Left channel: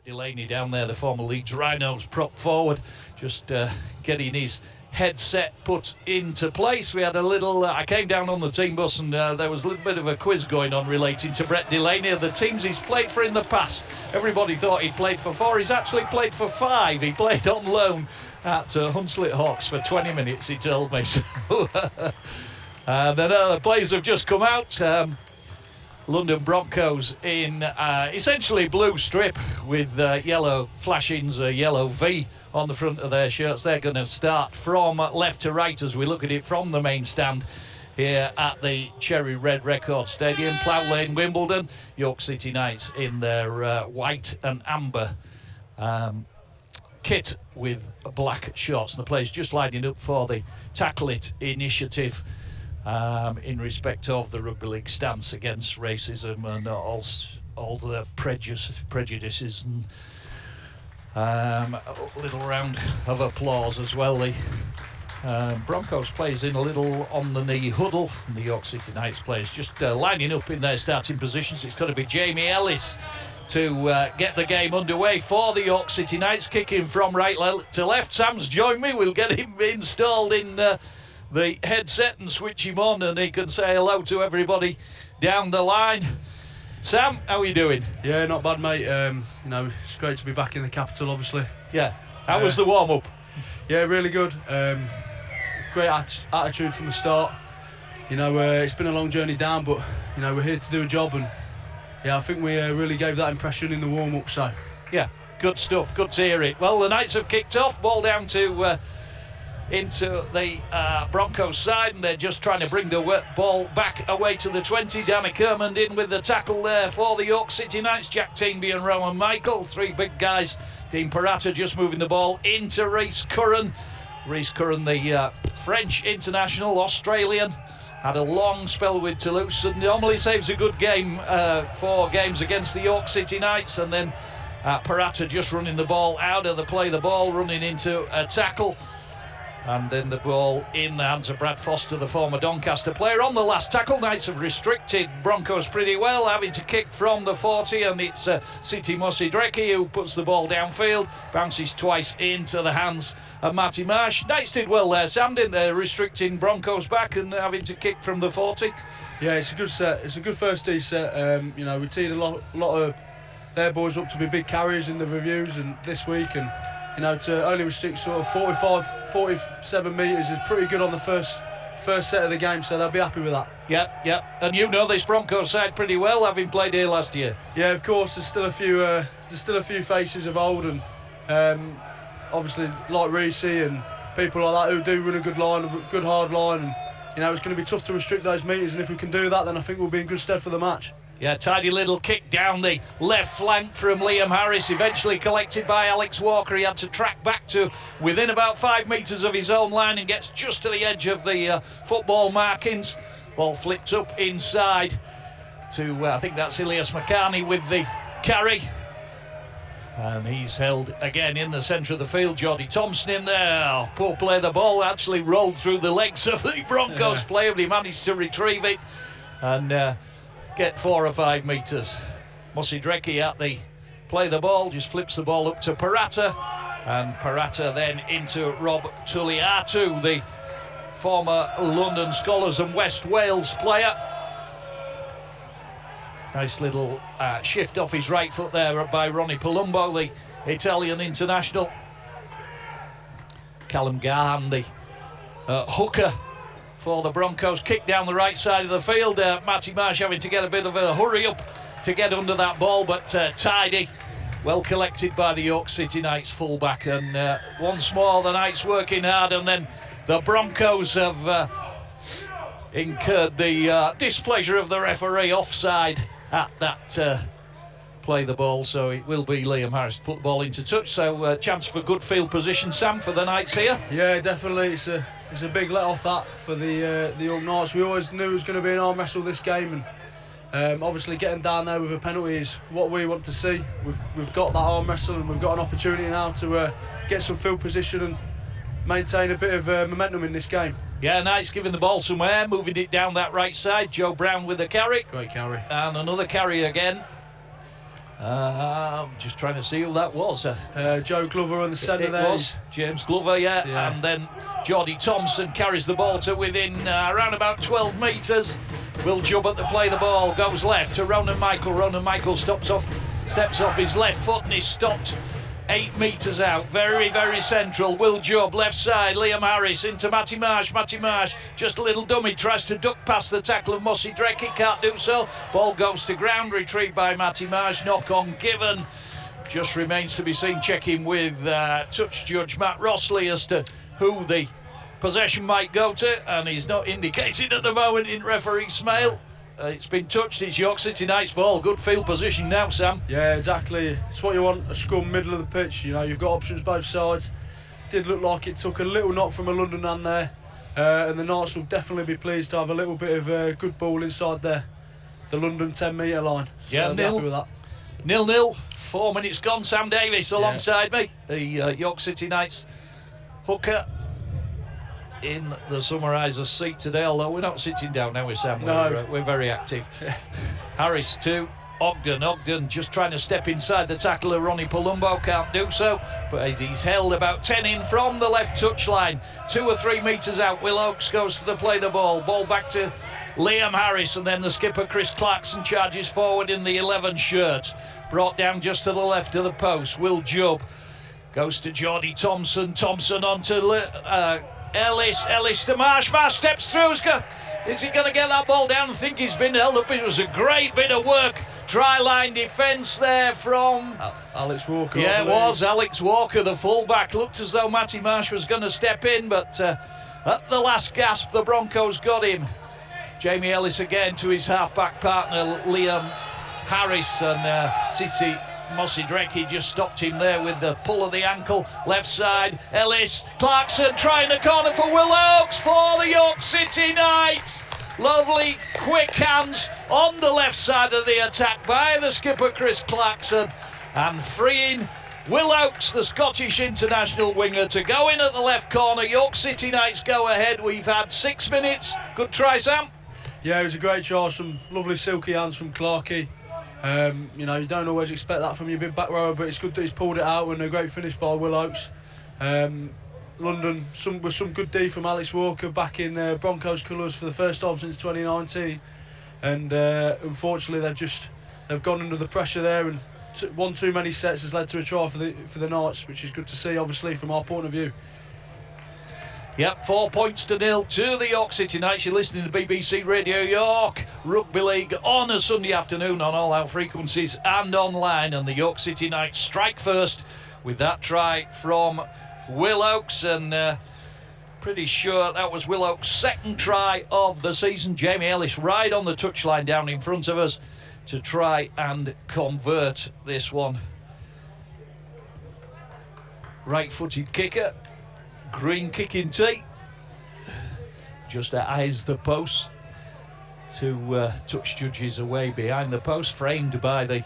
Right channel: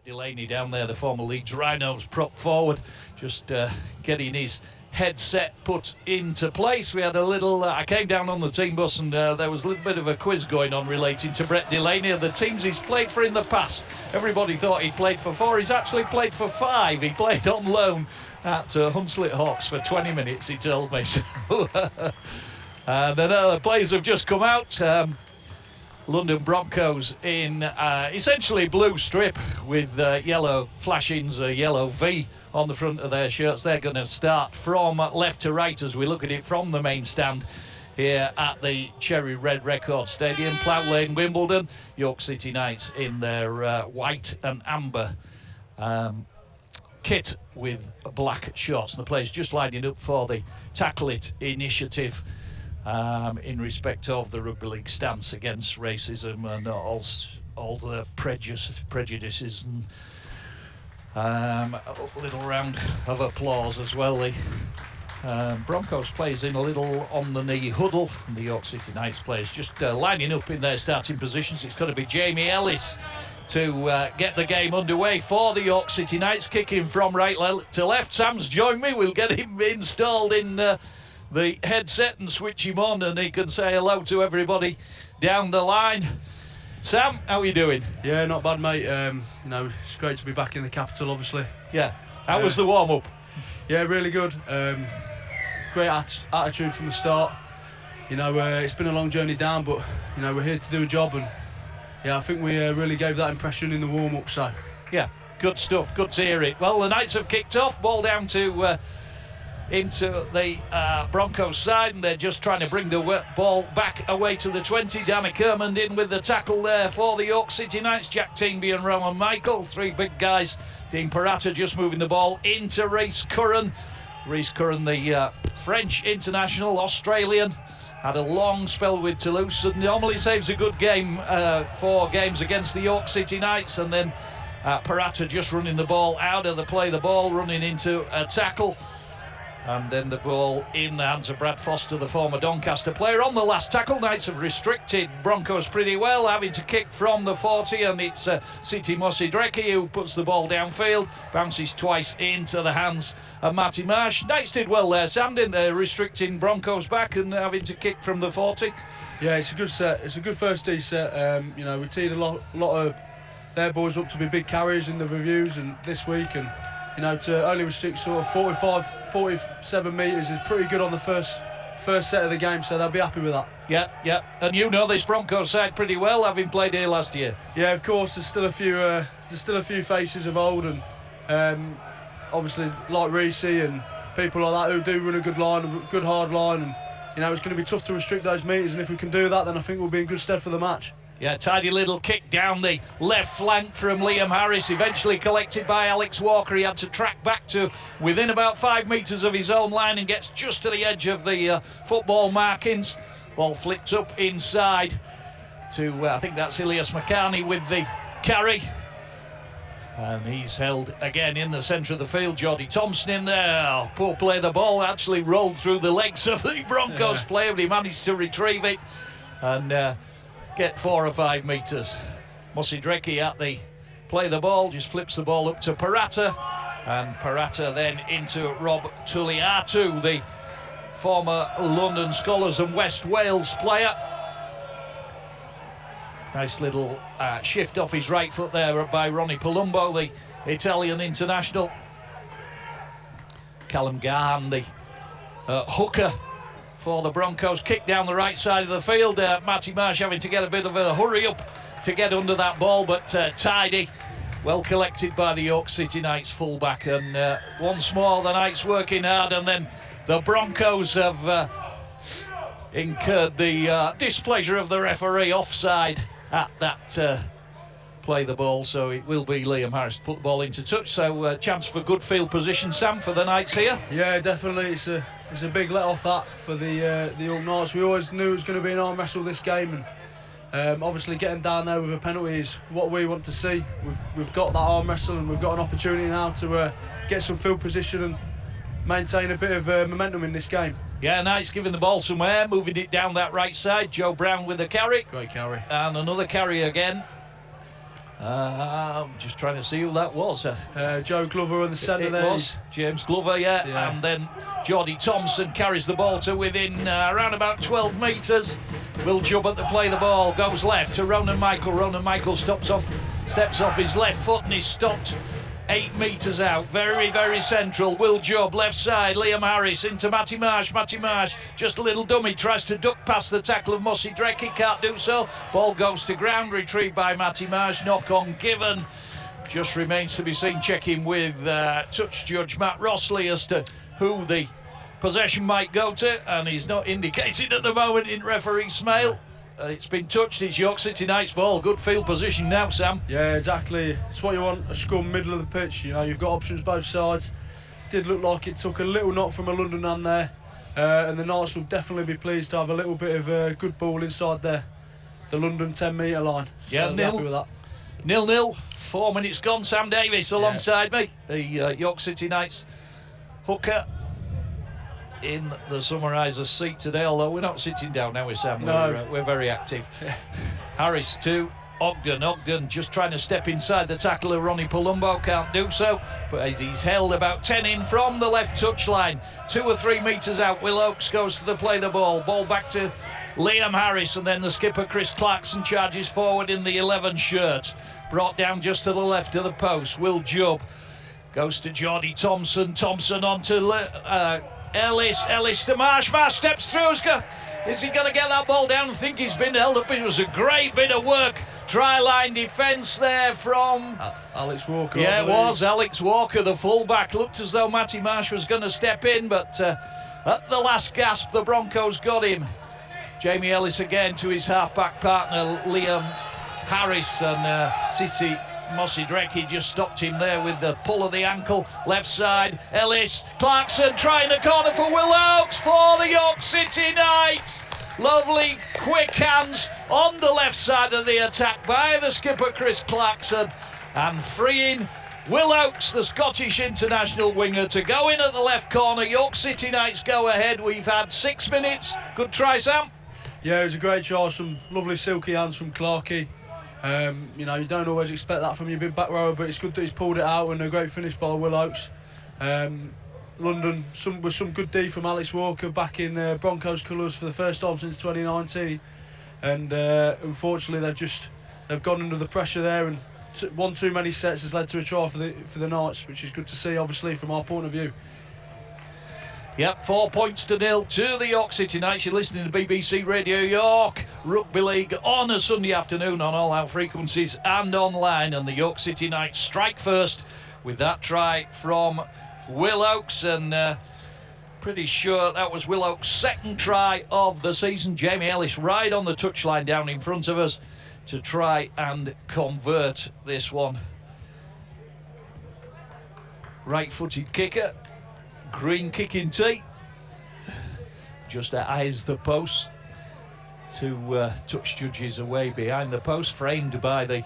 Brett Delaney down there, the former Leeds Rhinos, prop forward, just getting his headset put into place. We had a little, I came down on the team bus and there was a little bit of a quiz going on relating to Brett Delaney and the teams he's played for in the past. Everybody thought he'd played for 4, he's actually played for 5. He played on loan at Hunslet Hawks for 20 minutes, he told me. So, and then the players have just come out. London Broncos in essentially blue strip with yellow flashings, a yellow V on the front of their shirts. They're going to start from left to right as we look at it from the main stand here at the Cherry Red Record Stadium. Plough Lane, Wimbledon. York City Knights in their white and amber kit with black shorts. And the players just lining up for the Tackle It initiative in respect of the Rugby League stance against racism and all the prejudices and a little round of applause as well. The Broncos players in a little on-the-knee huddle, and the York City Knights players just lining up in their starting positions. It's got to be Jamie Ellis to get the game underway for the York City Knights, kicking from right to left. Sam's joined me. We'll get him installed in the headset and switch him on, and he can say hello to everybody down the line. Sam, how are you doing? Yeah, not bad, mate. You know, it's great to be back in the capital, obviously. Yeah. How was the warm-up? Yeah, really good. Great attitude from the start. You know, it's been a long journey down, but you know, we're here to do a job, and yeah, I think we really gave that impression in the warm-up. So yeah, good stuff. Good to hear it. Well, the Knights have kicked off. Ball down to into the Broncos side, and they're just trying to bring the ball back away to the 20. Danny Kermond in with the tackle there for the York City Knights. Jack Teenby and Rowan Michael, 3 big guys. Dean Parata just moving the ball into Rhys Curran. Rhys Curran, the French international, Australian, had a long spell with Toulouse and normally saves a good game, 4 games against the York City Knights. And then Parata just running the ball out of the play, the ball running into a tackle. And then the ball in the hands of Brad Foster, the former Doncaster player. On the last tackle, Knights have restricted Broncos pretty well, having to kick from the 40, and it's Siti Mosidreki who puts the ball downfield, bounces twice into the hands of Matty Marsh. Knights did well there, Sam, didn't they? Restricting Broncos back and having to kick from the 40. Yeah, it's a good set. It's a good first D set. You know, we teed a lot of their boys up to be big carriers in the reviews and this week, and you know, to only restrict sort of 47 metres is pretty good on the first set of the game, so they'll be happy with that. Yeah. And you know this Broncos side pretty well, having played here last year. Yeah, of course. There's still a few faces of old, and obviously like Reece and people like that who do run a good line, a good hard line, and you know, it's going to be tough to restrict those metres, and if we can do that, then I think we'll be in good stead for the match. Yeah, tidy little kick down the left flank from Liam Harris, eventually collected by Alex Walker. He had to track back to within about 5 metres of his own line and gets just to the edge of the football markings. Ball flipped up inside to, I think that's Ilias Makani with the carry. And he's held again in the centre of the field. Jordy Thompson in there. Oh, poor play. The ball actually rolled through the legs of the Broncos player, but he managed to retrieve it and get 4 or 5 metres. Mosidreki at the play the ball, just flips the ball up to Parata, and Parata then into Rob Tuliatu, the former London Scholars and West Wales player. Nice little shift off his right foot there by Ronnie Palumbo, the Italian international. Callum Gahan, the hooker for the Broncos, kick down the right side of the field. Matty Marsh having to get a bit of a hurry up to get under that ball, but tidy, well collected by the York City Knights fullback. And once more the Knights working hard, and then the Broncos have incurred the displeasure of the referee, offside at that play the ball, so it will be Liam Harris to put the ball into touch. So chance for good field position, Sam, for the Knights here. Yeah, definitely. It's a big let off that for the York Knights. We always knew it was going to be an arm wrestle this game, and obviously getting down there with a penalty is what we want to see. We've got that arm wrestle, and we've got an opportunity now to get some field position and maintain a bit of momentum in this game. Yeah, Knights giving the ball some air, moving it down that right side. Joe Brown with the carry. Great carry. And another carry again. Just trying to see who that was. Joe Glover on the centre there. It was James Glover, yeah. And then Geordie Thompson carries the ball to within around about 12 metres. Will Jubb at the play the ball, goes left to Ronan Michael. Ronan Michael steps off his left foot and he's stopped 8 metres out. Very, very central. Will Jubb, left side. Liam Harris into Matty Marsh. Matty Marsh, just a little dummy, tries to duck past the tackle of Mossy Drecky, can't do so. Ball goes to ground, retrieved by Matty Marsh. Knock on given. Just remains to be seen, checking with touch judge Matt Rossley as to who the possession might go to, and he's not indicated at the moment in referee Smail. It's been touched. It's York City Knights ball. Good field position now, Sam. Yeah, exactly. It's what you want, a scrum middle of the pitch. You know, you've got options both sides. Did look like it took a little knock from a London man there, and the Knights will definitely be pleased to have a little bit of good ball inside the London 10-metre line. So yeah, happy with that. 0-0. 4 minutes gone. Sam Davis alongside me, the York City Knights hooker in the summariser seat today, although we're not sitting down now, Sam. No. We're very active. Harris to Ogden. Ogden just trying to step inside the tackle of Ronnie Palumbo, can't do so, but he's held about 10 in from the left touchline. 2 or 3 metres out. Will Oakes goes to the play the ball. Ball back to Liam Harris, and then the skipper Chris Clarkson charges forward in the 11 shirt. Brought down just to the left of the post. Will Jubb goes to Geordie Thompson. Thompson on to Ellis. Ellis to Marsh. Marsh steps through. Is he going to get that ball down? I think he's been held up. It was a great bit of work. Try-line defence there from Alex Walker. Yeah, it was Alex Walker, the full-back. Looked as though Matty Marsh was going to step in, but at the last gasp, the Broncos got him. Jamie Ellis again to his half-back partner, Liam Harris, and City Mossy Drecky just stopped him there with the pull of the ankle. Left side, Ellis, Clarkson trying the corner for Will Oakes for the York City Knights. Lovely quick hands on the left side of the attack by the skipper Chris Clarkson, and freeing Will Oakes, the Scottish international winger, to go in at the left corner. York City Knights go ahead. We've had 6 minutes. Good try, Sam. Yeah, it was a great try. Some lovely silky hands from Clarkey. You know, you don't always expect that from your big back rower, but it's good that he's pulled it out, and a great finish by Will Oakes. London, with some good D from Alex Walker back in Broncos colours for the first time since 2019, and unfortunately they've gone under the pressure there, and one too many sets has led to a try for the Knights, which is good to see, obviously, from our point of view. Yep, 4 points to 0 to the York City Knights. You're listening to BBC Radio York Rugby League on a Sunday afternoon on all our frequencies and online. And the York City Knights strike first with that try from Will Oakes. And pretty sure that was Will Oakes' second try of the season. Jamie Ellis right on the touchline down in front of us to try and convert this one. Right-footed kicker. Green kicking tee, just eyes the post to touch judges away behind the post, framed by the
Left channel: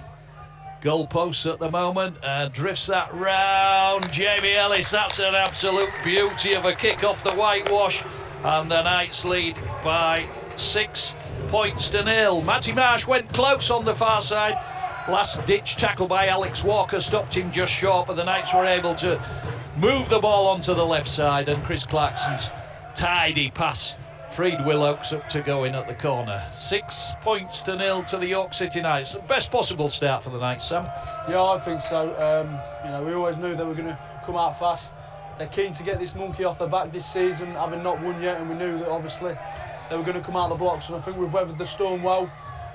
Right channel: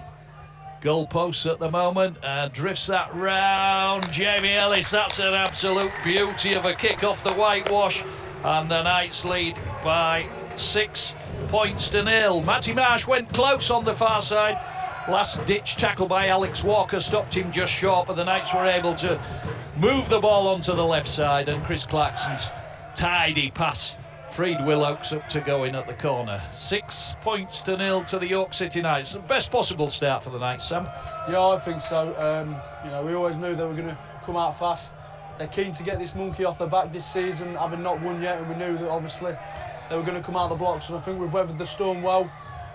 goal posts at the moment, and drifts that round. Jamie Ellis, that's an absolute beauty of a kick off the whitewash, and the Knights lead by 6 points to 0. Matty Marsh went close on the far side. Last ditch tackle by Alex Walker stopped him just short, but the Knights were able to move the ball onto the left side, and Chris Clarkson's tidy pass freed Will Oakes up to go in at the corner. 6 points to 0 to the York City Knights. The best possible start for the Knights, Sam. Yeah, I think so. You know, we always knew they were going to come out fast. They're keen to get this monkey off their back this season, having not won yet, and we knew that obviously they were going to come out the blocks, and I think we've weathered the storm well,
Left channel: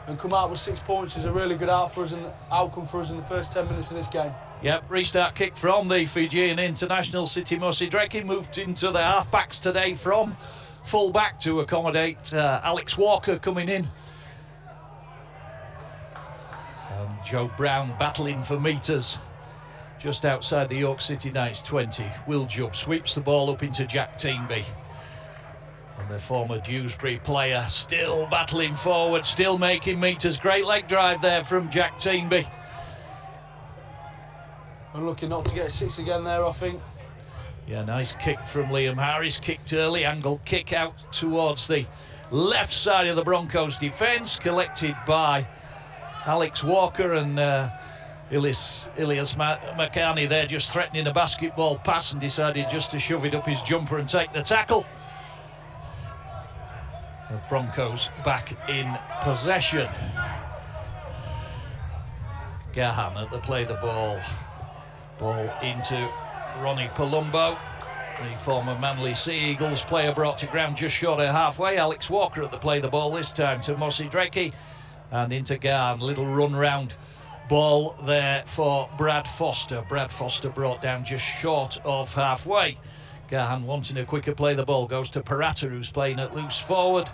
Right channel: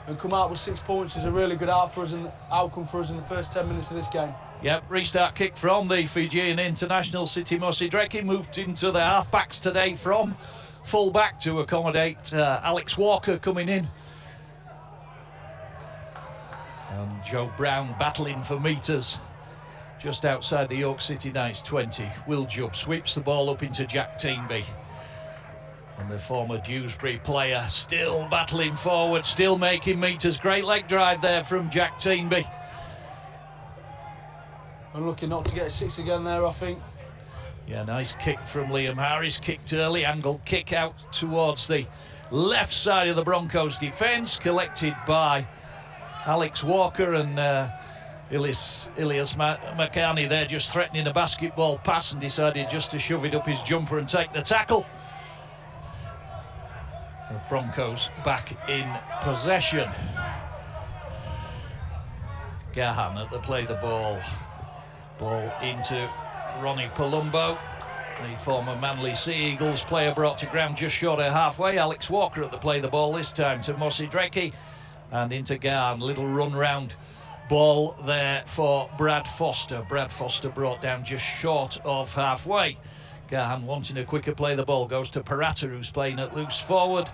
and come out with 6 points is a really good outcome for us in the first 10 minutes of this game. Yep, restart kick from the Fijian international City Mossy Drecky, moved into the half-backs today from full-back to accommodate Alex Walker coming in. And Joe Brown battling for metres just outside the York City Knights 20. Will Jubb sweeps the ball up into Jack Teamby. And the former Dewsbury player still battling forward, still making metres. Great leg drive there from Jack Teamby. Unlucky not to get a 6 again there, I think. Yeah, nice kick from Liam Harris. Kicked early, angled kick out towards the left side of the Broncos defence, collected by Alex Walker, and Ilias Makani there just threatening a basketball pass and decided just to shove it up his jumper and take the tackle. The Broncos back in possession. Gahan at the play the ball. Ball into Ronnie Palumbo, the former Manly Sea Eagles player, brought to ground just short of halfway. Alex Walker at the play the ball this time to Mosi Dreki and into Gahan. Little run round ball there for Brad Foster. Brad Foster brought down just short of halfway. Gahan wanting a quicker play the ball goes to Parata, who's playing at loose forward.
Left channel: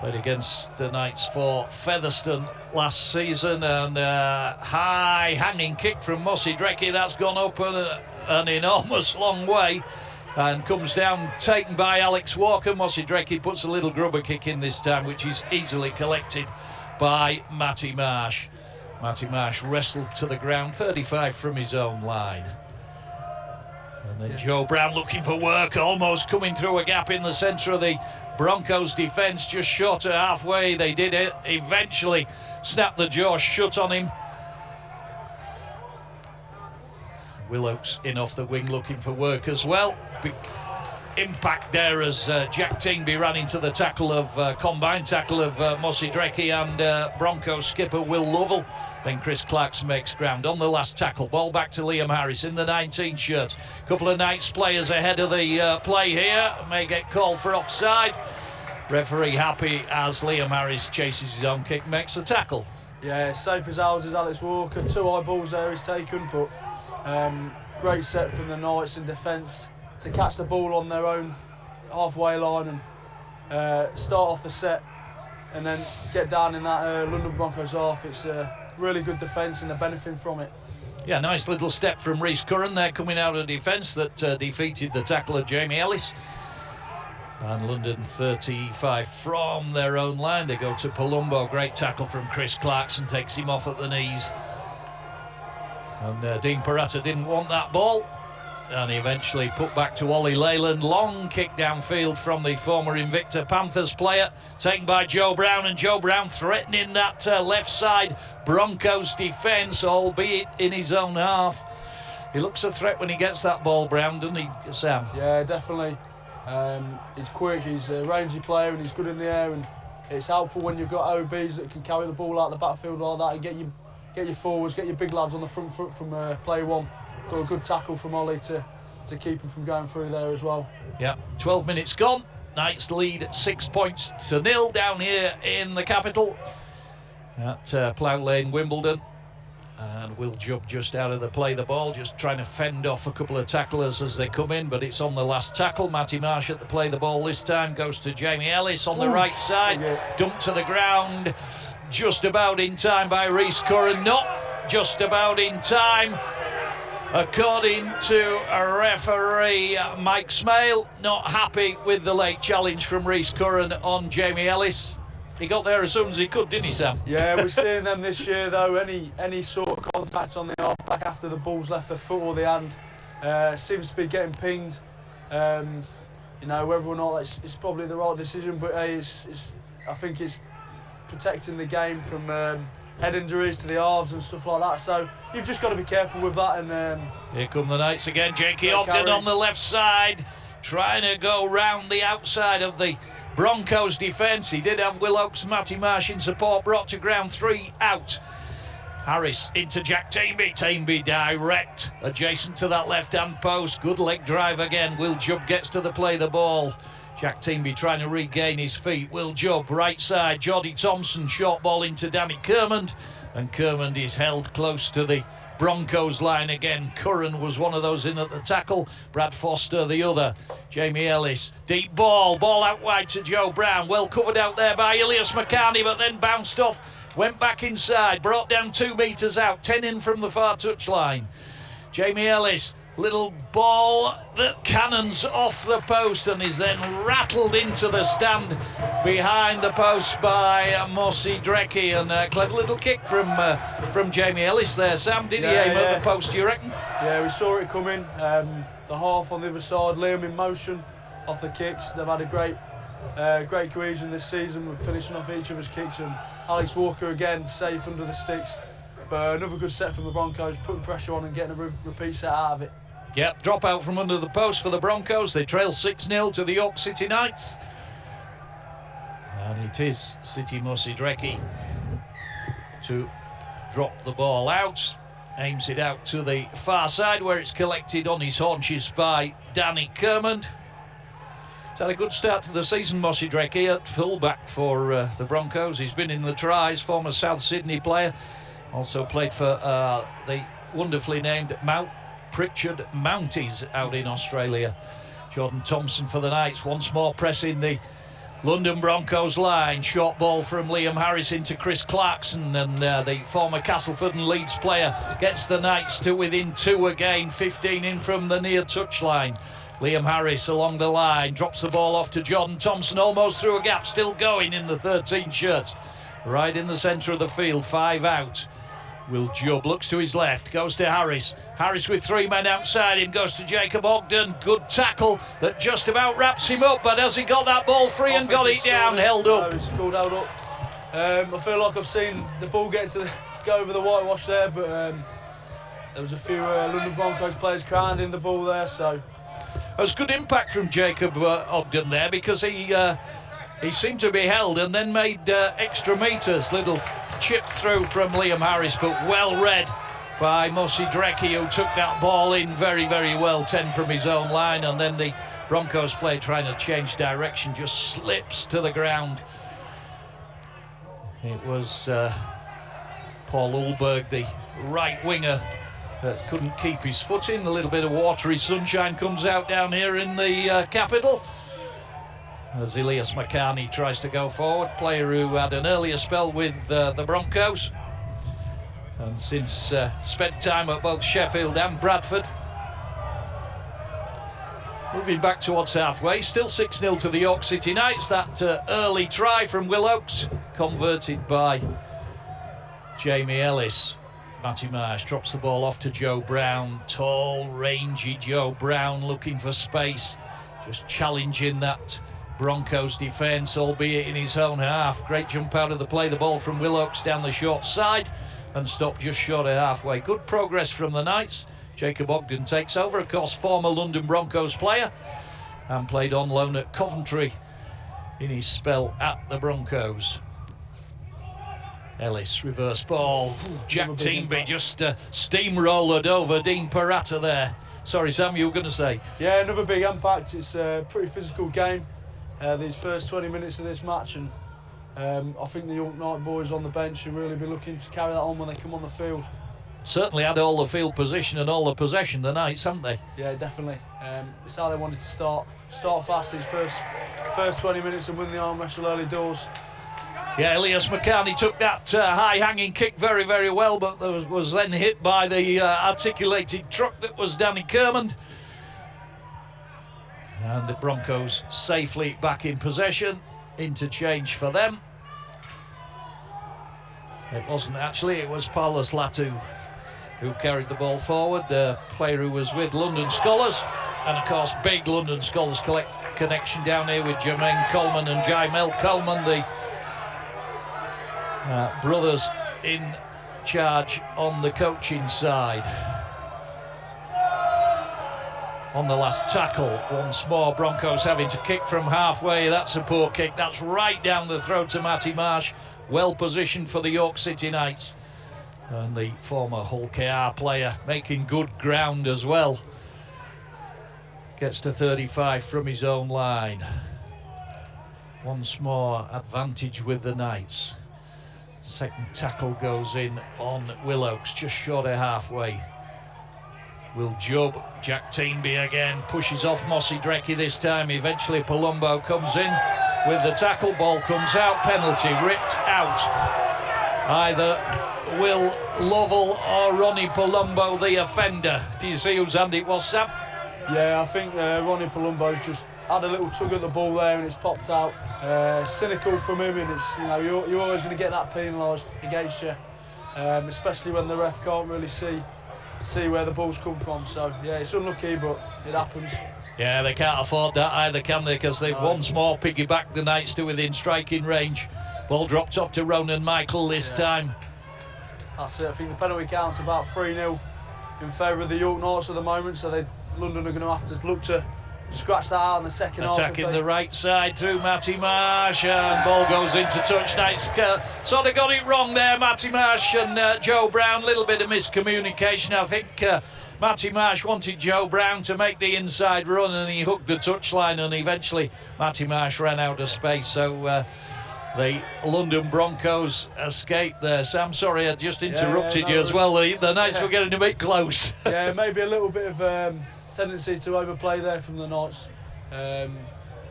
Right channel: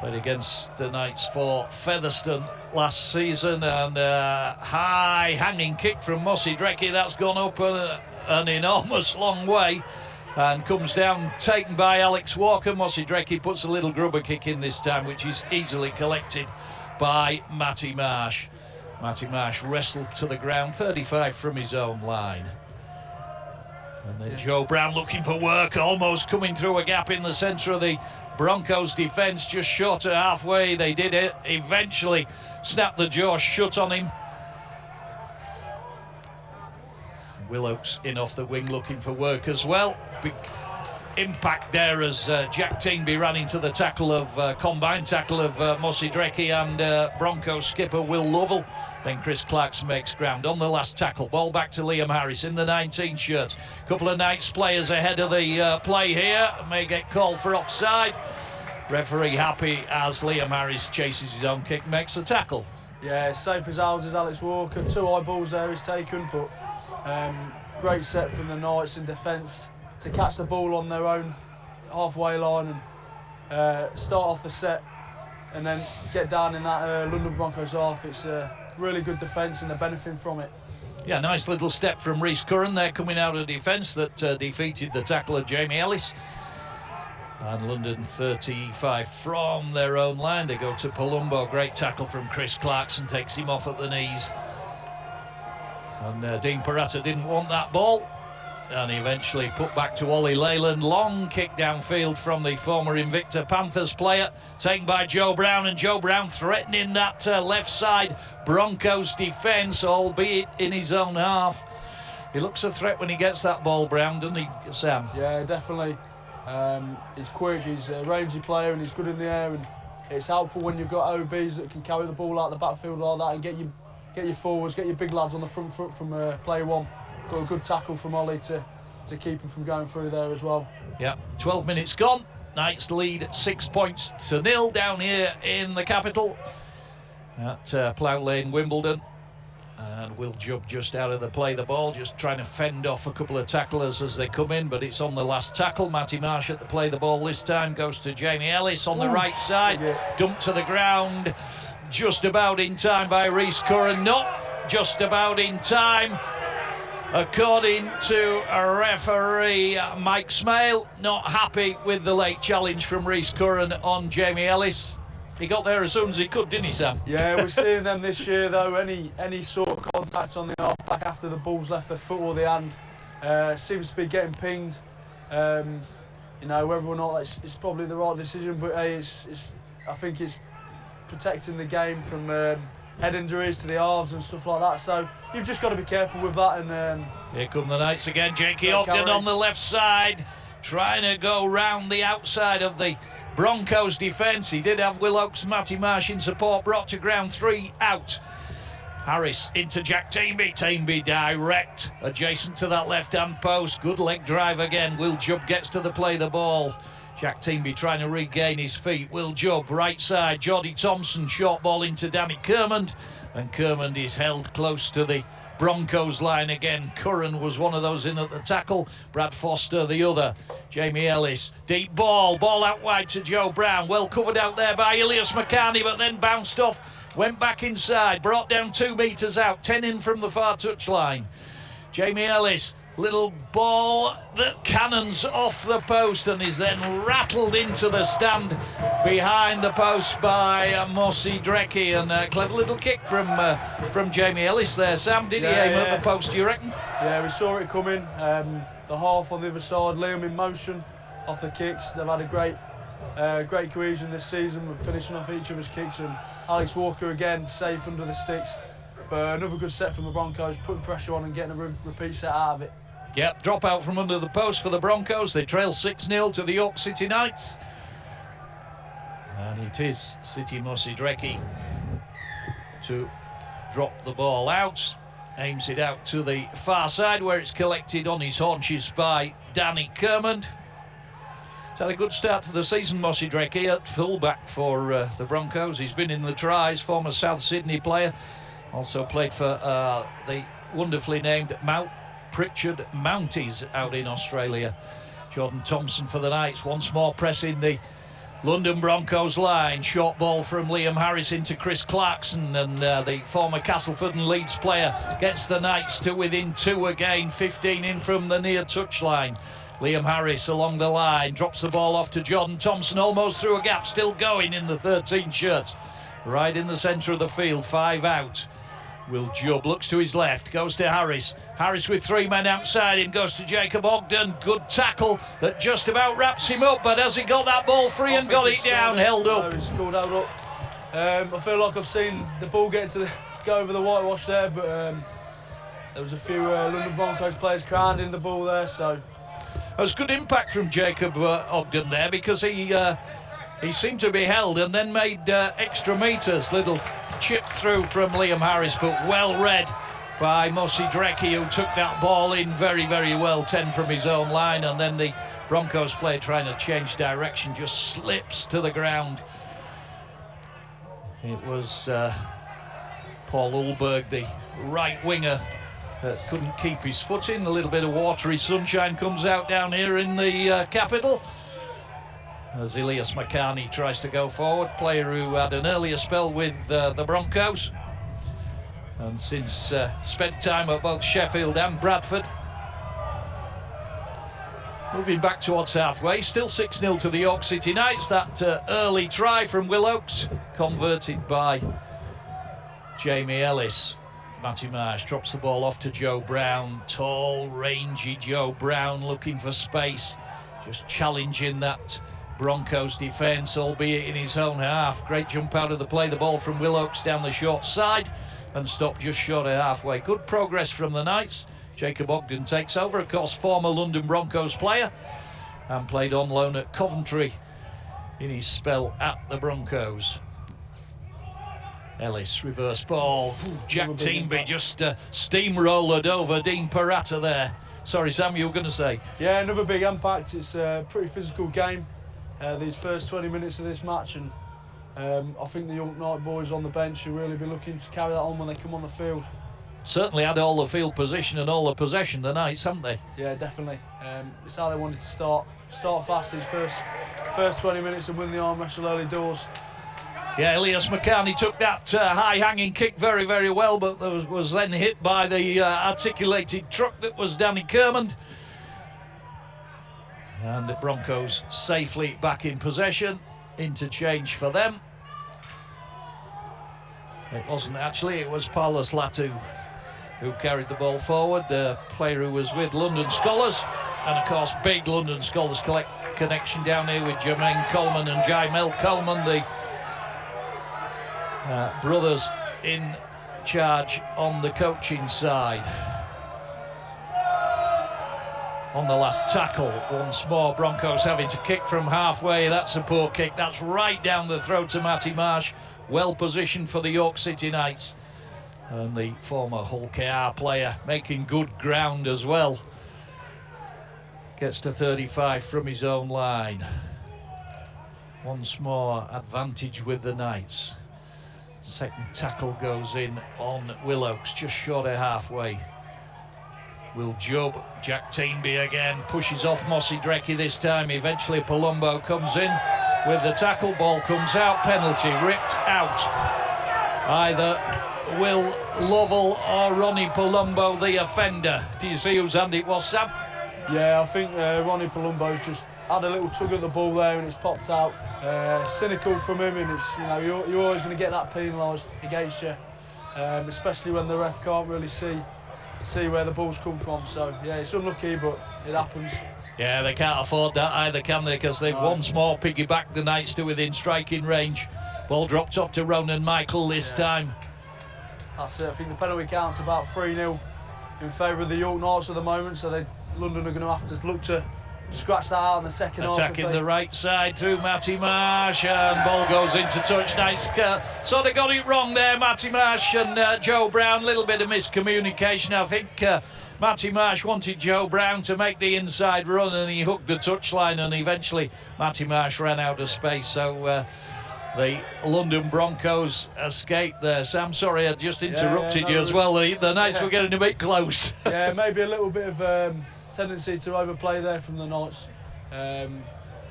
Played against the Knights for Featherstone last season, and high hanging kick from Mosi Dreki. That's gone up an enormous long way and comes down, taken by Alex Walker. Mosi Dreki puts a little grubber kick in this time, which is easily collected by Matty Marsh. Matty Marsh wrestled to the ground, 35 from his own line. And then Joe Brown looking for work, almost coming through a gap in the centre of the Broncos defence, just short of halfway. They did it, eventually snapped the jaw shut on him. Willocks in off the wing looking for work as well. Big impact there as Jack Teenby ran into the tackle of combined tackle of Mosi Dreki and Broncos skipper Will Lovell. Then Chris Clarkson makes ground on the last tackle. Ball back to Liam Harris in the 19 shirt. Couple of Knights players ahead of the play here. May get called for offside. Referee happy as Liam Harris chases his own kick, makes the tackle. Yeah, safe as ours is Alex Walker. 2 high balls there he's taken, but great set from the Knights in defence to catch the ball on their own halfway line and start off the set and then get down in that London Broncos half. It's really good defence and they're benefiting from it. Yeah, nice little step from Rhys Curran there coming out of defence that defeated the tackle of Jamie Ellis. And London 35 from their own line. They go to Palumbo. Great tackle from Chris Clarkson, takes him off at the knees. And Dean Parata didn't want that ball. And he eventually put back to Ollie Leyland. Long kick downfield from the former Invicta Panthers player, taken by Joe Brown, and Joe Brown threatening that left side Broncos defence, albeit in his own half. He looks a threat when he gets that ball, Brown, doesn't he, Sam? Yeah, definitely. He's quick, he's a rangy player and he's good in the air, and it's helpful when you've got OBs that can carry the ball out the backfield like that and get your forwards, get your big lads on the front foot from play one. Got a good tackle from Ollie to keep him from going through there as well. Yeah, 12 minutes gone. Knights lead 6 points to 0 down here in the capital at Plough Lane, Wimbledon. And Will Jubb just out of the play the ball, just trying to fend off a couple of tacklers as they come in, but it's on the last tackle. Matty Marsh at the play the ball this time, goes to Jamie Ellis on the right side, dumped to the ground, just about in time by Rhys Curran, not just about in time. According to a referee, Mike Smale, not happy with the late challenge from Rhys Curran on Jamie Ellis. He got there as soon as he could, didn't he, Sam? Yeah, we're seeing them this year, though. Any sort of contact on the half-back after the ball's left the foot or the hand seems to be getting pinged. You know, whether or not it's probably the right decision, but hey, I think it's protecting the game from head injuries to the halves and stuff like that, so you've just got to be careful with that. And here come the Knights again. Jakey Ogden on the left side, trying to go round the outside of the Broncos defence. He did have Willocks, Matty Marsh in support, brought to ground, 3 out. Harris into Jack Teenby. Teenby direct, adjacent to that left-hand post. Good leg drive again. Will Jubb gets to the play the ball. Jack Teenby trying to regain his feet. Will Jubb, right side. Geordie Thompson, short ball into Danny Kermond. And Kermond is held close to the Broncos line again. Curran was one of those in at the tackle. Brad Foster the other. Jamie Ellis, deep ball out wide to Joe Brown. Well covered out there by Ilias Makani, but then bounced off. Went back inside, brought down 2 metres out. 10 in from the far touchline. Jamie Ellis. Little ball that cannons off the post and is then rattled into the stand behind the post by Mosi Dreki. And a clever little kick from Jamie Ellis there. Sam, did he aim at the post, do you reckon? Yeah, we saw it coming. The half on the other side, Liam in motion off the kicks. They've had a great cohesion this season. We're finishing off each other's kicks, and Alex Walker again safe under the sticks. But another good set from the Broncos, putting pressure on and getting a repeat set out of it. Yep, drop out from under the post for the Broncos. They trail 6-0 to the York City Knights. And it is City Mosidrecki to drop the ball out. Aims it out to the far side where it's collected on his haunches by Danny Kermond. He's had a good start to the season, Mosidrecki, at fullback for the Broncos. He's been in the tries, former South Sydney player. Also played for the wonderfully named Mount Pritchard Mounties out in Australia. Jordan Thompson for the Knights, once more pressing the London Broncos line. Short ball from Liam Harris into Chris Clarkson, and the former Castleford and Leeds player gets the Knights to within 2 again, 15 in from the near touchline. Liam Harris along the line, drops the ball off to Jordan Thompson, almost through a gap, still going in the 13 shirt. Right in the centre of the field, 5 out. Will Jubb looks to his left, goes to Harris. Harris with 3 men outside him, goes to Jacob Ogden. Good tackle that just about wraps him up, but has he got that ball free and got it down, held up? No, he's called held up. I feel like I've seen the ball go over the whitewash there, but there was a few London Broncos players crowding the ball there, so. It was good impact from Jacob Ogden there, because he seemed to be held and then made extra metres. Little chip through from Liam Harris, but well read by Mosidrecki, who took that ball in very, very well, 10 from his own line, and then the Broncos player trying to change direction just slips to the ground. It was Paul Ulberg, the right winger, that couldn't keep his footing. A little bit of watery sunshine comes out down here in the capital as Elias McCarney tries to go forward, player who had an earlier spell with the Broncos and since spent time at both Sheffield and Bradford. Moving back towards halfway, still 6-0 to the York City Knights. That early try from Will Oakes, converted by Jamie Ellis. Matty Marsh drops the ball off to Joe Brown. Tall, rangy Joe Brown looking for space, just challenging that Broncos defence, albeit in his own half. Great jump out of the play, the ball from Will Oakes down the short side and stopped just short of halfway. Good progress from the Knights. Jacob Ogden takes over, of course, former London Broncos player, and played on loan at Coventry in his spell at the Broncos. Ellis, reverse ball. Jack Teamby just steamrolled over Dean Parata there. Sorry, Sam, you were going to say? Yeah, another big impact. It's a pretty physical game, these first 20 minutes of this match, and I think the York Knight boys on the bench should really be looking to carry that on when they come on the field. Certainly had all the field position and all the possession, the Knights, haven't they? Yeah, definitely. It's how they wanted to start fast these first 20 minutes and win the arm wrestle early doors. Yeah, Elias McCarney took that high-hanging kick very, very well, but was then hit by the articulated truck that was Danny Kermond. And the Broncos safely back in possession. Interchange for them. It wasn't actually, it was Paulus Latu who carried the ball forward, the player who was with London Scholars. And of course, big London Scholars connection down here with Jermaine Coleman and Jaimel Coleman, the brothers in charge on the coaching side. On the last tackle, once more, Broncos having to kick from halfway. That's a poor kick. That's right down the throat to Matty Marsh. Well positioned for the York City Knights. And the former Hull KR player making good ground as well. Gets to 35 from his own line. Once more, advantage with the Knights. Second tackle goes in on Will Oakes, just short of halfway. Will Jubb, Jack Teamby again, pushes off Mosidrecki this time. Eventually Palumbo comes in with the tackle, ball comes out, penalty ripped out. Either Will Lovell or Ronnie Palumbo, the offender. Do you see whose hand it was, Sam? Yeah, I think Ronnie Palumbo's just had a little tug at the ball there and it's popped out. Cynical from him, and it's, you know, you're always going to get that penalised against you, especially when the ref can't really see where the ball's come from. So yeah, it's unlucky, but it happens. Yeah, they can't afford that either, can they? Because they've once more piggybacked the Knights to within striking range. Ball dropped off to Ronan Michael this time. That's it. I think the penalty count's about 3-0 in favour of the York Knights at the moment, so London are going to have to look to scratch that out in the second half. Attacking the right side through Matty Marsh, and ball goes into touch. Knights sort of got it wrong there, Matty Marsh and Joe Brown. A little bit of miscommunication. I think Matty Marsh wanted Joe Brown to make the inside run, and he hooked the touchline, and eventually Matty Marsh ran out of space. So the London Broncos escaped there. Sam, sorry, I just interrupted you as well. The Knights were getting a bit close. Yeah, maybe a little bit of tendency to overplay there from the Knights.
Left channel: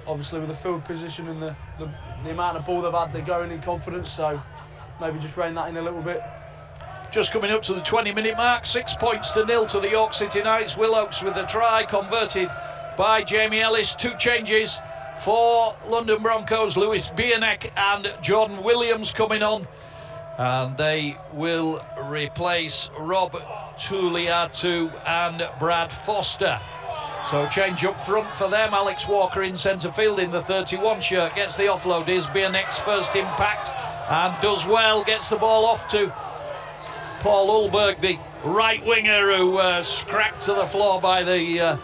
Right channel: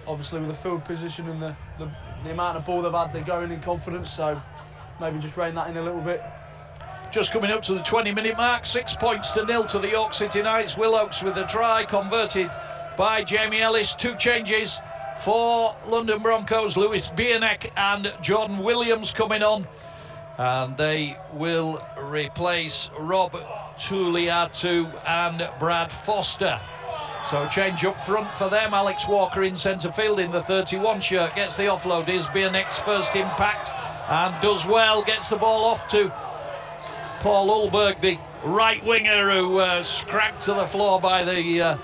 Obviously with the field position and the amount of ball they've had, they're going in confidence, so maybe just rein that in a little bit. Just coming up to the 20-minute mark, 6 points to 0 to the York City Knights. Will Oakes with a try, converted by Jamie Ellis. 2 changes for London Broncos, Lewis Bierneck and Jordan Williams coming on, and they will replace Rob Tuliatu and Brad Foster. So change up front for them. Alex Walker in centre field in the 31 shirt, gets the offload. Is Bierneck's first impact and does well, gets the ball off to Paul Ulberg, the right winger, who cracked to the floor by the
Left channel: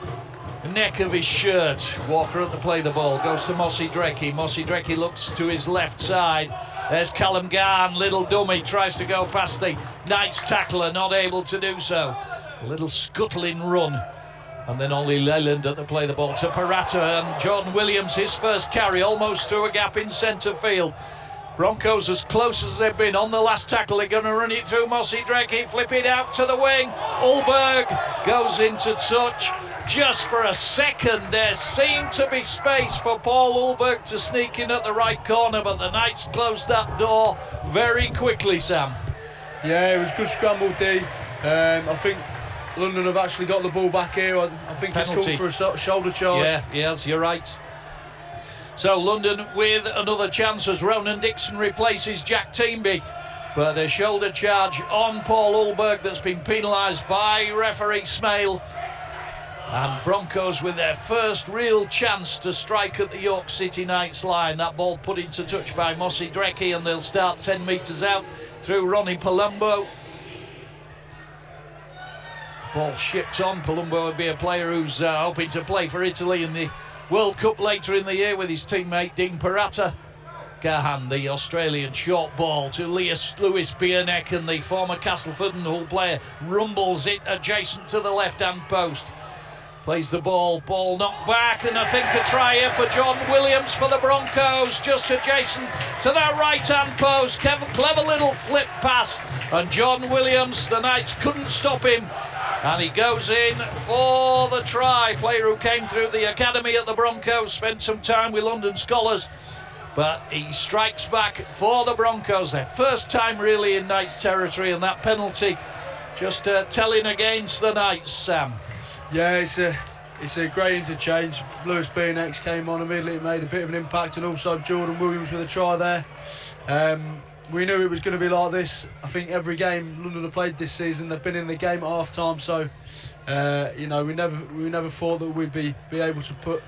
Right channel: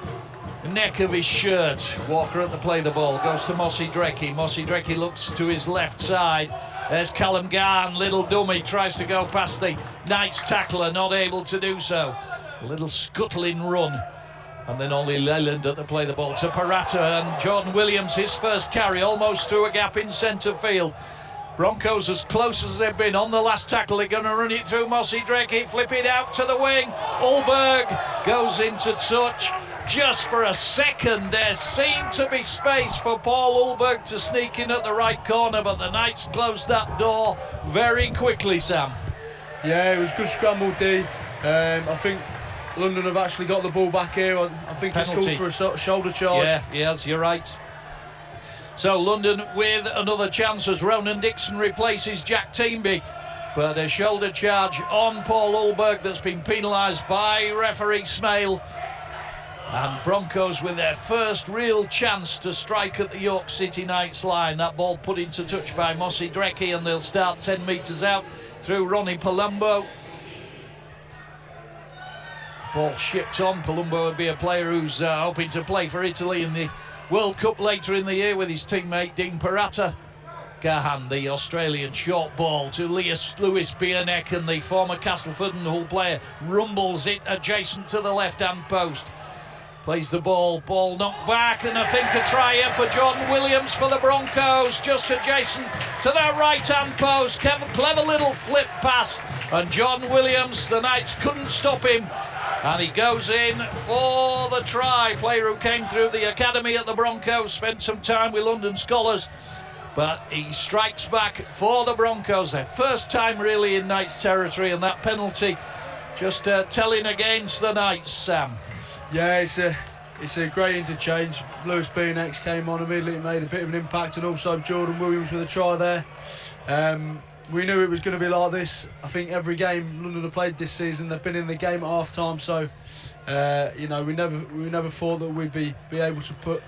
neck of his shirt. Walker at the play, the ball goes to Mossy Drecky. Mossy Drecky looks to his left side. There's Callum Garn, little dummy, tries to go past the Knights tackler, not able to do so. A little scuttling run, and then Ollie Leyland at the play, the ball to Parata, and Jordan Williams, his first carry, almost through a gap in centre field. Broncos as close as they've been on the last tackle. They're going to run it through Mossy Drecky, flip it out to the wing. Ulberg goes into touch. Just for a second, there seemed to be space for Paul Ulberg to sneak in at the right corner, but the Knights closed that door very quickly, Sam. Yeah, it was good scramble D. I think London have actually got the ball back here. I think penalty. It's called for a shoulder charge. Yeah, yes, you're right. So London with another chance as Ronan Dixon replaces Jack Teamby. But a shoulder charge on Paul Ulberg that's been penalised by referee Smale. And Broncos with their first real chance to strike at the York City Knights line. That ball put into touch by Mossy Drecky, and they'll start 10 metres out through Ronnie Palumbo. Ball shipped on. Palumbo would be a player who's hoping to play for Italy in the World Cup later in the year with his teammate Dean Parata. Gahan, the Australian short ball to Lewis Bierneck, and the former Castleford and Hull player rumbles it adjacent to the left-hand post. Plays the ball knocked back, and I think a try here for Jordan Williams for the Broncos, just adjacent to that right-hand post. Clever little flip pass, and Jordan Williams, the Knights couldn't stop him, and he goes in for the try. Player who came through the academy at the Broncos, spent some time with London Scholars, but he strikes back for the Broncos. Their first time really in Knights territory, and that penalty just telling against the Knights, Sam. Yeah, it's a great interchange. Lewis Bierneck came on immediately, made a bit of an impact, and also Jordan Williams with a try there. We knew it was going to be like this. I think every game London have played this season, they've been in the game at half time, so you know, we never thought that we'd be able to put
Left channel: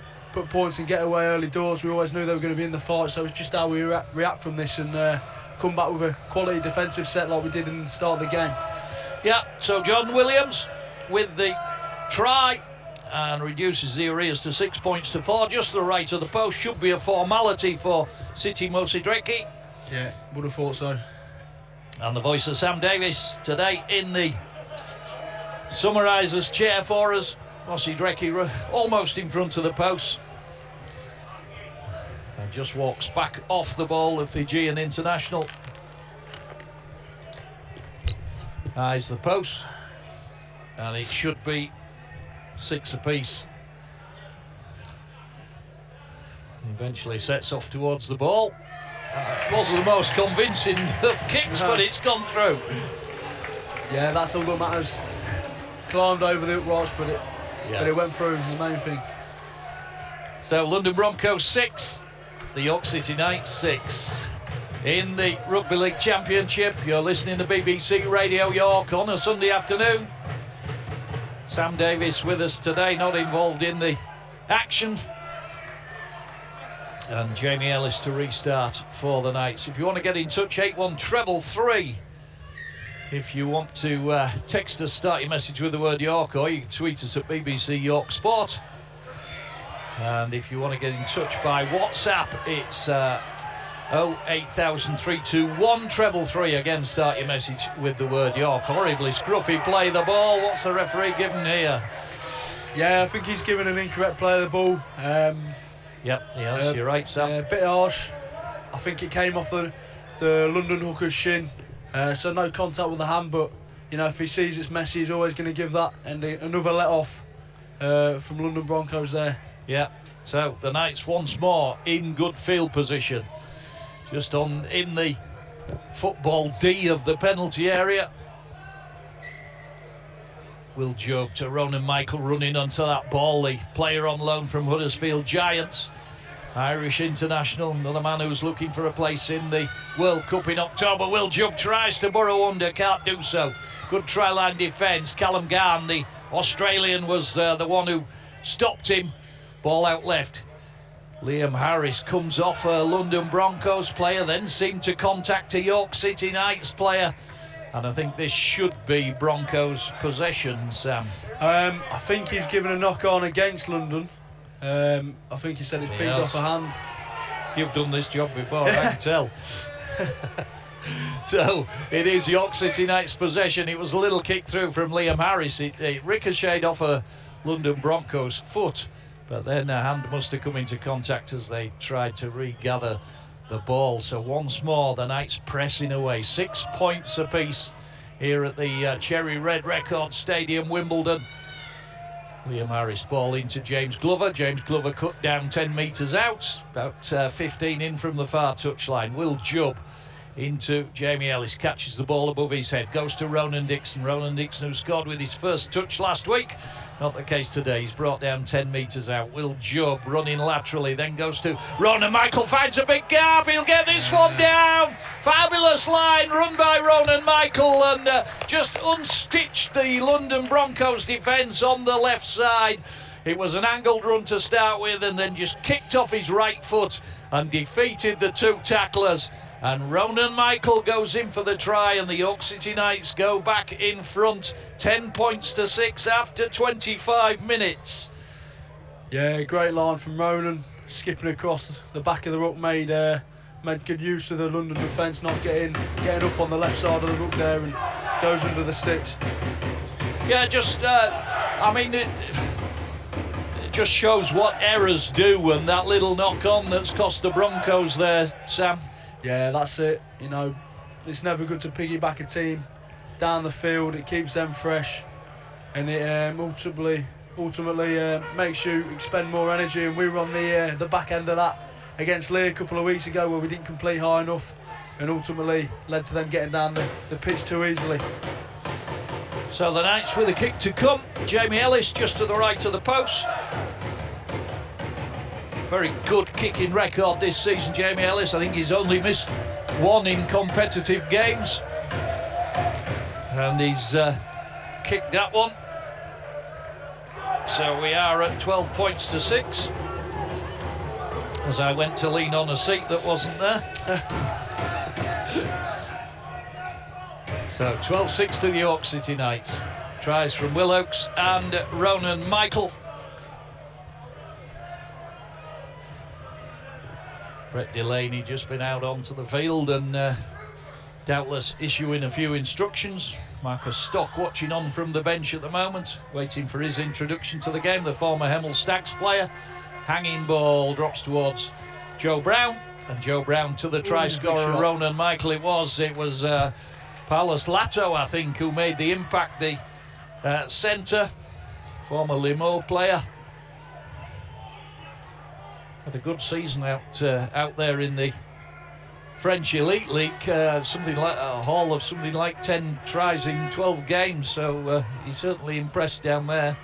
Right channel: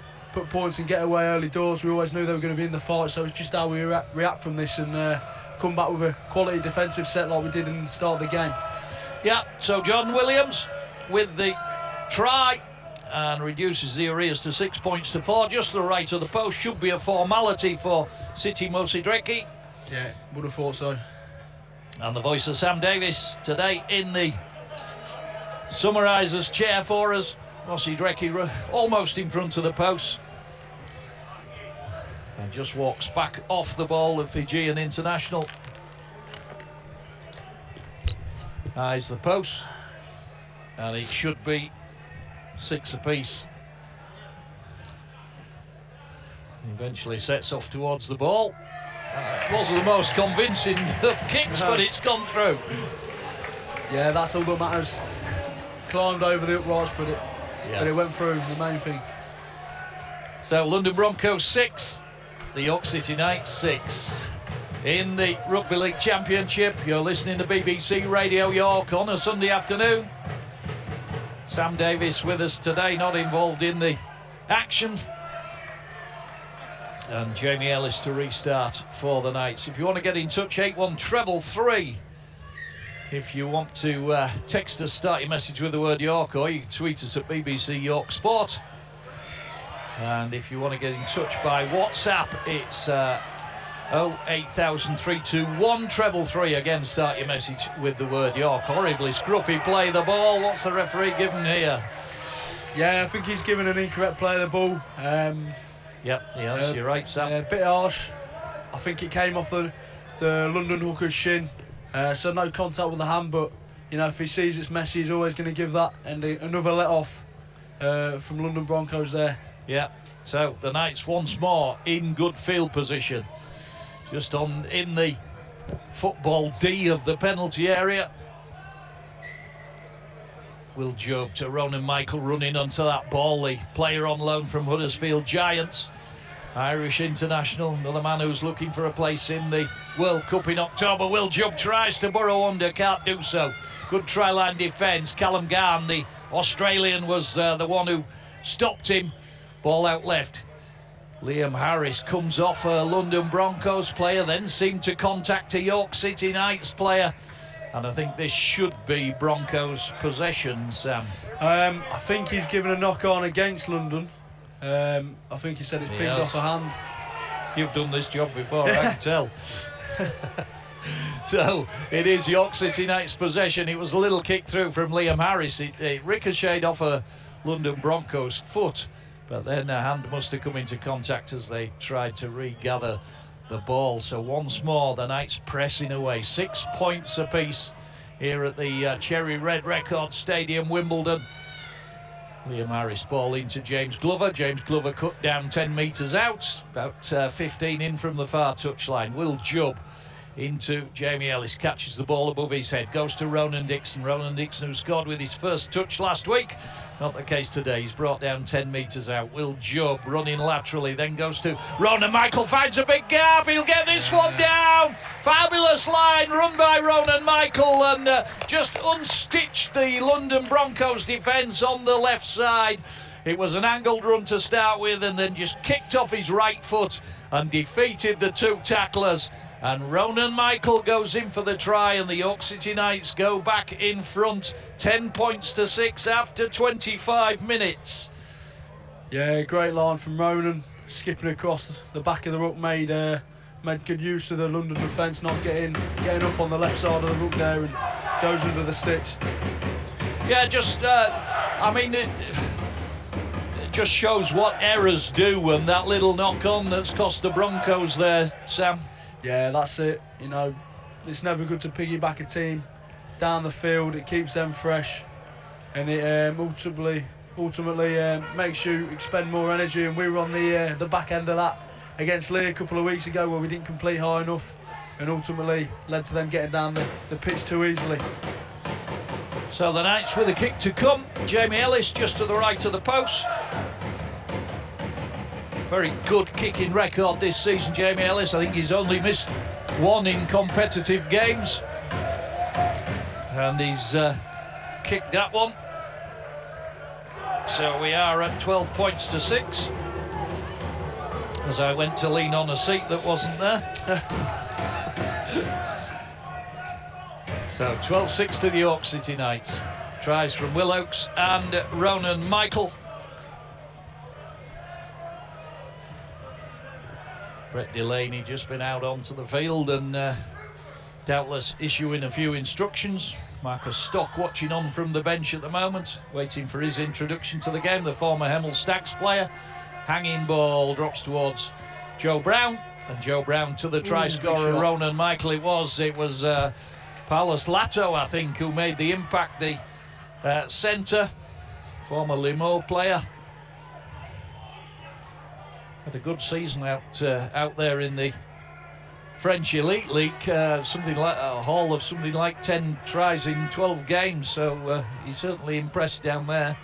points and get away early doors. We always knew they were going to be in the fight, so it's just how we react from this and come back with a quality defensive set like we did in the start of the game. Yeah, so Jordan Williams with the try and reduces the arrears to 6 points to 4, just to the right of the post. Should be a formality for City Mossy Drecky. Yeah, would have thought so. And the voice of Sam Davis today in the summarisers chair for us. Mossy Drecky almost in front of the post, and just walks back off the ball, the Fijian international. Eyes the post, and it should be 6 apiece. Eventually sets off towards the ball. Wasn't the most convincing of kicks, but it's gone through. Yeah, that's all that matters. Climbed over the uprights, but it went through, the main thing. So London Broncos 6, the York City Knights 6. In the Rugby League Championship, you're listening to BBC Radio York on a Sunday afternoon. Sam Davis with us today, not involved in the action. And Jamie Ellis to restart for the Knights. If you want to get in touch, 81 333 If you want to text us, start your message with the word York, or you can tweet us at BBC York Sport. And if you want to get in touch by WhatsApp, it's 0800321 333. Again, start your message with the word York. Horribly scruffy play the ball. What's the referee given here? Yeah, I think he's given an incorrect play of the ball. Yep, yes, you're right, Sam. A bit harsh. I think it came off the London hooker's shin. So no contact with the hand, but you know, if he sees it's Messi, he's always going to give that. And another let off from London Broncos there. Yeah, so the Knights once more in good field position, just in the football D of the penalty area. Will Job to Ronan Michael running onto that ball, the player on loan from Huddersfield Giants, Irish international, another man who's looking for a place in the World Cup in October. Will Job tries to burrow under, can't do so. Good try-line defence. Callum Garn, the Australian, was the one who stopped him. Ball out left. Liam Harris comes off a London Broncos player, then seemed to contact a York City Knights player. And I think this should be Broncos' possession, Sam. I think he's given a knock on against London. I think he said it's pinged off a hand. You've done this job before, I can tell. So it is York City Knights' possession. It was a little kick through from Liam Harris. It ricocheted off a London Broncos foot, but then a hand must have come into contact as they tried to regather the ball. So once more the Knights pressing away. 6 points apiece here at the Cherry Red Record Stadium, Wimbledon. Liam Harris ball into James Glover. James Glover cut down 10 metres out, about 15 in from the far touchline. Will Jubb into Jamie Ellis, catches the ball above his head, goes to Ronan Dixon. Ronan Dixon, who scored with his first touch last week. Not the case today. He's brought down 10 metres out. Will Jubb running laterally, then goes to Ronan Michael, finds a big gap. He'll get this one down. Fabulous line run by Ronan Michael, and just unstitched the London Broncos defence on the left side. It was an angled run to start with, and then just kicked off his right foot and defeated the two tacklers. And Ronan Michael goes in for the try, and the York City Knights go back in front, 10 points to 6 after 25 minutes. Yeah, great line from Ronan, skipping across the back of the ruck, made good use of the London defence, not getting up on the left side of the ruck there, and goes under the sticks. Yeah, just I mean, it just shows what errors do, and that little knock on that's cost the Broncos there, Sam. Yeah, that's it. You know, it's never good to piggyback a team down the field. It keeps them fresh, and it ultimately makes you expend more energy. And we were on the back end of that against Lee a couple of weeks ago, where we didn't complete high enough, and ultimately led to them getting down the pitch too easily. So the Knights with a kick to come. Jamie Ellis just to the right of the post. Very good kicking record this season, Jamie Ellis. I think he's only missed one in competitive games, and he's kicked that one. So we are at 12 points to 6, as I went to lean on a seat that wasn't there. So 12-6 to the York City Knights. Tries from Will Oakes and Ronan Michael. Brett Delaney just been out onto the field and doubtless issuing a few instructions. Marcus Stock watching on from the bench at the moment, waiting for his introduction to the game, the former Hemel Stags player. Hanging ball drops towards Joe Brown, and Joe Brown to the try scorer Ronan Michael. It was Paulus Lato, I think, who made the impact, the centre, former Limoux player. Had a good season out there in the French Elite League, something like a haul of something like 10 tries in 12 games, so he certainly impressed down there.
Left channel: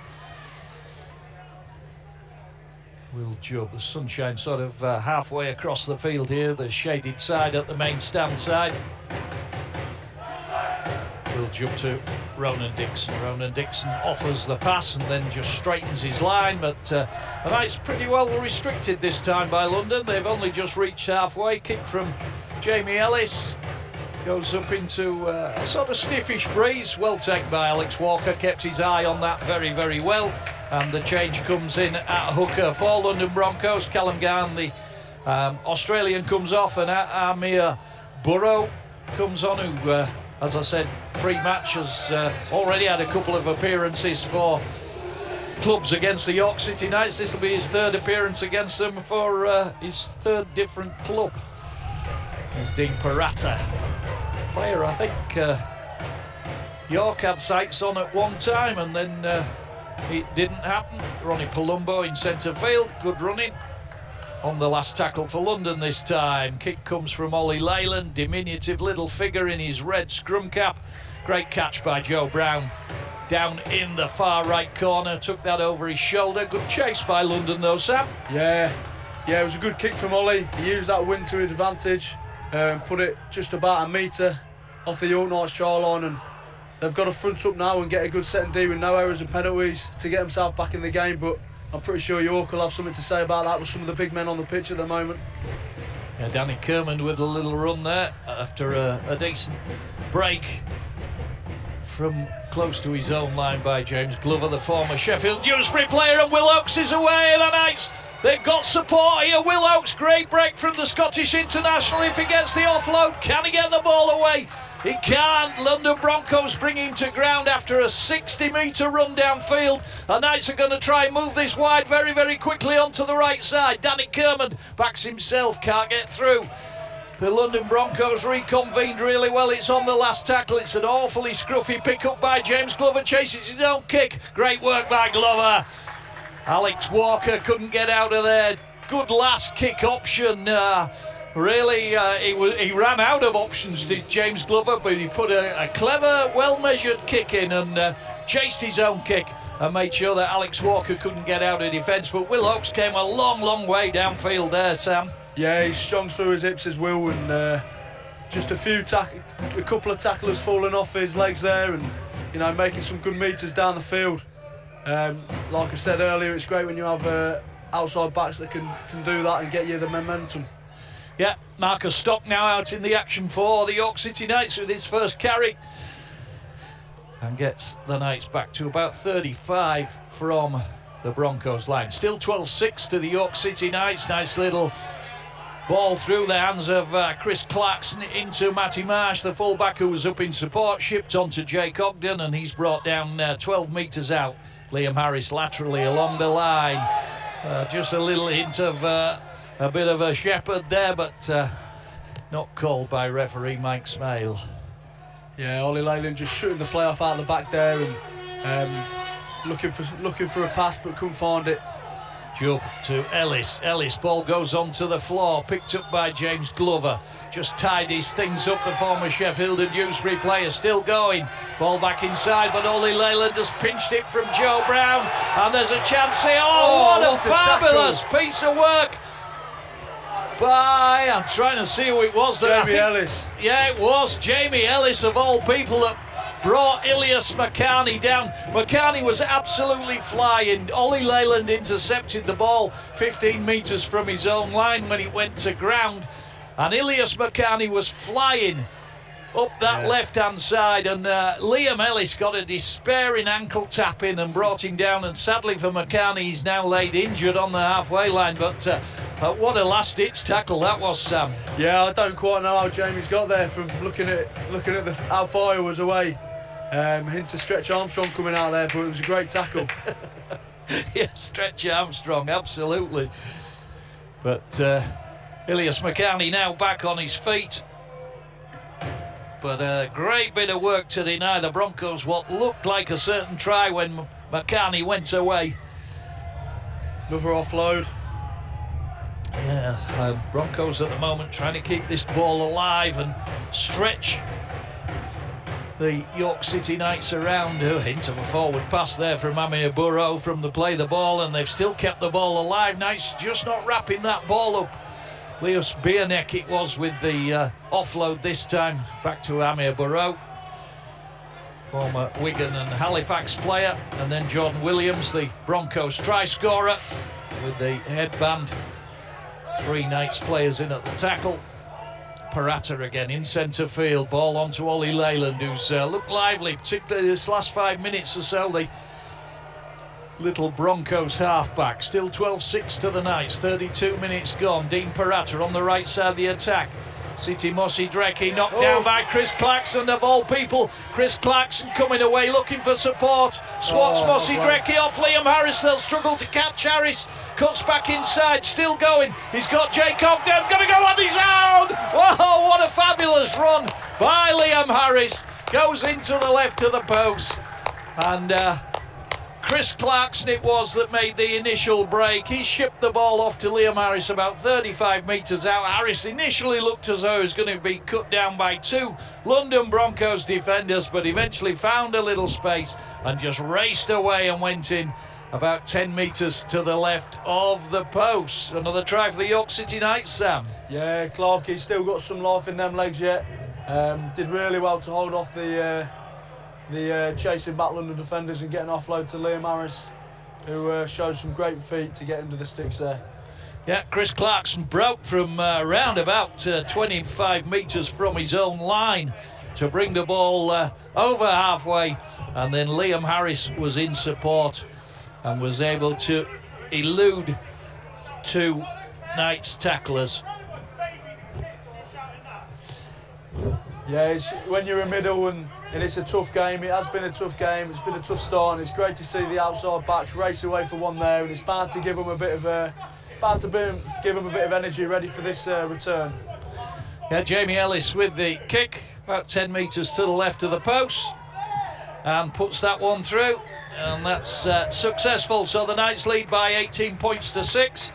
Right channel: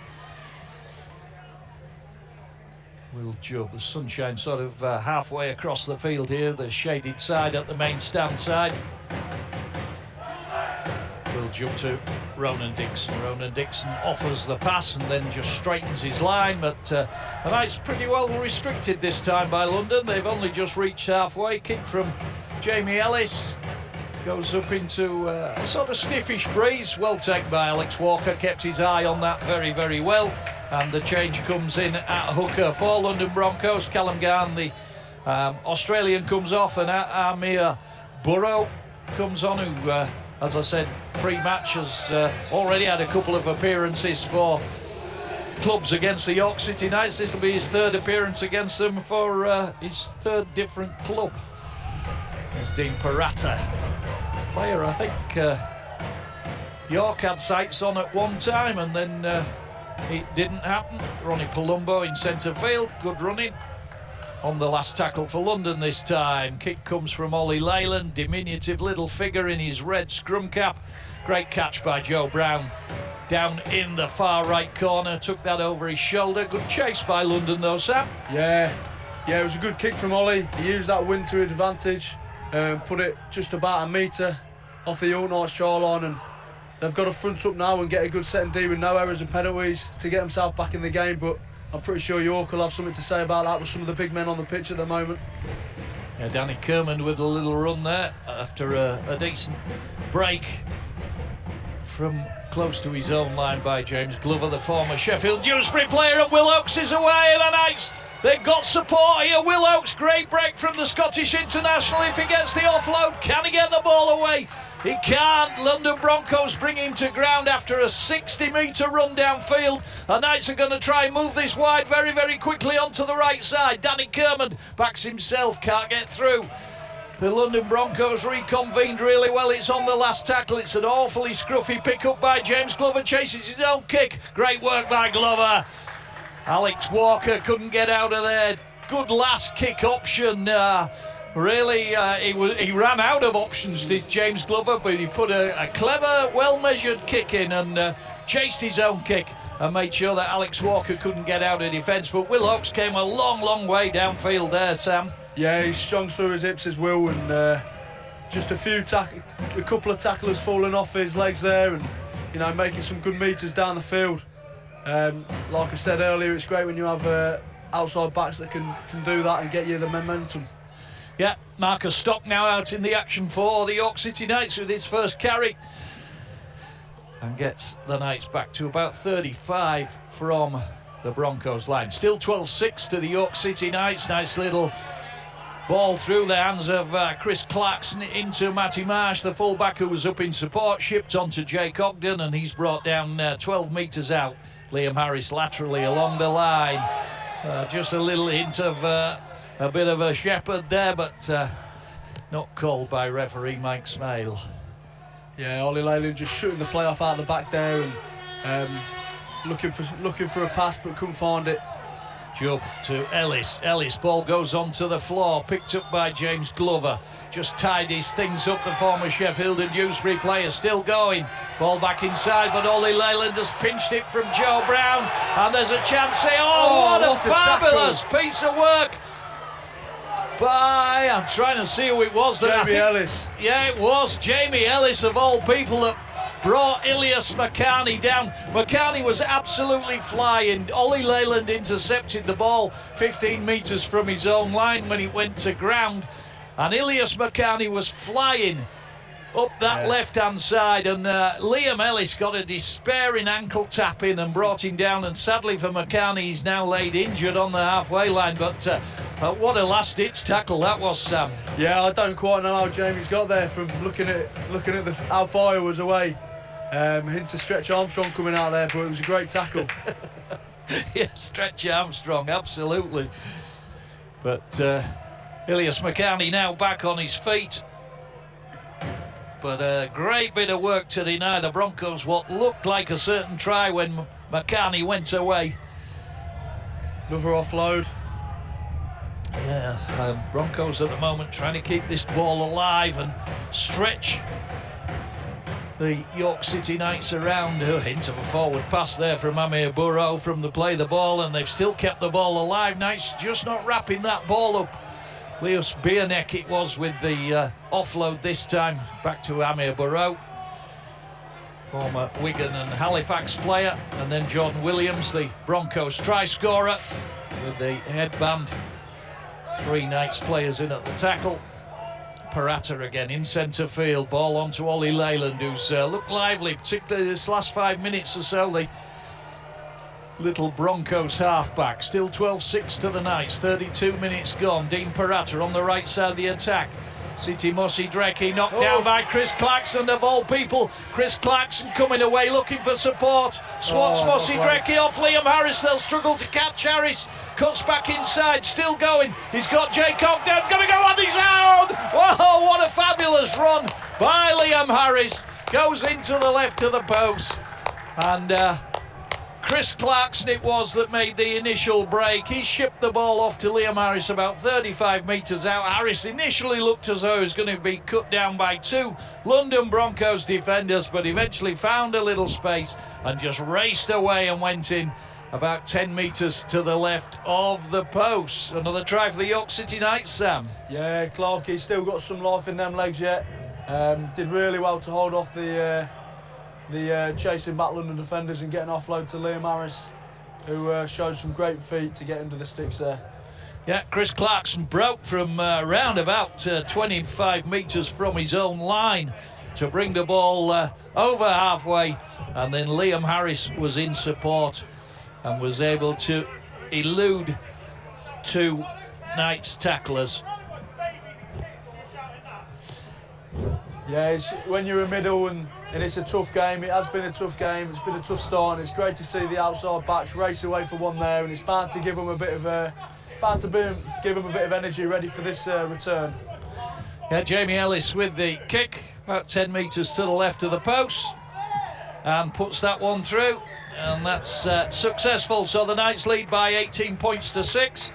Will Jubb, the sunshine sort of halfway across the field here, the shaded side at the main stand side. Will Jubb to Ronan Dixon. Ronan Dixon offers the pass and then just straightens his line, but the Knights pretty well restricted this time by London. They've only just reached halfway. Kick from Jamie Ellis Goes up into a sort of stiffish breeze. Well taken by Alex Walker, kept his eye on that very, very well. And the change comes in at hooker for London Broncos. Callum Garn, the Australian, comes off, and Amir Burrow comes on, who, as I said, pre-match has already had a couple of appearances for clubs against the York City Knights. This will be his third appearance against them for his third different club. There's Dean Parata, player I think York had sights on at one time, and then it didn't happen. Ronnie Palumbo in centre field, good running on the last tackle for London this time. Kick comes from Ollie Leyland, diminutive little figure in his red scrum cap. Great catch by Joe Brown down in the far right corner, took that over his shoulder. Good chase by London though, Sam. Yeah, it was a good kick from Ollie. He used that wind to his advantage, put it just about a metre off the York Knights try line, and they've got to front up now and get a good set and D with no errors and penalties to get themselves back in the game. But I'm pretty sure York will have something to say about that with some of the big men on the pitch at the moment. Yeah, Danny Kerman with a little run there after a decent break from close to his own line by James Glover, the former Sheffield Dewsbury player, and Will Oakes is away, and the Knights, they've got support here. Will Oakes, great break from the Scottish international. If he gets the offload, can he get the ball away? He can't. London Broncos bring him to ground after a 60-metre run downfield. The Knights are going to try and move this wide very, very quickly onto the right side. Danny Kerman backs himself, can't get through. The London Broncos reconvened really well. It's on the last tackle. It's an awfully scruffy pick-up by James Glover, chases his own kick. Great work by Glover. Alex Walker couldn't get out of there. Good last kick option. Really, he ran out of options, did James Glover, but he put a clever, well-measured kick in and chased his own kick and made sure that Alex Walker couldn't get out of defence. But Will Oakes came a long, long way downfield there, Sam. Yeah, he's strong through his hips as well, and just a couple of tacklers falling off his legs there, and making some good metres down the field. Like I said earlier, it's great when you have outside backs that can do that and get you the momentum. Yeah, Marcus Stock now out in the action for the York City Knights with his first carry, and gets the Knights back to about 35 from the Broncos line. Still 12-6 to the York City Knights. Nice little ball through the hands of Chris Clarkson into Matty Marsh, the fullback who was up in support, shipped on to Jake Ogden, and he's brought down 12 metres out. Liam Harris laterally along the line. Just a little hint of a bit of a shepherd there, but not called by referee Mike Smale. Yeah, Ollie Leyland just shooting the play off out the back there and looking for a pass but couldn't find it. Jubb to Ellis. Ball goes onto the floor, picked up by James Glover. Just tidies things up, the former Sheffield and Dewsbury player, still going. Ball back inside, but Ollie Leyland has pinched it from Joe Brown, and there's a chance here. What a fabulous piece of work by, I'm trying to see who it was. Jamie Ellis. Yeah, it was Jamie Ellis, of all people, that brought Ilias McCarney down. McCarney was absolutely flying. Ollie Leyland intercepted the ball 15 metres from his own line when it went to ground, and Ilias McCarney was flying up that left-hand side, and Liam Ellis got a despairing ankle tap in and brought him down, and sadly for McCarney, he's now laid injured on the halfway line. But what a last-ditch tackle that was, Sam. Yeah, I don't quite know how Jamie's got there from looking at how far he was away. Hints of Stretch Armstrong coming out there, but it was a great tackle. Yeah, Stretch Armstrong, absolutely. But Ilias McCarney now back on his feet. But a great bit of work to deny the Broncos what looked like a certain try when McCarney went away. Another offload. Yeah, Broncos at the moment trying to keep this ball alive and stretch the York City Knights around. A hint of a forward pass there from Amir Burrow from the play the ball, and they've still kept the ball alive. Knights just not wrapping that ball up. Leos Bierneck it was with the offload this time, back to Amir Burrow, former Wigan and Halifax player, and then Jordan Williams, the Broncos try scorer, with the headband. 3 Knights players in at the tackle. Parata again in centre field. Ball onto Ollie Leyland, who's looked lively, particularly this last 5 minutes or so. The little Broncos halfback. Still 12-6 to the Knights. 32 minutes gone. Dean Parata on the right side of the attack. City Mossy Dreckie knocked down by Chris Clarkson, of all people. Chris Clarkson coming away looking for support. Swats Mossy Dreckie off Liam Harris. They'll struggle to catch Harris. Cuts back inside, still going. He's got Jake Ogden, gonna go on his own. Whoa, what a fabulous run by Liam Harris. Goes into the left of the post. And Chris Clarkson it was that made the initial break. He shipped the ball off to Liam Harris about 35 metres out. Harris initially looked as though he was going to be cut down by 2 London Broncos defenders, but eventually found a little space and just raced away and went in about 10 metres to the left of the post. Another try for the York City Knights, Sam. Yeah, Clark, he's still got some life in them legs yet. Did really well to hold off the chasing back London defenders and getting offload to Liam Harris, who showed some great feet to get under the sticks there. Yeah, Chris Clarkson broke from round about 25 metres from his own line to bring the ball over halfway, and then Liam Harris was in support and was able to elude 2 Knights tacklers. Yeah, it's, when you're a middle and it's a tough game, it has been a tough game, it's been a tough start, and it's great to see the outside backs race away for one there, and it's bound to give them a bit of energy ready for this return. Yeah, Jamie Ellis with the kick, about 10 metres to the left of the post, and puts that one through, and that's successful. So the Knights lead by 18 points to 6.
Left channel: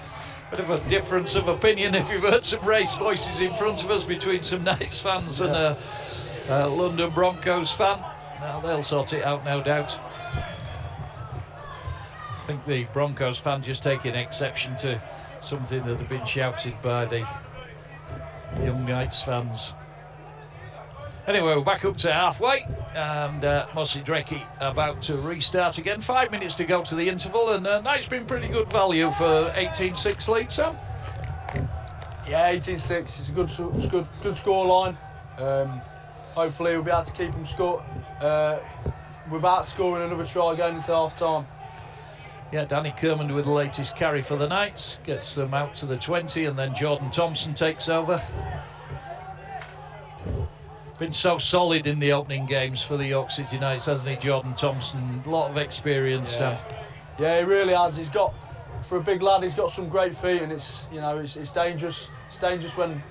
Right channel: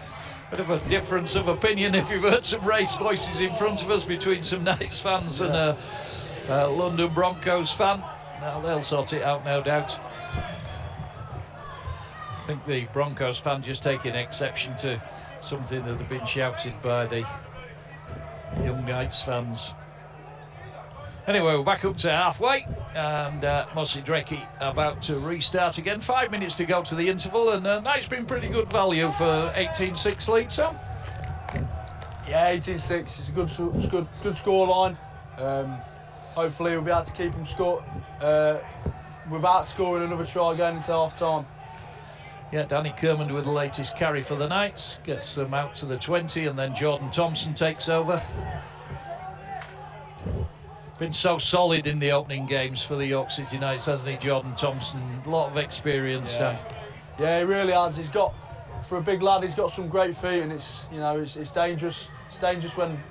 Bit of a difference of opinion if you've heard some raised voices in front of us between some Knights fans and a London Broncos fan. Now they'll sort it out, no doubt. I think the Broncos fan just taking exception to something that had been shouted by the young Knights fans. Anyway, we're back up to halfway, and Mossy Dreckie about to restart again. 5 minutes to go to the interval, and Knights been pretty good value for 18-6 lead, Sam. Yeah, 18-6. It's a good score line. Hopefully, we'll be able to keep them without scoring another try going into half time. Yeah, Danny Kermond with the latest carry for the Knights, gets them out to the 20, and then Jordan Thompson takes over. Been so solid in the opening games for the York City Knights, hasn't he, Jordan Thompson? A lot of experience. Yeah, he really has. He's got, for a big lad, he's got some great feet, and it's dangerous. It's dangerous when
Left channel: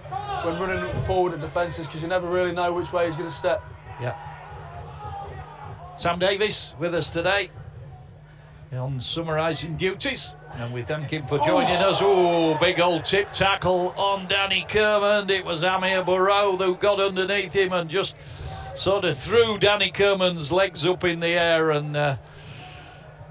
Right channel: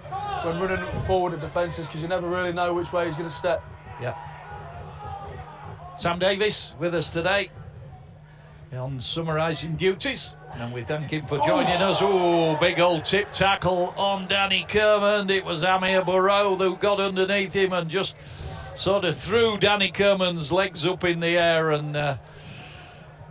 running forward at defences, because you never really know which way he's going to step. Yeah. Sam Davis with us today on summarising duties, and we thank him for joining us. Oh, big old tip tackle on Danny Kermond. It was Amir Burrow who got underneath him and just sort of threw Danny Kermond's legs up in the air, and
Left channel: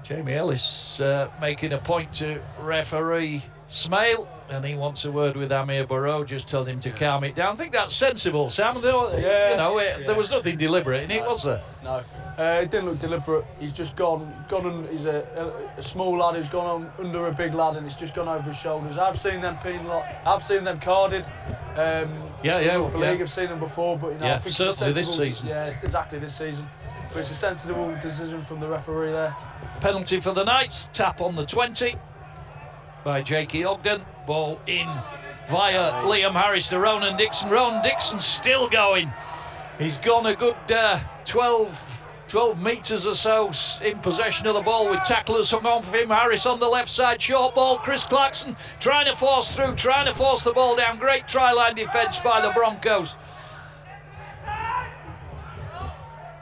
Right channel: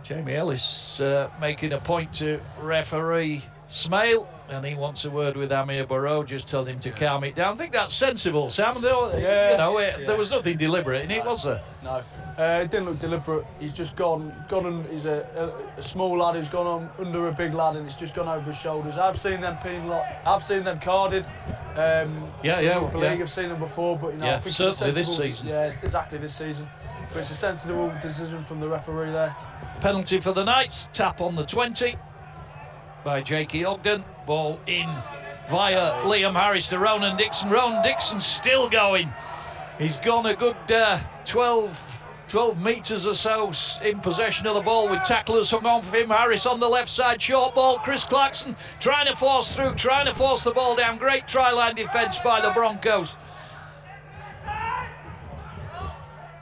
Jamie Ellis making a point to referee Smale, and he wants a word with Amir Burrow, just tell him to calm it down. I think that's sensible, Sam. There was nothing deliberate in it, was there? No, it didn't look deliberate. He's just gone on. He's a small lad who's gone on under a big lad, and it's just gone over his shoulders. I've seen them I've seen them carded. I've seen them before, but I think certainly this season. Yeah, exactly this season. But it's a sensible decision from the referee there. Penalty for the Knights. Tap on the 20 by Jakey Ogden. Ball in via Liam Harris to Ronan Dixon. Ronan Dixon still going. He's gone a good 12 metres or so in possession of the ball, with tacklers hung on for him. Harris on the left side, short ball. Chris Clarkson trying to force through, trying to force the ball down. Great try-line defence by the Broncos.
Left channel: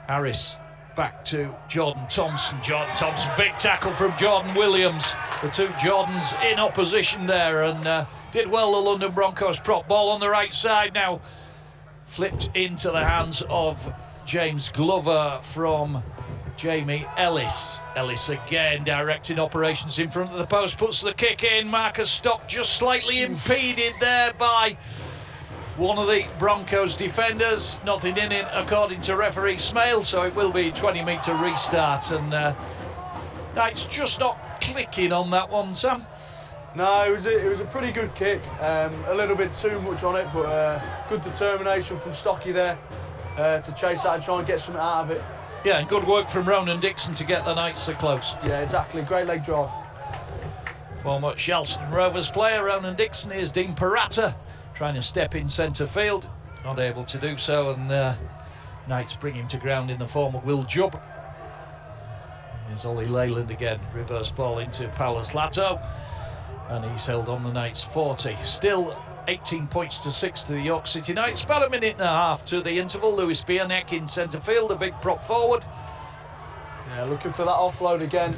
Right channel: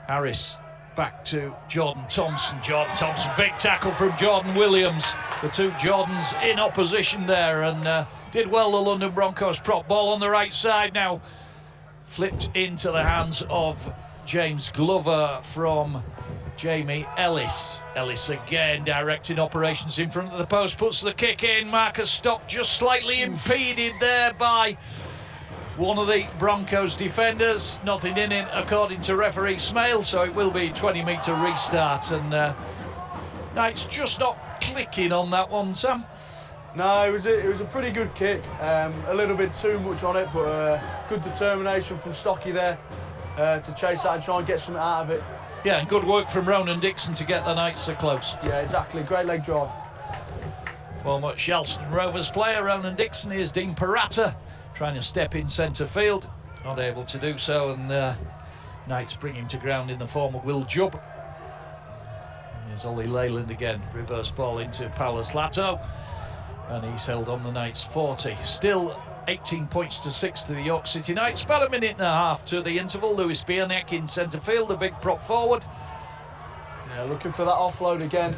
Harris back to Jordan Thompson. Jordan Thompson, big tackle from Jordan Williams. The two Jordans in opposition there, and did well, the London Broncos prop. Ball on the right side now, flipped into the hands of James Glover from Jamie Ellis. Ellis again directing operations in front of the post, puts the kick in. Marcus Stock just slightly impeded there by one of the Broncos defenders. Nothing in it according to referee Smale, so it will be a 20-metre restart, and Knights just not clicking on that one, Sam. No, it was a pretty good kick. A little bit too much on it, but good determination from Stocky there to chase that and try and get something out of it. Yeah, and good work from Ronan Dixon to get the Knights so close. Yeah, exactly. Great leg drive. Former Shelston Rovers player Ronan Dixon. Here's Dean Parata trying to step in centre field, not able to do so, and Knights bring him to ground in the form of Will Jubb. Here's Ollie Leyland again, reverse ball into Paulus Lato, and he's held on the Knights 40. Still 18 points to 6 to the York City Knights. About a minute and a half to the interval. Lewis Bierneck in centre field, a big prop forward. Yeah, looking for that offload again.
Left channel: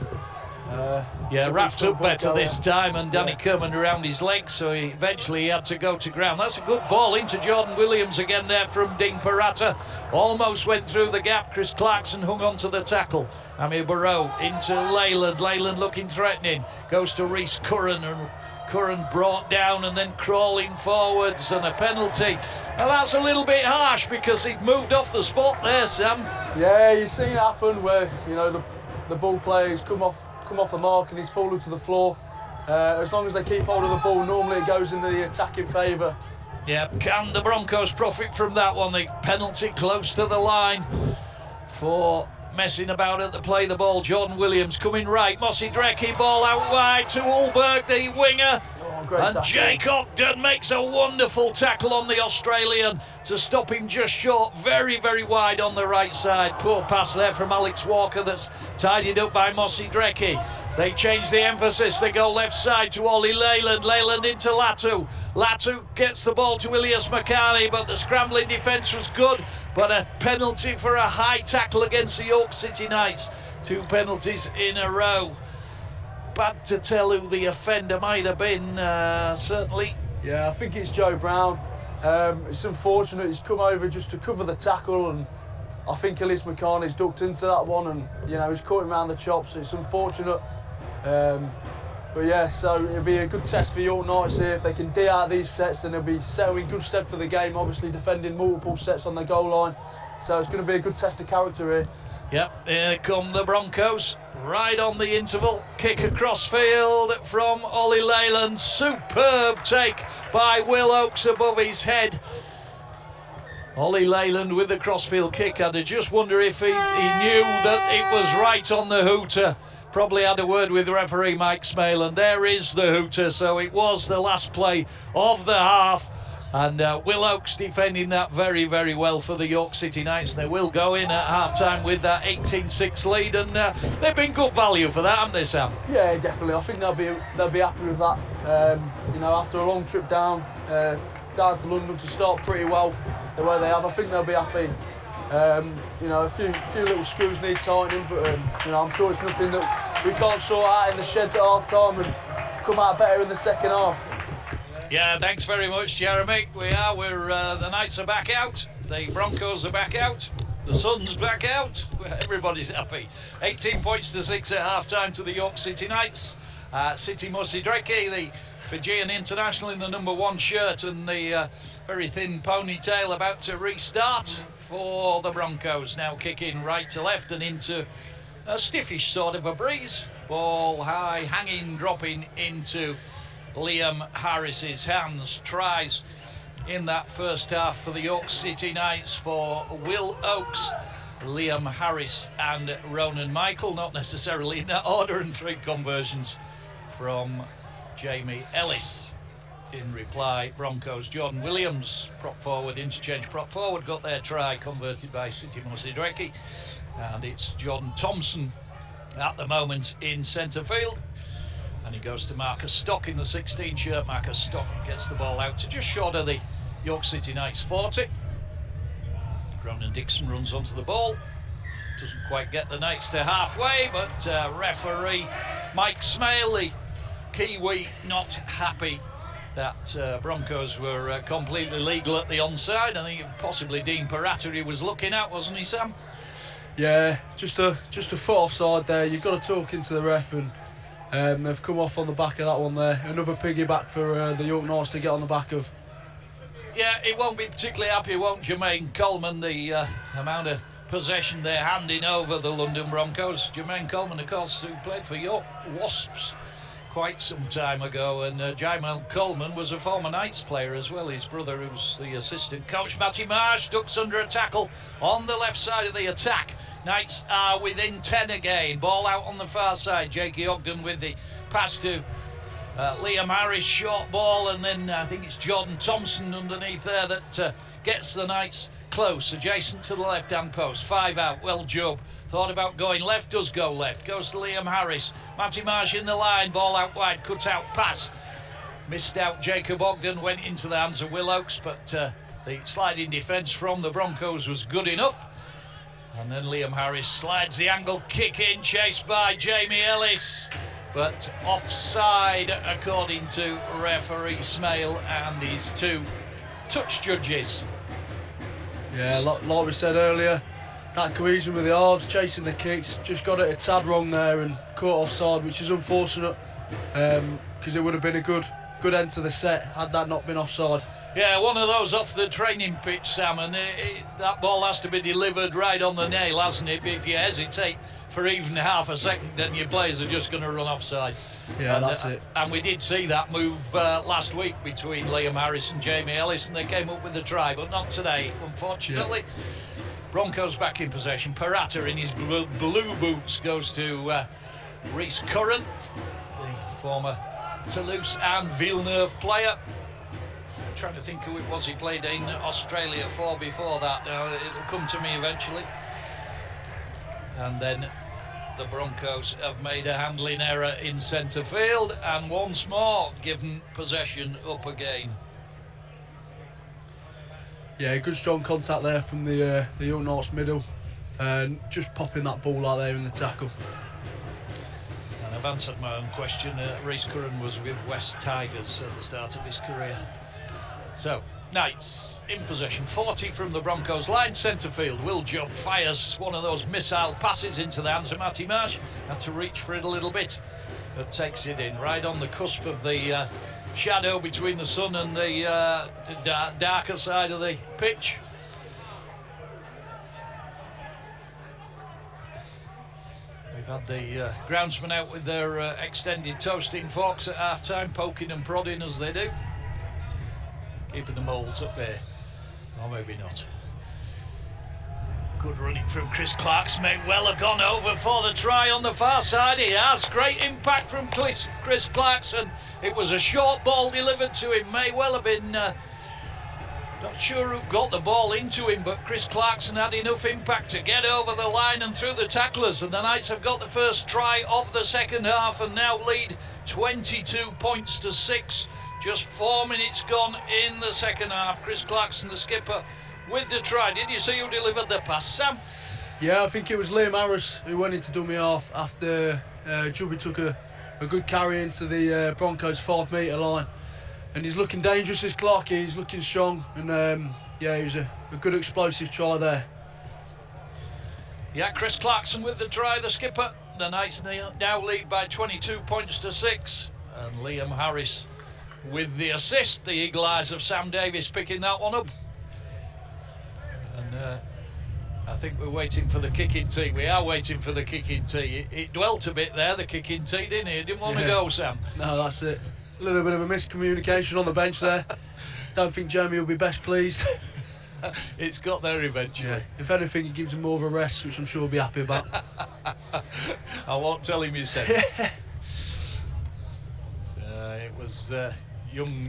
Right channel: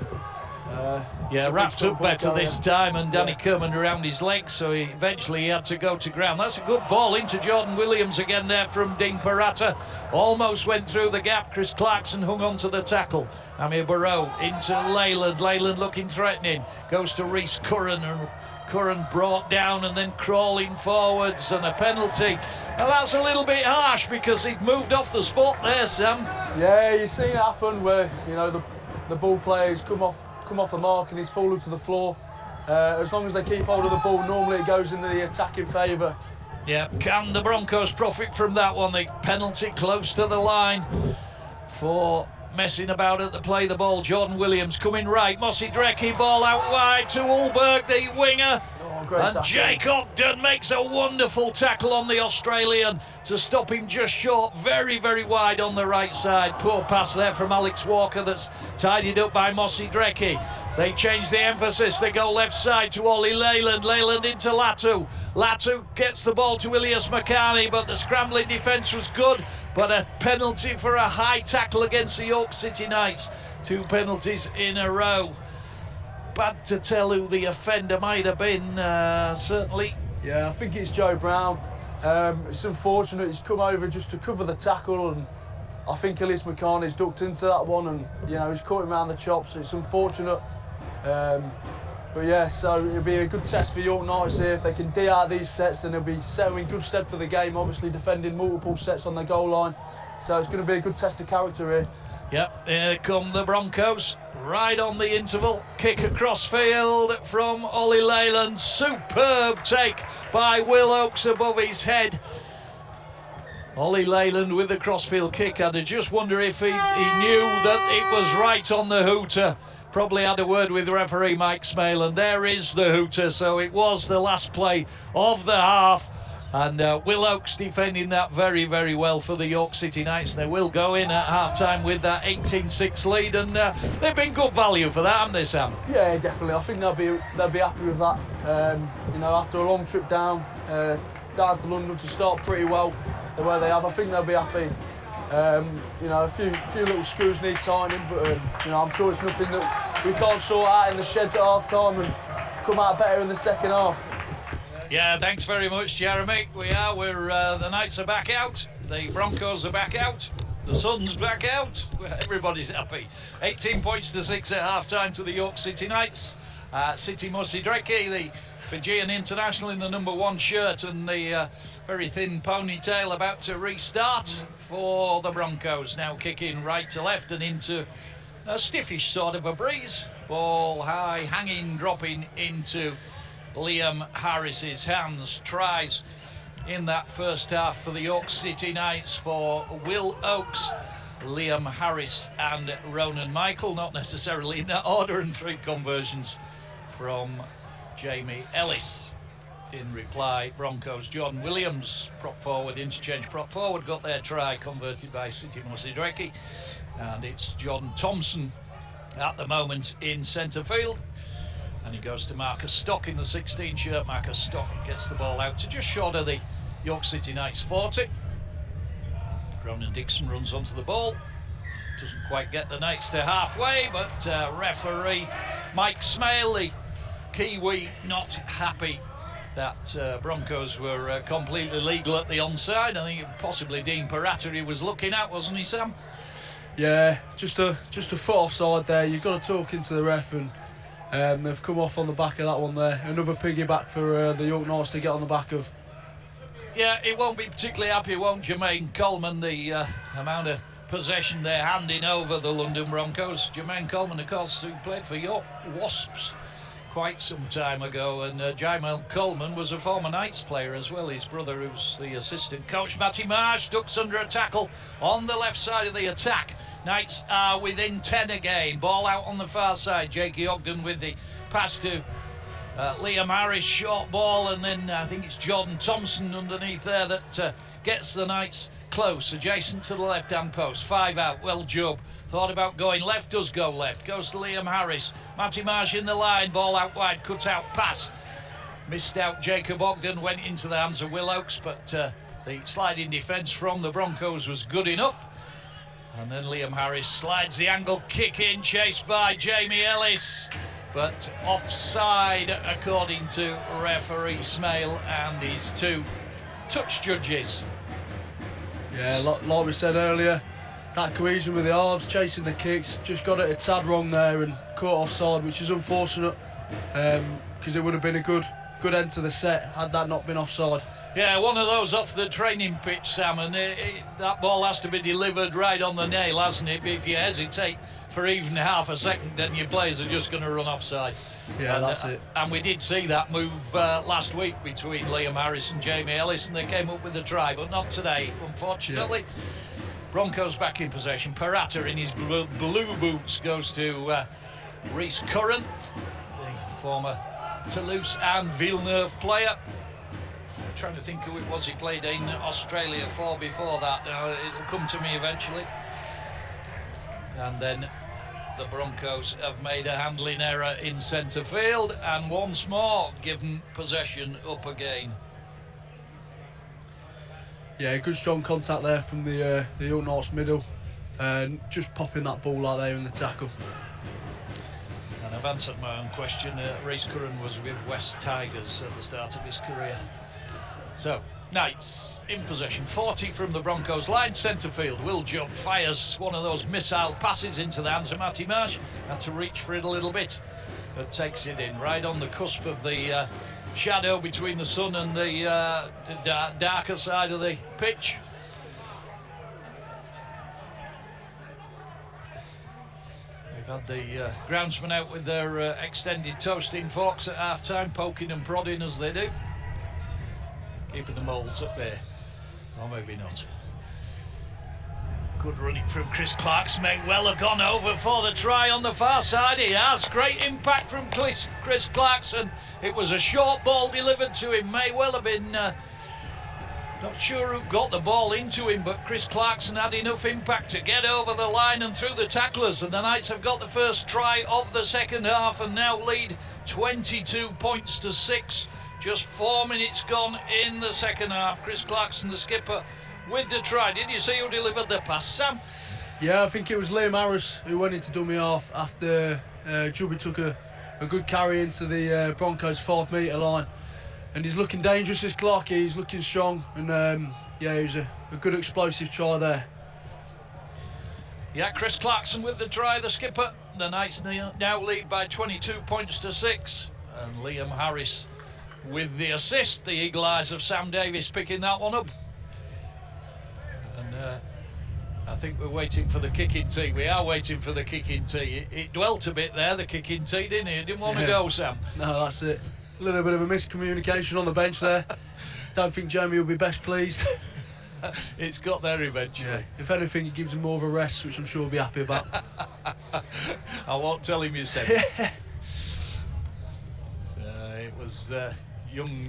Yeah, wrapped up better this time, and Danny Kerman around his legs, so eventually he had to go to ground. That's a good ball into Jordan Williams again there from Dean Parata. Almost went through the gap. Chris Clarkson hung on to the tackle. Amir Barrow into Leyland. Leyland looking threatening. Goes to Reece Curran, and Curran brought down and then crawling forwards, and a penalty. Now that's a little bit harsh because he'd moved off the spot there, Sam. Yeah, you've seen it happen where, you know, the ball player's come off the mark and he's fallen to the floor. As long as they keep hold of the ball, normally it goes into the attacking favour. Yeah, can the Broncos profit from that one? The penalty close to the line for messing about at the play the ball. Jordan Williams coming right. Mossy Drecke, ball out wide to Ulberg, the winger. And tackle. Jake Ogden makes a wonderful tackle on the Australian to stop him just short, very, very wide on the right side. Poor pass there from Alex Walker that's tidied up by Mossy Drecke. They change the emphasis, they go left side to Ollie Leyland. Leyland into Latu. Latu gets the ball to Ilias Makani, but the scrambling defence was good. But a penalty for a high tackle against the York City Knights. 2 penalties in a row. Bad to tell who the offender might have been, certainly. Yeah, I think it's Joe Brown. It's unfortunate he's come over just to cover the tackle, and I think Ilias Makani's ducked into that one, and you know, he's caught him around the chops. It's unfortunate. But yeah, so it'll be a good test for York Knights here. If they can D out these sets, then they'll be set in good stead for the game, obviously defending multiple sets on the goal line. So it's going to be a good test of character here. Yep, here come the Broncos, right on the interval. Kick across field from Ollie Leyland. Superb take by Will Oakes above his head. Ollie Leyland with the crossfield kick. I'd just wonder if he knew that it was right on the hooter. Probably had a word with referee Mike Smale, and there is the hooter. So it was the last play of the half, and Will Oakes defending that very, very well for the York City Knights. They will go in at half-time with that 18-6 lead, and they've been good value for that, haven't they, Sam? Yeah, definitely. I think they'll be happy with that. You know, after a long trip down to London to start pretty well the way they have, I think they'll be happy. You know, a few little screws need tightening, but you know, I'm sure it's nothing that we can't sort out in the sheds at half-time and come out better in the second half. Yeah, thanks very much, Jeremy. We're the Knights are back out, the Broncos are back out, the Sun's back out. Everybody's happy. 18 points to 6 at half-time to the York City Knights. City Mossy Drecke, the Fijian international in the #1 shirt and the very thin ponytail, about to restart for the Broncos. Now kicking right to left and into a stiffish sort of a breeze. Ball high, hanging, dropping into Liam Harris's hands. Tries in that first half for the York City Knights for Will Oakes, Liam Harris and Ronan Michael, not necessarily in that order, and 3 conversions from Jamie Ellis. In reply, Broncos, Jordan Williams, prop forward, interchange prop forward, got their try converted by City Mossy Drecke, and it's Jordan Thompson at the moment in centre field, and he goes to Marcus Stock in the 16 shirt. Marcus Stock gets the ball out to just short of the York City Knights 40. Ronan Dixon runs onto the ball, doesn't quite get the Knights to halfway, but referee Mike Smale, the Kiwi, not happy that Broncos were completely legal at the onside. I think possibly Dean Parata he was looking at, wasn't he, Sam? Yeah, just a foot offside there. You've got to talk into the ref, and they've come off on the back of that one there. Another piggyback for the York Knights to get on the back of. Yeah, he won't be particularly happy, won't Jermaine Coleman, the amount of possession they're handing over the London Broncos. Jermaine Coleman, of course, who played for York Wasps quite some time ago, and Jamal Coleman was a former Knights player as well. His brother, who's the assistant coach. Matty Marsh ducks under a tackle on the left side of the attack. Knights are within 10 again. Ball out on the far side. Jakey Ogden with the pass to Liam Harris, short ball, and then I think it's Jordan Thompson underneath there that gets the Knights close, adjacent to the left-hand post. 5 out. Well, Job thought about going left, does go left. Goes to Liam Harris. Matty Marsh in the line. Ball out wide. Cut out pass. Missed out. Jacob Ogden went into the hands of Will Oakes, but the sliding defence from the Broncos was good enough. And then Liam Harris slides the angle kick in, chased by Jamie Ellis, but offside according to referee Smale and his 2 touch judges. Yeah, like we said earlier, that cohesion with the arms, chasing the kicks, just got it a tad wrong there and caught offside, which is unfortunate, because it would have been a good end to the set had that not been offside. Yeah, one of those off the training pitch, Sam, and that ball has to be delivered right on the nail, hasn't it? If you hesitate for even half a second, then your players are just going to run offside. Yeah, that's it. And we did see that move last week between Liam Harris and Jamie Ellis, and they came up with a try, but not today, unfortunately. Yeah. Broncos back in possession. Parata in his blue boots goes to Rhys Curran, the former Toulouse and Villeneuve player. I'm trying to think who it was he played in Australia for before that. It'll come to me eventually. And then the Broncos have made a handling error in centre field and once more given possession up again. Yeah, good strong contact there from the Young Knights middle, and just popping that ball out there in the tackle. And I've answered my own question. Rhys Curran was with West Tigers at the start of his career. So, Knights in possession, 40 from the Broncos line, centre field. Will Job fires one of those missile passes into the hands of Matty Marsh. Had to reach for it a little bit, but takes it in right on the cusp of the shadow between the sun and the darker side of the pitch. We've had the groundsmen out with their extended toasting forks at half-time, poking and prodding as they do. Keeping the moulds up there. Or maybe not. Good running from Chris Clarkson. May well have gone over for the try on the far side. He has. Great impact from Chris Clarkson. It was a short ball delivered to him. May well have been... not sure who got the ball into him, but Chris Clarkson had enough impact to get over the line and through the tacklers. And the Knights have got the first try of the second half and now lead 22 points to 6. Just 4 minutes gone in the second half. Chris Clarkson, the skipper, with the try. Did you see who delivered the pass, Sam? Yeah, I think it was Liam Harris who went into dummy half after Chubby took a good carry into the Broncos 5 metre line. And he's looking dangerous, this Clarkie. He's looking strong. And yeah, he was a good explosive try there. Yeah, Chris Clarkson with the try, the skipper. The Knights now lead by 22 points to 6. And Liam Harris with the assist, the eagle eyes of Sam Davis picking that one up. And I think we're waiting for the kicking tee. We are waiting for the kicking tee. It dwelt a bit there, the kicking tee, didn't it? It didn't want to go, Sam. No, that's it. A little bit of a miscommunication on the bench there. Don't think Jamie will be best pleased. It's got there eventually. Yeah. If anything, it gives him more of a rest, which I'm sure he'll be happy about. I won't tell him you said it. So it was young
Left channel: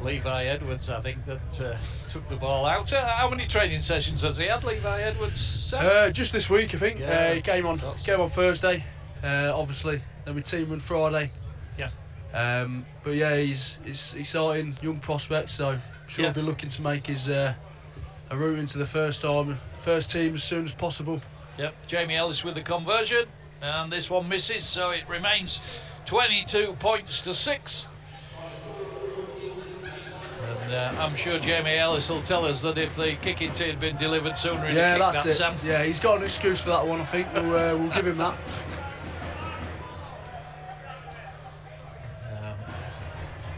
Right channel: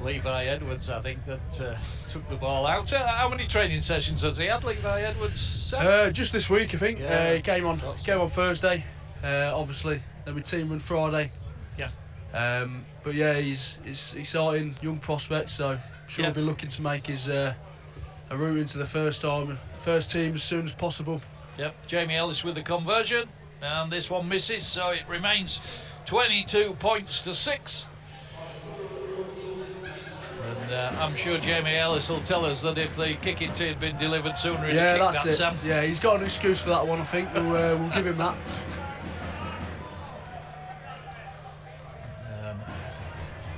Levi Edwards, I think, that took the ball out. How many training sessions has he had, Levi Edwards? Just this week, I think. Yeah, he came on Thursday, obviously. Then we team on Friday. Yeah. But yeah, he's starting young prospect, so I'm sure he'll be looking to make his a route into the first team as soon as possible. Yep. Jamie Ellis with the conversion, and this one misses, so it remains 22 points to 6. And I'm sure Jamie Ellis will tell us that if the kicking tee had been delivered sooner, he'd have kicked that's that, it. Sam. Yeah, he's got an excuse for that one, I think. We'll give him that.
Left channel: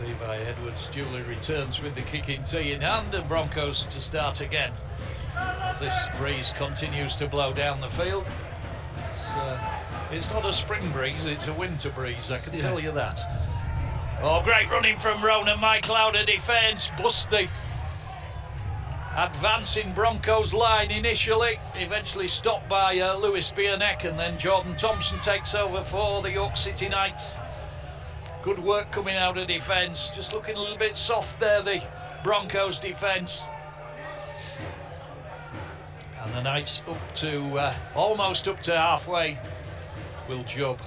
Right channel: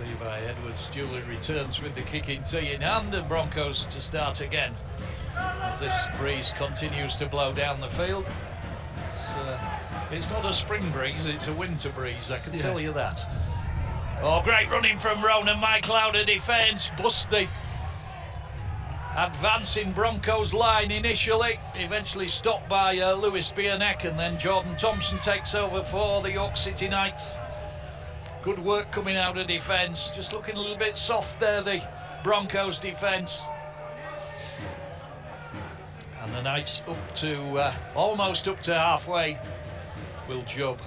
Levi Edwards duly returns with the kicking tee in hand, and Broncos to start again as this breeze continues to blow down the field. It's It's not a spring breeze, it's a winter breeze, I can tell you that. Oh, great running from Ronan Michael out of defence, bust the advancing Broncos line initially, eventually stopped by Lewis Bierneck, and then Jordan Thompson takes over for the York City Knights. Good work coming out of defence, just looking a little bit soft there, the Broncos defence. And the Knights up to almost up to halfway. Will Jubb,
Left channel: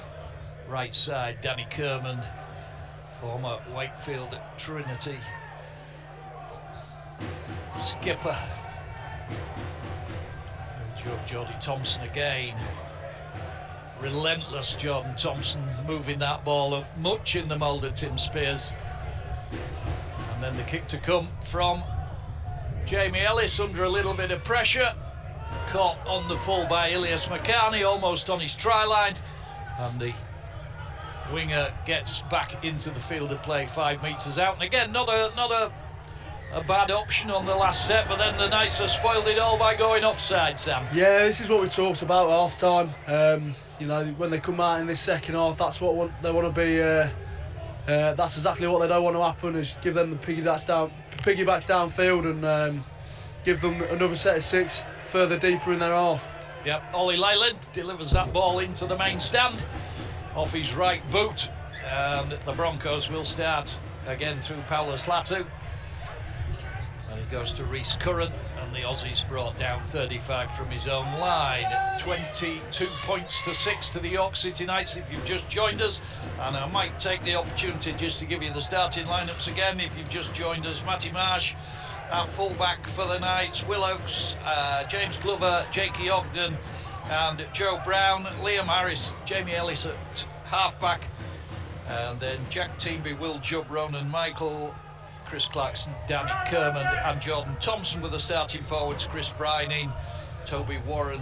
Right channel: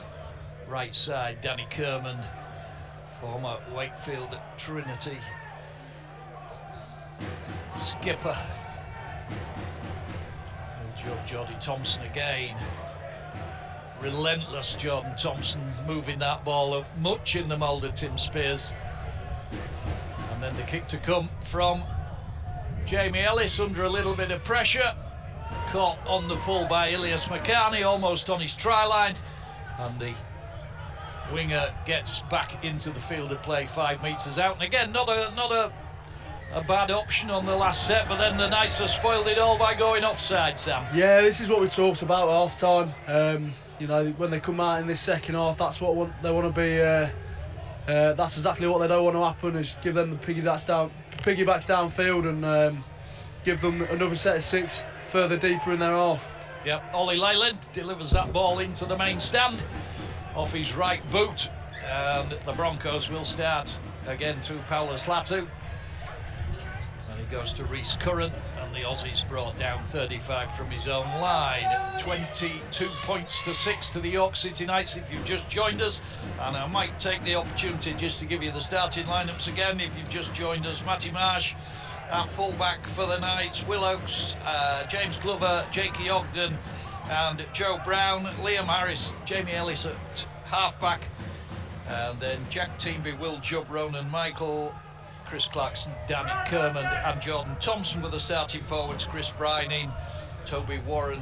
right side, Danny Kerman, former Wakefield at Trinity skipper. Will Jubb, Jordy Thompson again. Relentless Jordan Thompson, moving that ball up much in the mould of Tim Spears. And then the kick to come from Jamie Ellis under a little bit of pressure. Caught on the full by Ilias Makani, almost on his try line, and the winger gets back into the field of play 5 metres out. And again, not a bad option on the last set, but then the Knights have spoiled it all by going offside, Sam. Yeah, this is what we talked about at half time. You know, when they come out in this second half, that's what they want to be. That's exactly what they don't want to happen, is give them the piggybacks downfield and give them another set of 6 further deeper in their half. Yep, Ollie Leyland delivers that ball into the main stand off his right boot, and the Broncos will start again through Paulus Latu, and he goes to Rhys Curran, and the Aussies brought down 35 from his own line. 22 points to 6 to the York City Knights if you've just joined us, and I might take the opportunity just to give you the starting lineups again if you've just joined us. Matty Marsh at full-back for the Knights, Will Oakes, James Glover, Jakey Ogden and Joe Brown, Liam Harris, Jamie Ellis at half-back, and then Jack Teamby, Will Jubb, Ronan Michael, Chris Clarkson, Danny Kerman and Jordan Thompson with the starting forwards, Chris Bryning, Toby Warren,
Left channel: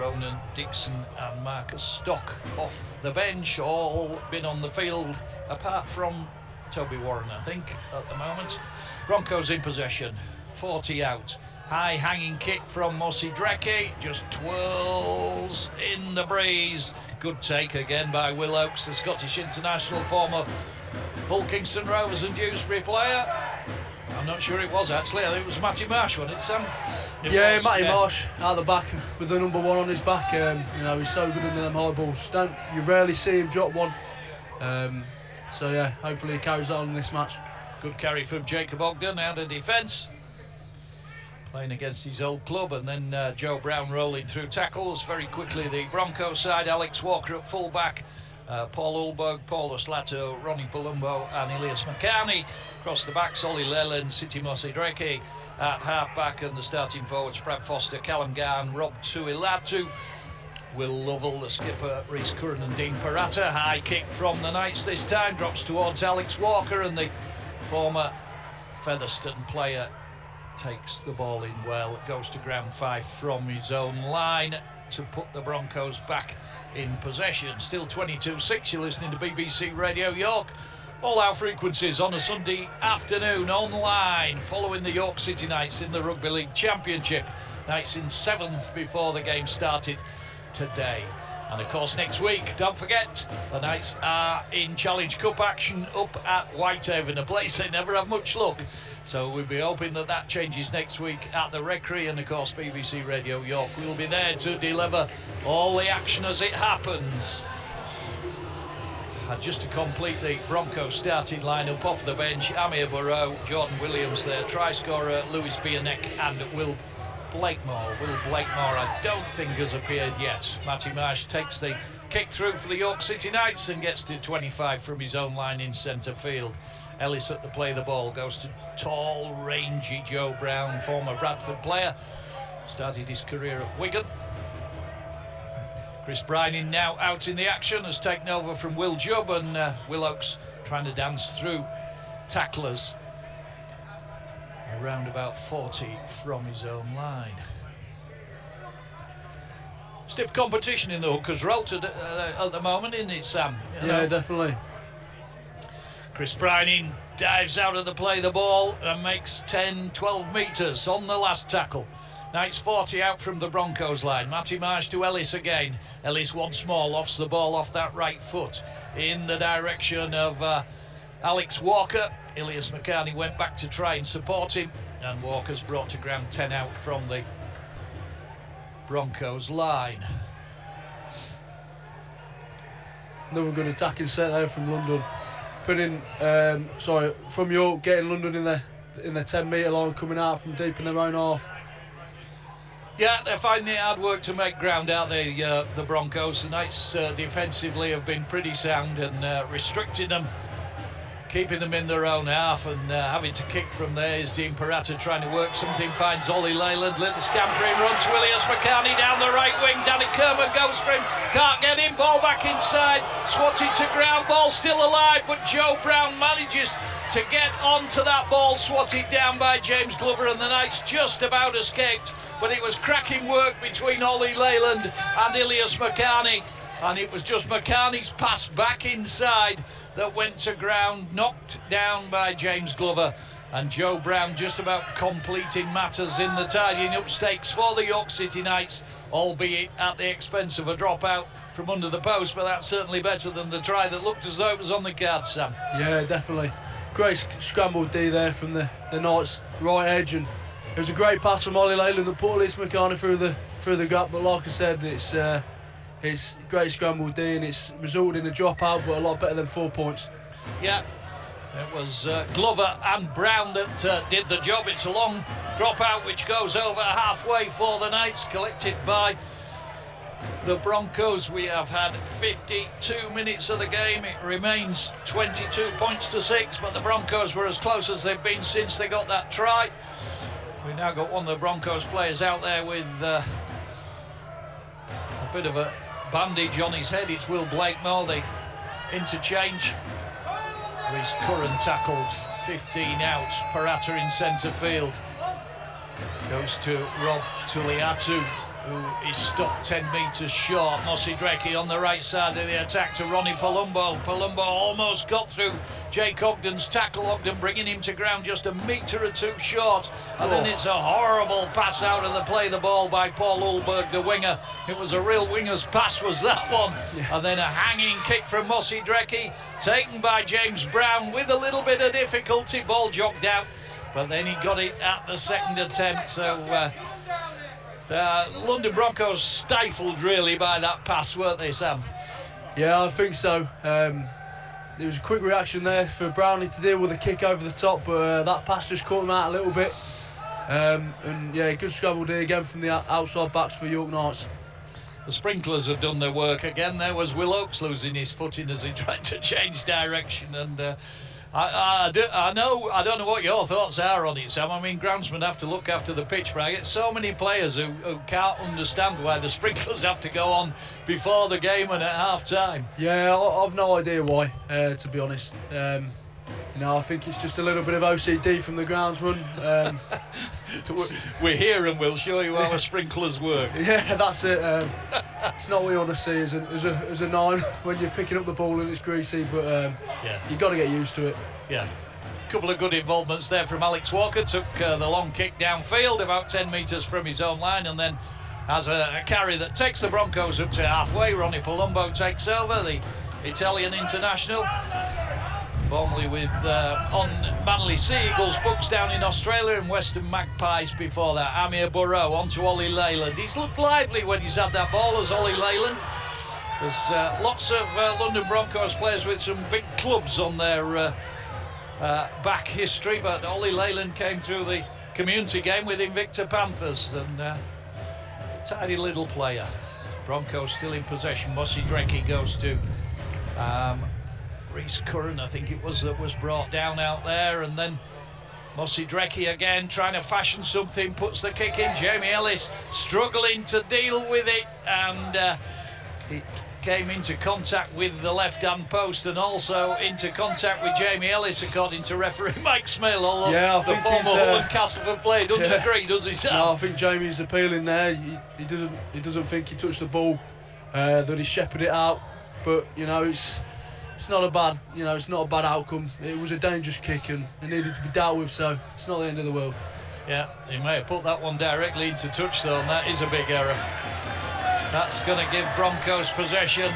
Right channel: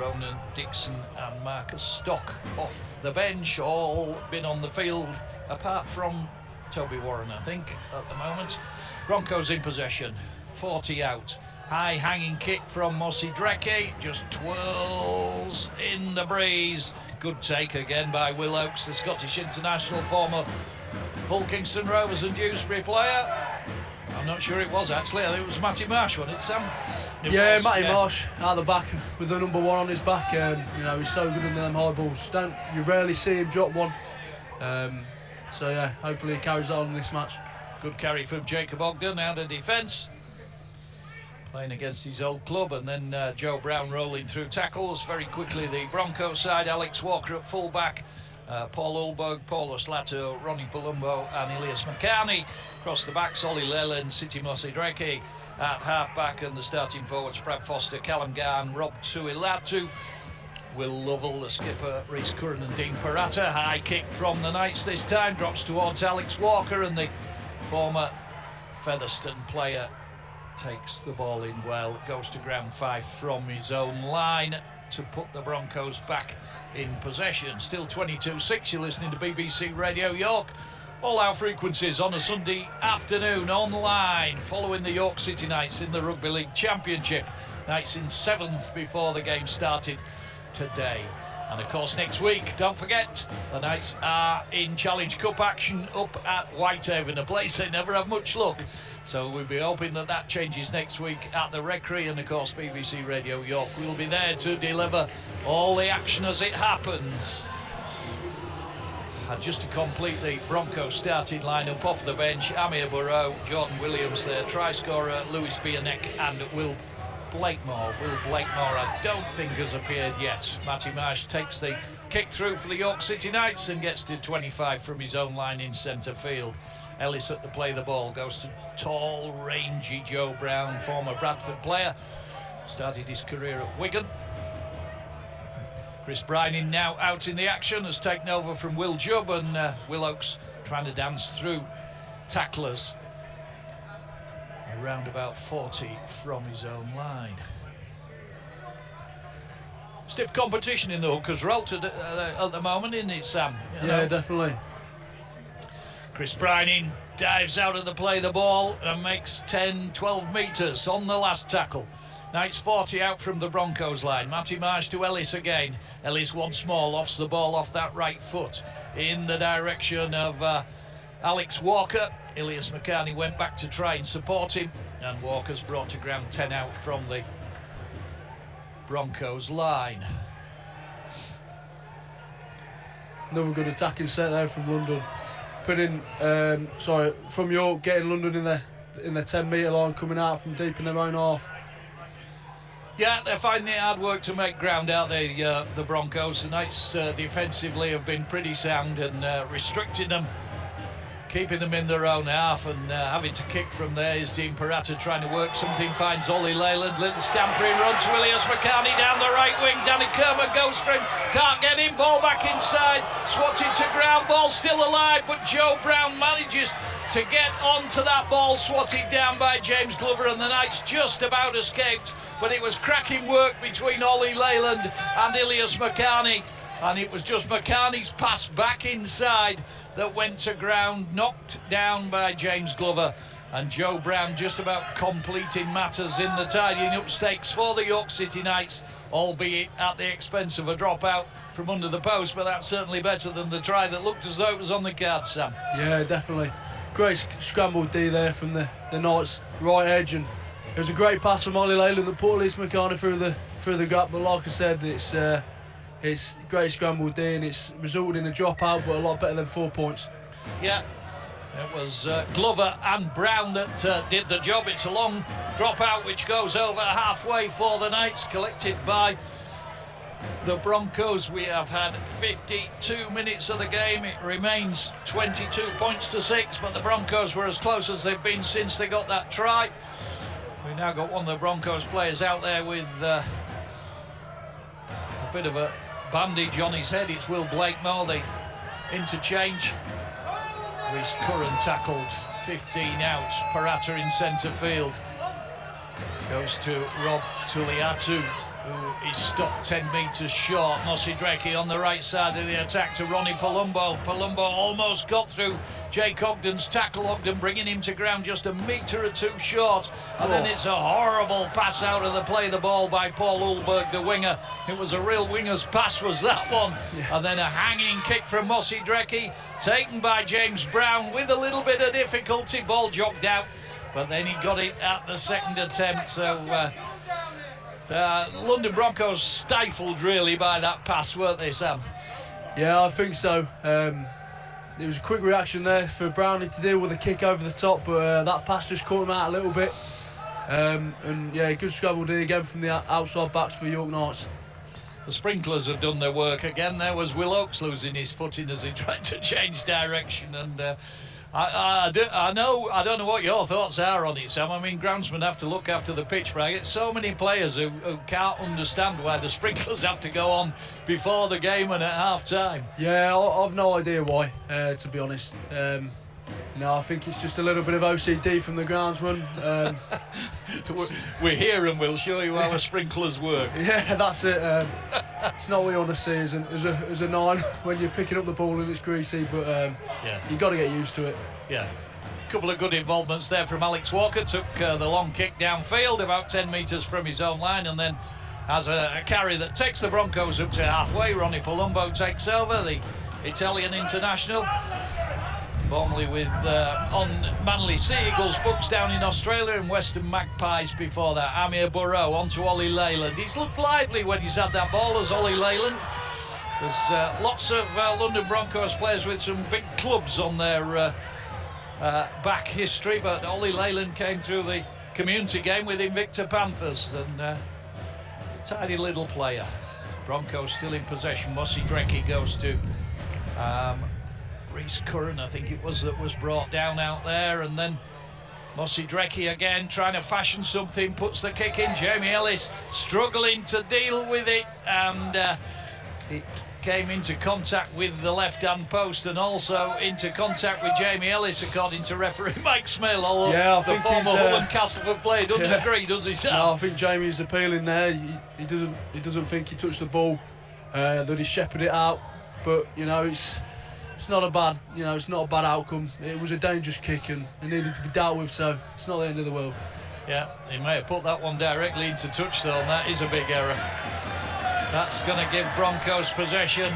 Ronan Dixon and Marcus Stock off the bench, all been on the field apart from Toby Warren, I think, at the moment. Broncos in possession, 40 out. High hanging kick from Mossy Dreke, just twirls in the breeze. Good take again by Will Oakes, the Scottish international, former Hull Kingston Rovers and Dewsbury player. I'm not sure it was actually, I think it was Matty Marsh, wasn't it, Sam? Matty Marsh out the back with the number 1 on his back. You know, he's so good into them high balls. You rarely see him drop one. So yeah, hopefully he carries on in this match. Good carry from Jacob Ogden out of defence, playing against his old club, and then Joe Brown rolling through tackles very quickly. The Broncos side, Alex Walker at full back, Paul Ulberg, Paulus Lato, Ronnie Palumbo and Ilias Makani. Across the backs, Ollie Leyland, City Mossy Dreke at half back, and the starting forwards, Brad Foster, Callum Garn, Rob Tuilatu, Will Lovell, the skipper, Rhys Curran and Dean Parata. High kick from the Knights this time, drops towards Alex Walker, and the former Featherstone player takes the ball in well. Goes to ground 5 from his own line to put the Broncos back in possession. Still 22-6, you're listening to BBC Radio York. All our frequencies on a Sunday afternoon online, following the York City Knights in the Rugby League Championship. Knights in 7th before the game started today. And of course next week, don't forget, the Knights are in Challenge Cup action up at Whitehaven, a place they never have much luck. So we'll be hoping that that changes next week at the Recreation, and of course BBC Radio York will be there to deliver all the action as it happens. And just to complete the Broncos starting lineup off the bench, Amir Burrow, Jordan Williams there, try scorer Lewis Bierneck and Will Blakemore. Will Blakemore, I don't think has appeared yet. Matty Marsh takes the kick through for the York City Knights and gets to 25 from his own line in centre field. Ellis at the play the ball, goes to tall, rangy Joe Brown, former Bradford player. Started his career at Wigan. Chris Bryning now out in the action, has taken over from Will Jubb, and Will Oakes trying to dance through tacklers. Around about 40 from his own line. Stiff competition in the hookers role at the moment, isn't it, Sam? Yeah, definitely. Chris Bryning dives out of the play the ball and makes 10-12 metres on the last tackle. Knights 40 out from the Broncos line. Matty Marsh to Ellis again. Ellis once more lofts the ball off that right foot in the direction of Alex Walker. Ilias McCartney went back to try and support him, and Walker's brought to ground 10 out from the Broncos line. Another good attacking set there from London. From York, getting London in the 10-metre line, coming out from deep in their own half. Yeah, they're finding it hard work to make ground out there, the Broncos. The Knights defensively have been pretty sound and restricting them, keeping them in their own half, and having to kick from there is Dean Parata trying to work something, finds Ollie Leyland, little scampering run to Ilias McCartney down the right wing. Danny Kerman goes for him, can't get him, ball back inside, swatted to ground, ball still alive, but Joe Brown manages to get onto that ball, swatted down by James Glover, and the Knights just about escaped, but it was cracking work between Ollie Leyland and Ilias McCartney, and it was just McCartney's pass back inside that went to ground, knocked down by James Glover, and Joe Brown just about completing matters in the tidying up stakes for the York City Knights, albeit at the expense of a dropout from under the post, but that's certainly better than the try that looked as though it was on the card, Sam. Yeah, definitely. Great scrambled D there from the Knights' right edge, and it was a great pass from Ollie Leyland that put Ilias McCartney through the gap, but like I said, it's great scrambled D, and it's resulted in a dropout, but a lot better than 4 points. Yeah, it was Glover and Brown that did the job. It's a long dropout which goes over halfway for the Knights, collected by the Broncos. We have had 52 minutes of the game. It remains 22 points to 6, but the Broncos were as close as they've been since they got that try. We've now got one of the Broncos players out there with a bit of a bandage on his head. It's Will Blakemore. The interchange. Reece Curran tackled, 15 out. Parata in centre field. Goes to Rob Tuliatu, who is stopped 10 metres short. Mossy Drecke on the right side of the attack to Ronnie Palumbo. Palumbo almost got through Jake Ogden's tackle. Ogden bringing him to ground just a metre or two short. And then it's a horrible pass out of the play the ball by Paul Ulberg, the winger. It was a real winger's pass, was that one. Yeah. And then a hanging kick from Mossy Drecke, taken by James Brown with a little bit of difficulty. Ball jogged out, but then he got it at the second attempt. So London Broncos stifled really by that pass, weren't they, Sam? Yeah, I think so. There was a quick reaction there for Brownie to deal with a kick over the top, but that pass just caught him out a little bit. And yeah, good scrabble D again from the outside backs for York Knights. The sprinklers have done their work again. There was Will Oakes losing his footing as he tried to change direction, and I don't know what your thoughts are on it, Sam. I mean, groundsmen have to look after the pitch, but I get so many players who can't understand why the sprinklers have to go on before the game and at half-time. Yeah, I've no idea why, to be honest. I think it's just a little bit of OCD from the groundsman. We're here and we'll show you how the sprinklers work. Yeah, that's it. It's not what you want to see as a 9 when you're picking up the ball and it's greasy, but yeah, you got to get used to it. Yeah. A couple of good involvements there from Alex Walker. Took the long kick downfield about 10 metres from his own line, and then has a carry that takes the Broncos up to halfway. Ronnie Palumbo takes over, the Italian international, formerly with on Manly Sea Eagles books down in Australia and Western Magpies before that. Amir Burrow onto Ollie Leyland. He's looked lively when he's had that ball as Ollie Leyland. There's lots of London Broncos players with some big clubs on their back history, but Ollie Leyland came through the community game with Invicta Panthers, and a tidy little player. Broncos still in possession. Mossy Drecke goes to Reece Curran, I think it was, that was brought down out there, and then Mossy Drecke again trying to fashion something, puts the kick in. Jamie Ellis struggling to deal with it, and it came into contact with the left-hand post and also into contact with Jamie Ellis, according to referee Mike Smale, although yeah, the former Hull and Castleford player doesn't agree, does he, Sam? No, I think Jamie's appealing there. He doesn't think he touched the ball, that he shepherded it out, but it's not a bad, it's not a bad outcome. It was a dangerous kick and it needed to be dealt with, so it's not the end of the world. Yeah, he may have put that one directly into touch though, and that is a big error. That's going to give Broncos possession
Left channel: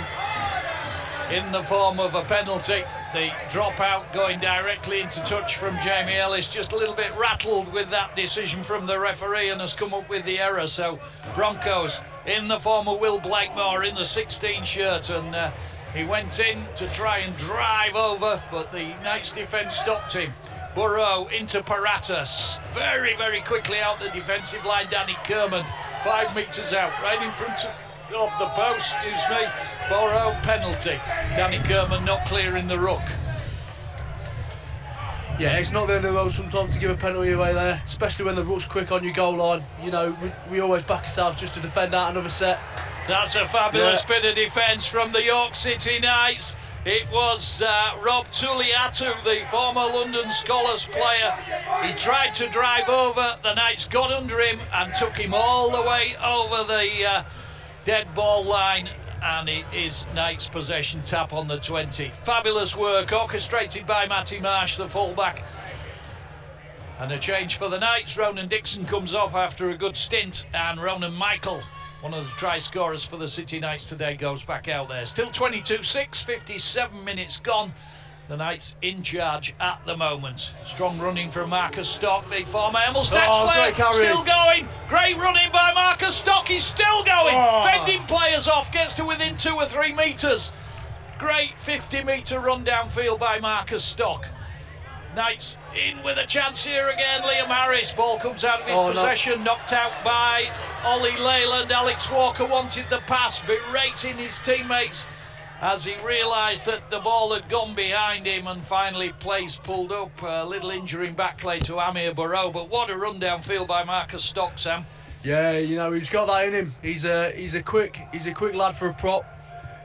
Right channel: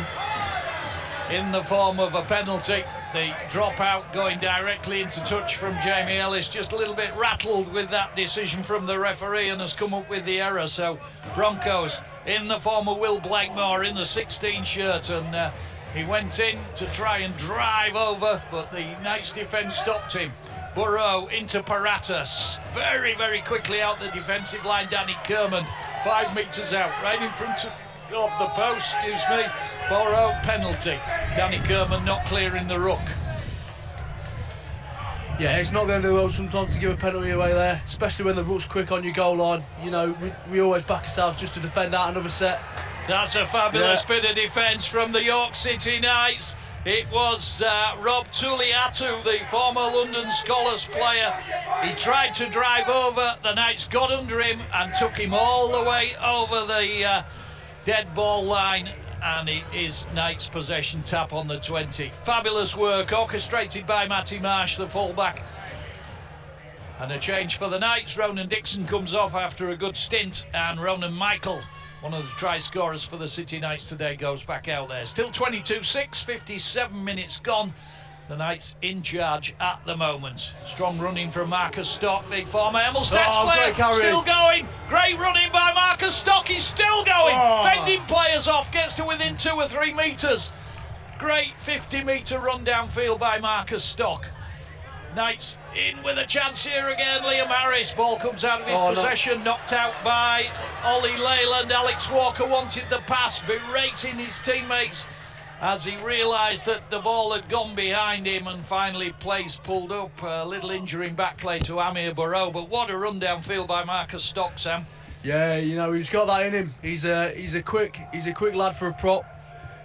in the form of a penalty. The dropout going directly into touch from Jamie Ellis, just a little bit rattled with that decision from the referee and has come up with the error. So Broncos in the form of Will Blakemore in the 16 shirt, and he went in to try and drive over, but the Knights defence stopped him. Burrow into Paratas, very, very quickly out the defensive line. Danny Kerman, 5 metres out, right in front of the post, excuse me. Burrow, penalty. Danny Kerman not clearing the ruck. Yeah, it's not the end of the world sometimes to give a penalty away there, especially when the ruck's quick on your goal line. You know, we always back ourselves just to defend out another set. That's a fabulous bit of defence from the York City Knights. It was Rob Tuliatu, the former London Scholars player. He tried to drive over, the Knights got under him and took him all the way over the dead ball line, and it is Knights possession, tap on the 20. Fabulous work orchestrated by Matty Marsh, the fullback. And a change for the Knights. Ronan Dixon comes off after a good stint, and Ronan Michael, one of the try scorers for the City Knights today, goes back out there. Still 22-6, 57 minutes gone. The Knights in charge at the moment. Strong running from Marcus Stock, the former Emilstats player, still going. Great running by Marcus Stock, he's still going. Fending players off, gets to within 2 or 3 metres. Great 50-metre run downfield by Marcus Stock. Knights in with a chance here again. Liam Harris, ball comes out of his possession, knocked out by Ollie Leyland. Alex Walker wanted the pass, berating his teammates as he realised that the ball had gone behind him, and finally plays pulled up. A little injury in backlay to Amir Burrow, but what a run downfield by Marcus Stock, Sam. Yeah, you know, he's got that in him. He's a quick lad for a prop,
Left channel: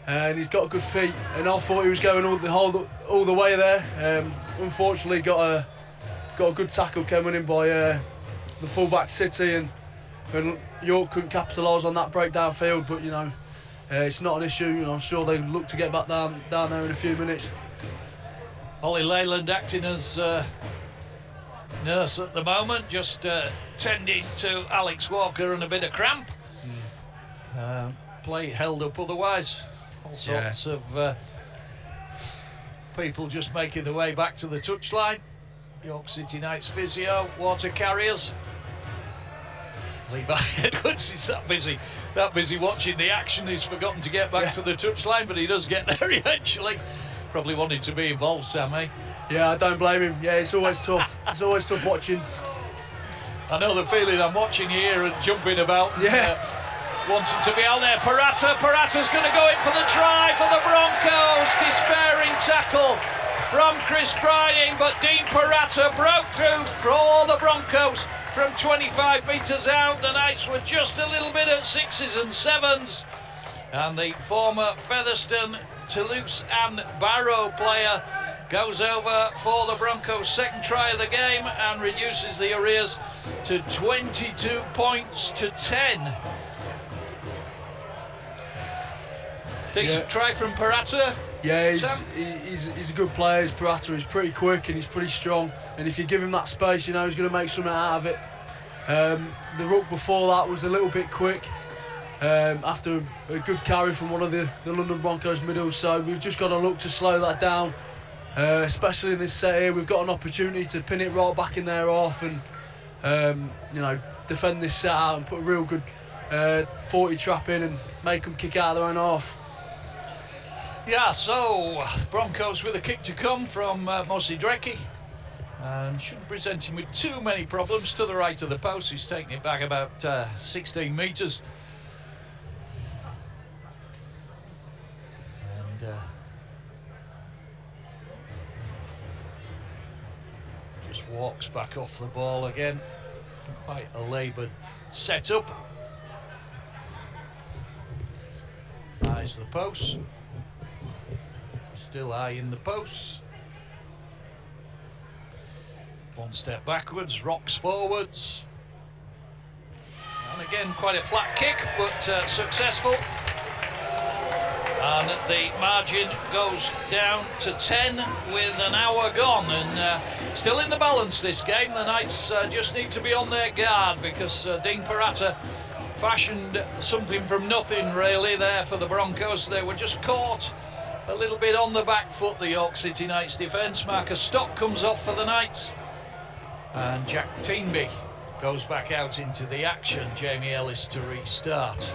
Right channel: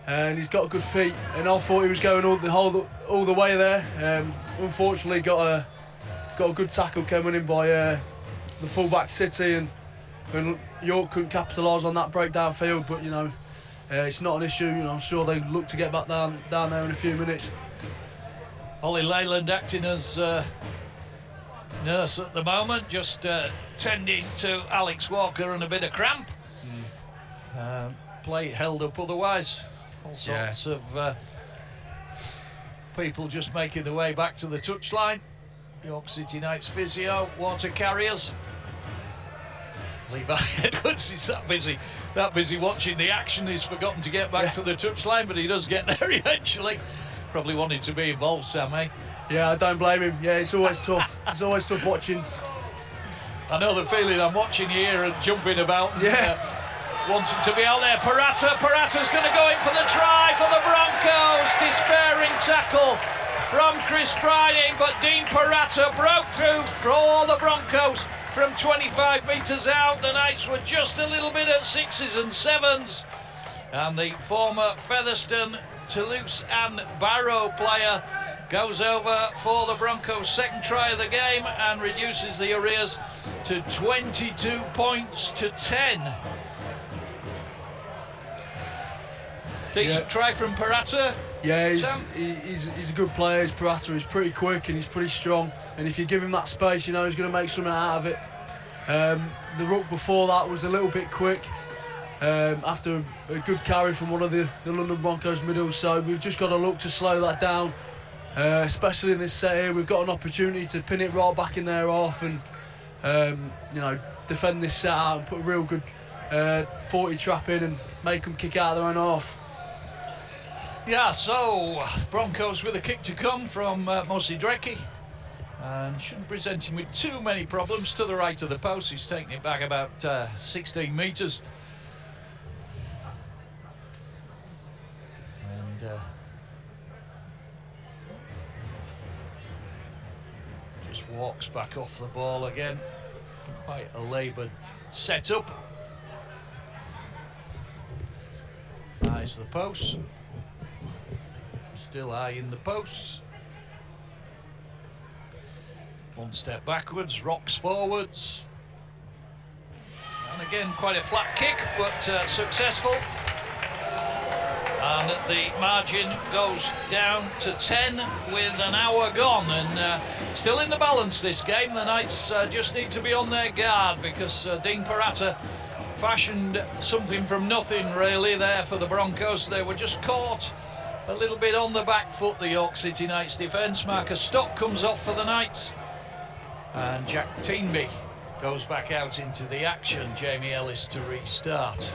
and he's got good feet. And I thought he was going all the way there. Unfortunately, got a good tackle coming in by the fullback City, and York couldn't capitalise on that breakdown field. But you know, it's not an issue. You know, I'm sure they look to get back down there in a few minutes. Ollie Leyland acting as nurse at the moment, just tending to Alex Walker and a bit of cramp. Play held up otherwise. All sorts of people just making their way back to the touchline. York City Knights physio, water carriers. Levi Edwards is that busy watching the action, he's forgotten to get back to the touchline, but he does get there eventually. Probably wanted to be involved, Sam, eh? Yeah, I don't blame him. Yeah, it's always tough. It's always tough watching. I know the feeling. I'm watching you here and jumping about. Yeah. Wanting to be out there. Parata's going to go in for the try for the Broncos. Despairing tackle from Chris Briding, but Dean Parata broke through for the Broncos from 25 metres out. The Knights were just a little bit at 6s and 7s. And the former Featherstone, Toulouse and Barrow player goes over for the Broncos' second try of the game and reduces the arrears to 22 points to 10. Decent try from Parata. Yeah, he's a good player. He's Parata. He's pretty quick and he's pretty strong. And if you give him that space, you know he's going to make something out of it. The ruck before that was a little bit quick after a good carry from one of the London Broncos middles. So we've just got to look to slow that down, especially in this set here. We've got an opportunity to pin it right back in their half and you know, defend this set out and put a real good 40 trap in and make them kick out of their own half. Yeah, so Broncos with a kick to come from Mosi Drecke. Shouldn't present him with too many problems. To the right of the post, he's taking it back about 16 metres. And just walks back off the ball again. Quite a laboured setup. Eyes the post. Still high in the posts. One step backwards, rocks forwards. And again, quite a flat kick, but successful. And the margin goes down to 10 with an hour gone, and still in the balance this game. The Knights just need to be on their guard, because Dean Parata fashioned something from nothing really there for the Broncos. They were just caught a little bit on the back foot, the York City Knights defence. Marcus Stock comes off for the Knights, and Jack Teenby goes back out into the action. Jamie Ellis to restart.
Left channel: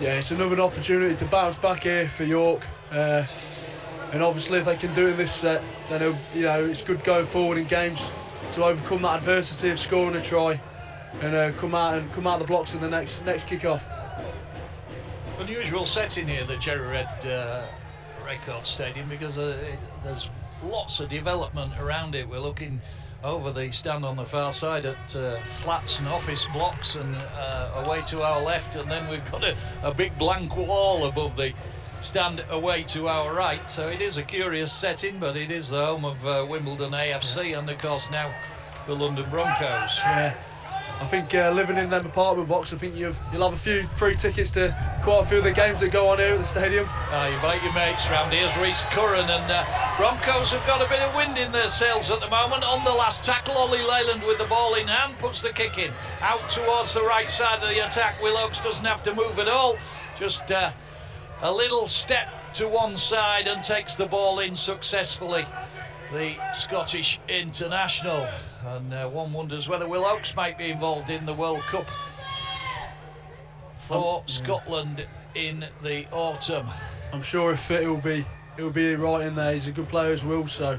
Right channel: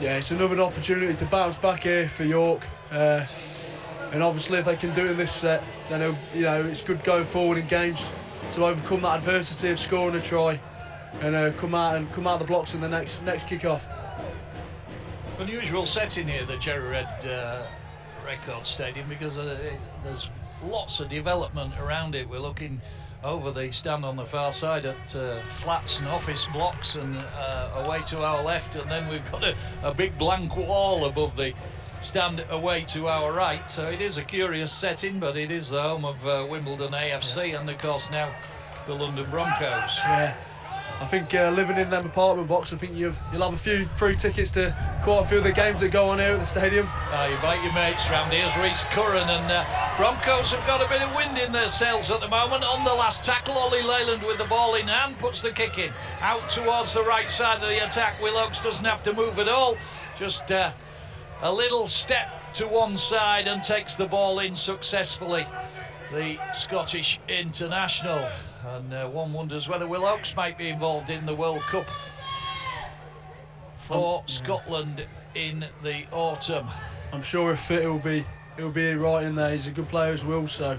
Yeah, it's another opportunity to bounce back here for York, and obviously if they can do it in this set, then it's good going forward in games to overcome that adversity of scoring a try and come out the blocks in the next kick-off. Unusual setting here, the Cherry Red Record Stadium, because there's lots of development around it. We're looking over the stand on the far side at flats and office blocks, and away to our left, and then we've got a big blank wall above the stand away to our right. So it is a curious setting, but it is the home of Wimbledon AFC, and of course now the London Broncos. Yeah, I think living in them apartment blocks, I think you'll have a few free tickets to quite a few of the games that go on here at the stadium. You invite your mates round. Here's Reece Curran, and Broncos have got a bit of wind in their sails at the moment. On the last tackle, Ollie Leyland with the ball in hand puts the kick in out towards the right side of the attack. Will Oakes doesn't have to move at all, just a little step to one side and takes the ball in successfully, the Scottish international. And one wonders whether Will Oakes might be involved in the World Cup for Scotland in the autumn. I'm sure if fit, he'll be right in there. He's a good player as well, so.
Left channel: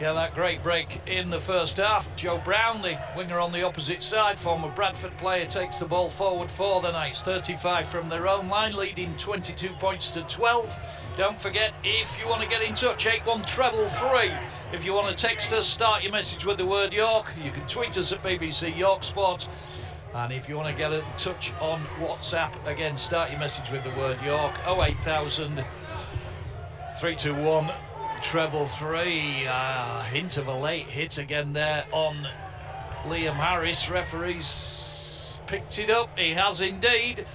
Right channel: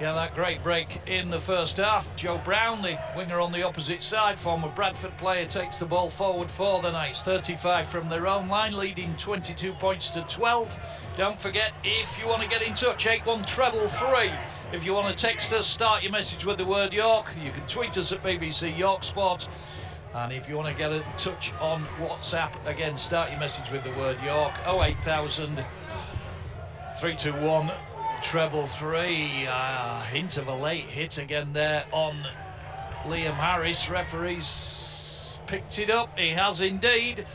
Yeah, that great break in the first half. Joe Brown, the winger on the opposite side, former Bradford player, takes the ball forward for the Knights. 35 from their own line, leading 22 points to 12. Don't forget, if you want to get in touch, 8133. If you want to text us, start your message with the word York. You can tweet us at BBC York Sport. And if you want to get in touch on WhatsApp, again, start your message with the word York. 08000 321 333. Hint of a late hit again there on Liam Harris. Referee's picked it up. He has indeed.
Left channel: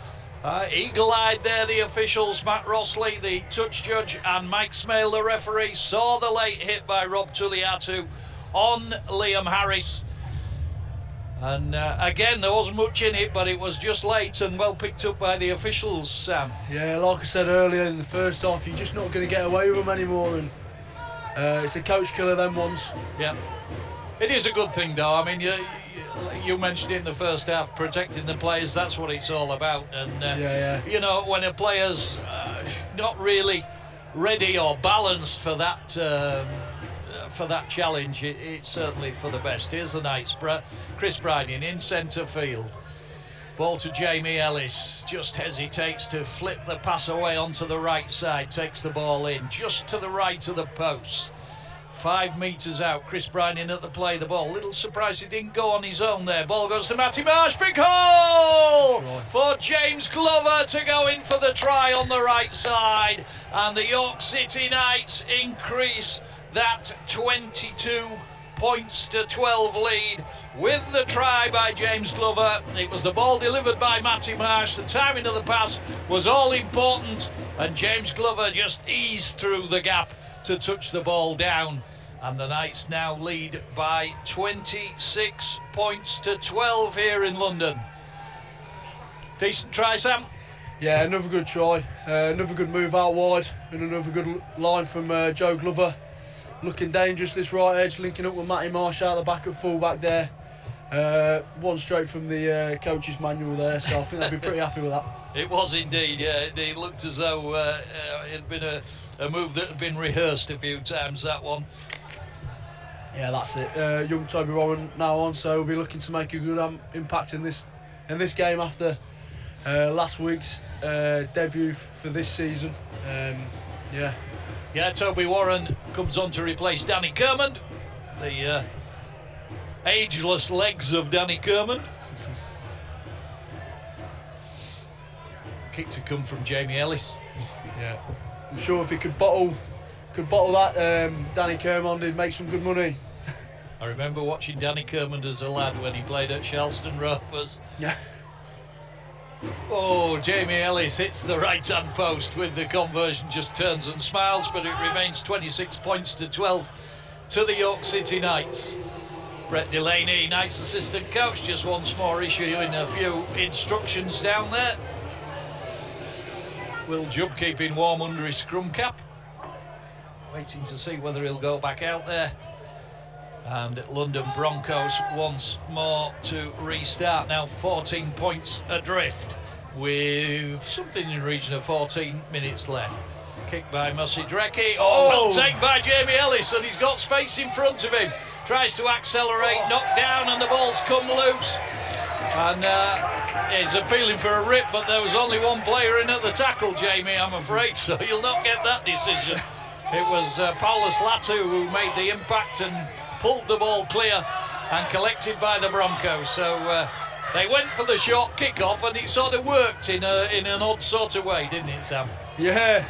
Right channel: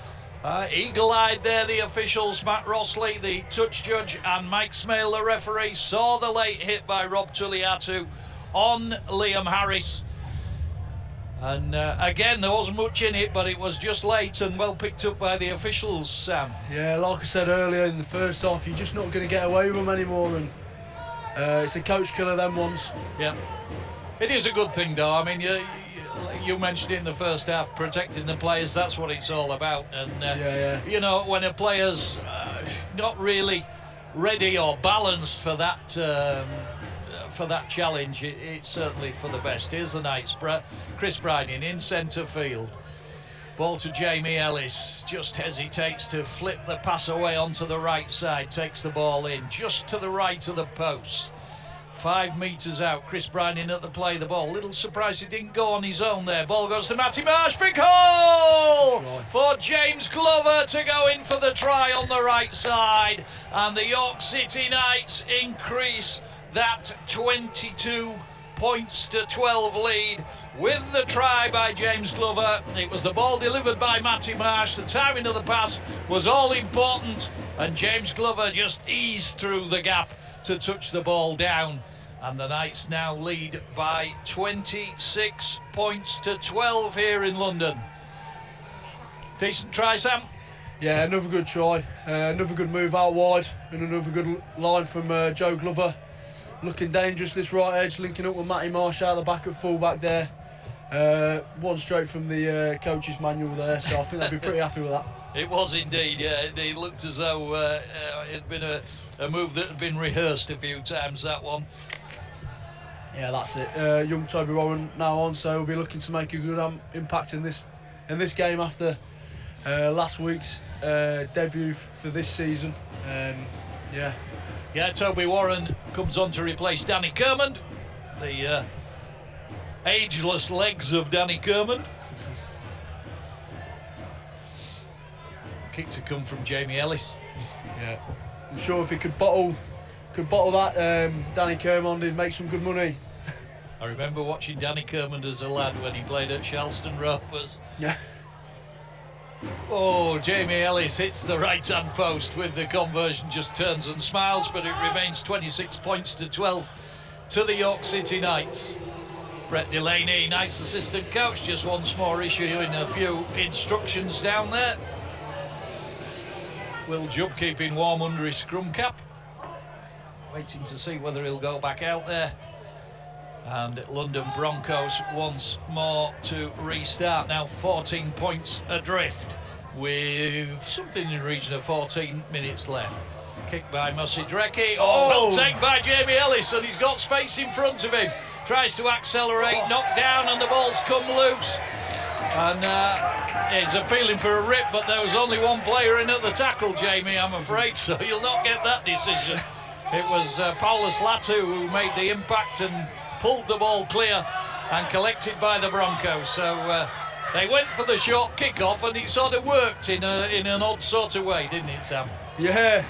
Eagle-eyed there, the officials. Matt Rossley, the touch judge, and Mike Smale, the referee, saw the late hit by Rob Tulliatu on Liam Harris. And again, there wasn't much in it, but it was just late and well picked up by the officials, Sam. Yeah, like I said earlier in the first half, you're just not going to get away with them anymore, and it's a coach killer, them ones. Yeah, it is a good thing though. I mean, you mentioned in the first half, protecting the players, that's what it's all about. And you know, when a player's not really ready or balanced for that challenge, it's certainly for the best. Here's the Knights. Chris Bryden in centre field. Ball to Jamie Ellis, just hesitates to flip the pass away onto the right side, takes the ball in just to the right of the post. 5 metres out, Chris Bryden at the play, the ball. Little surprised he didn't go on his own there. Ball goes to Matty Marsh, big hole for James Glover to go in for the try on the right side. And the York City Knights increase that 22 points to 12 lead with the try by James Glover. It was the ball delivered by Matty Marsh. The timing of the pass was all important, and James Glover just eased through the gap to touch the ball down, and the Knights now lead by 26 points to 12 here in London. Decent try, Sam? Yeah, another good try, another good move out wide, and another good line from Joe Glover. Looking dangerous, this right edge, linking up with Matty Marsh out the back at full-back there. One straight from the coach's manual there, so I think they'll be pretty happy with that. It was indeed, yeah. It looked as though it had been a move that had been rehearsed a few times, that one. Yeah, that's it. Young Toby Warren now on, so we'll be looking to make a good impact in this game after last week's debut for this season. Yeah, Toby Warren comes on to replace Danny Kermond, the ageless legs of Danny Kermond. Kick to come from Jamie Ellis. Yeah, I'm sure if he could bottle that, Danny Kermond, he'd make some good money. I remember watching Danny Kermond as a lad when he played at Charleston Rovers. Yeah. Oh, Jamie Ellis hits the right-hand post with the conversion, just turns and smiles, but it remains 26 points to 12 to the York City Knights. Brett Delaney, Knights assistant coach, just once more issuing a few instructions down there. Will Jubb keeping warm under his scrum cap, waiting to see whether he'll go back out there. And London Broncos once more to restart, now 14 points adrift with something in the region of 14 minutes left. Kick by Mosidrecki. Oh, well taken by Jamie Ellis, and he's got space in front of him. Tries to accelerate, knocked down, and the ball's come loose. And he's appealing for a rip, but there was only one player in at the tackle, Jamie, I'm afraid, so you'll not get that decision. It was Paulus Latu who made the impact and pulled the ball clear and collected by the Broncos. So they went for the short kick-off, and it sort of worked in an odd sort of way, didn't it, Sam? Yeah,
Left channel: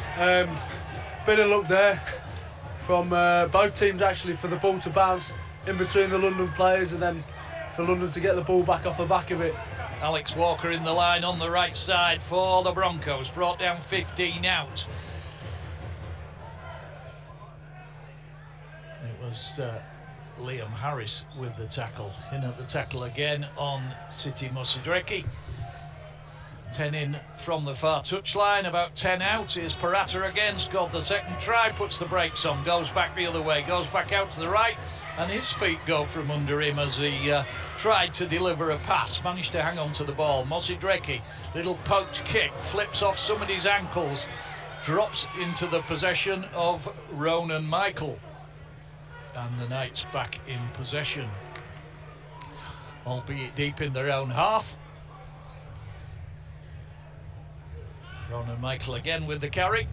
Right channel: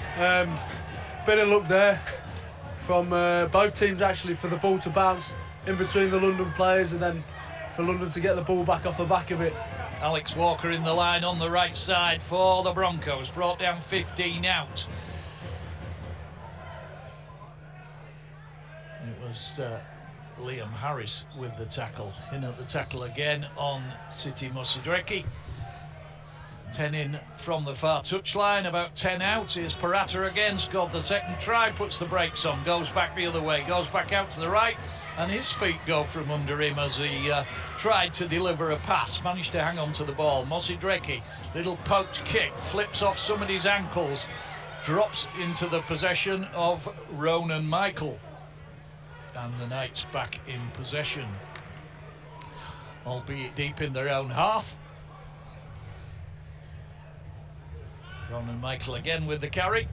bit of luck there from both teams actually for the ball to bounce in between the London players, and then for London to get the ball back off the back of it. Alex Walker in the line on the right side for the Broncos, brought down 15 out. It was Liam Harris with the tackle. In at the tackle again on City Mosidrecki. 10 in from the far touchline, about 10 out. Here's Parata again, scored the second try, puts the brakes on, goes back the other way, goes back out to the right, and his feet go from under him as he tried to deliver a pass, managed to hang on to the ball. Mosidrecki, little poked kick, flips off somebody's ankles, drops into the possession of Ronan Michael. And the Knights back in possession, albeit deep in their own half. Ronan Michael again with the carry.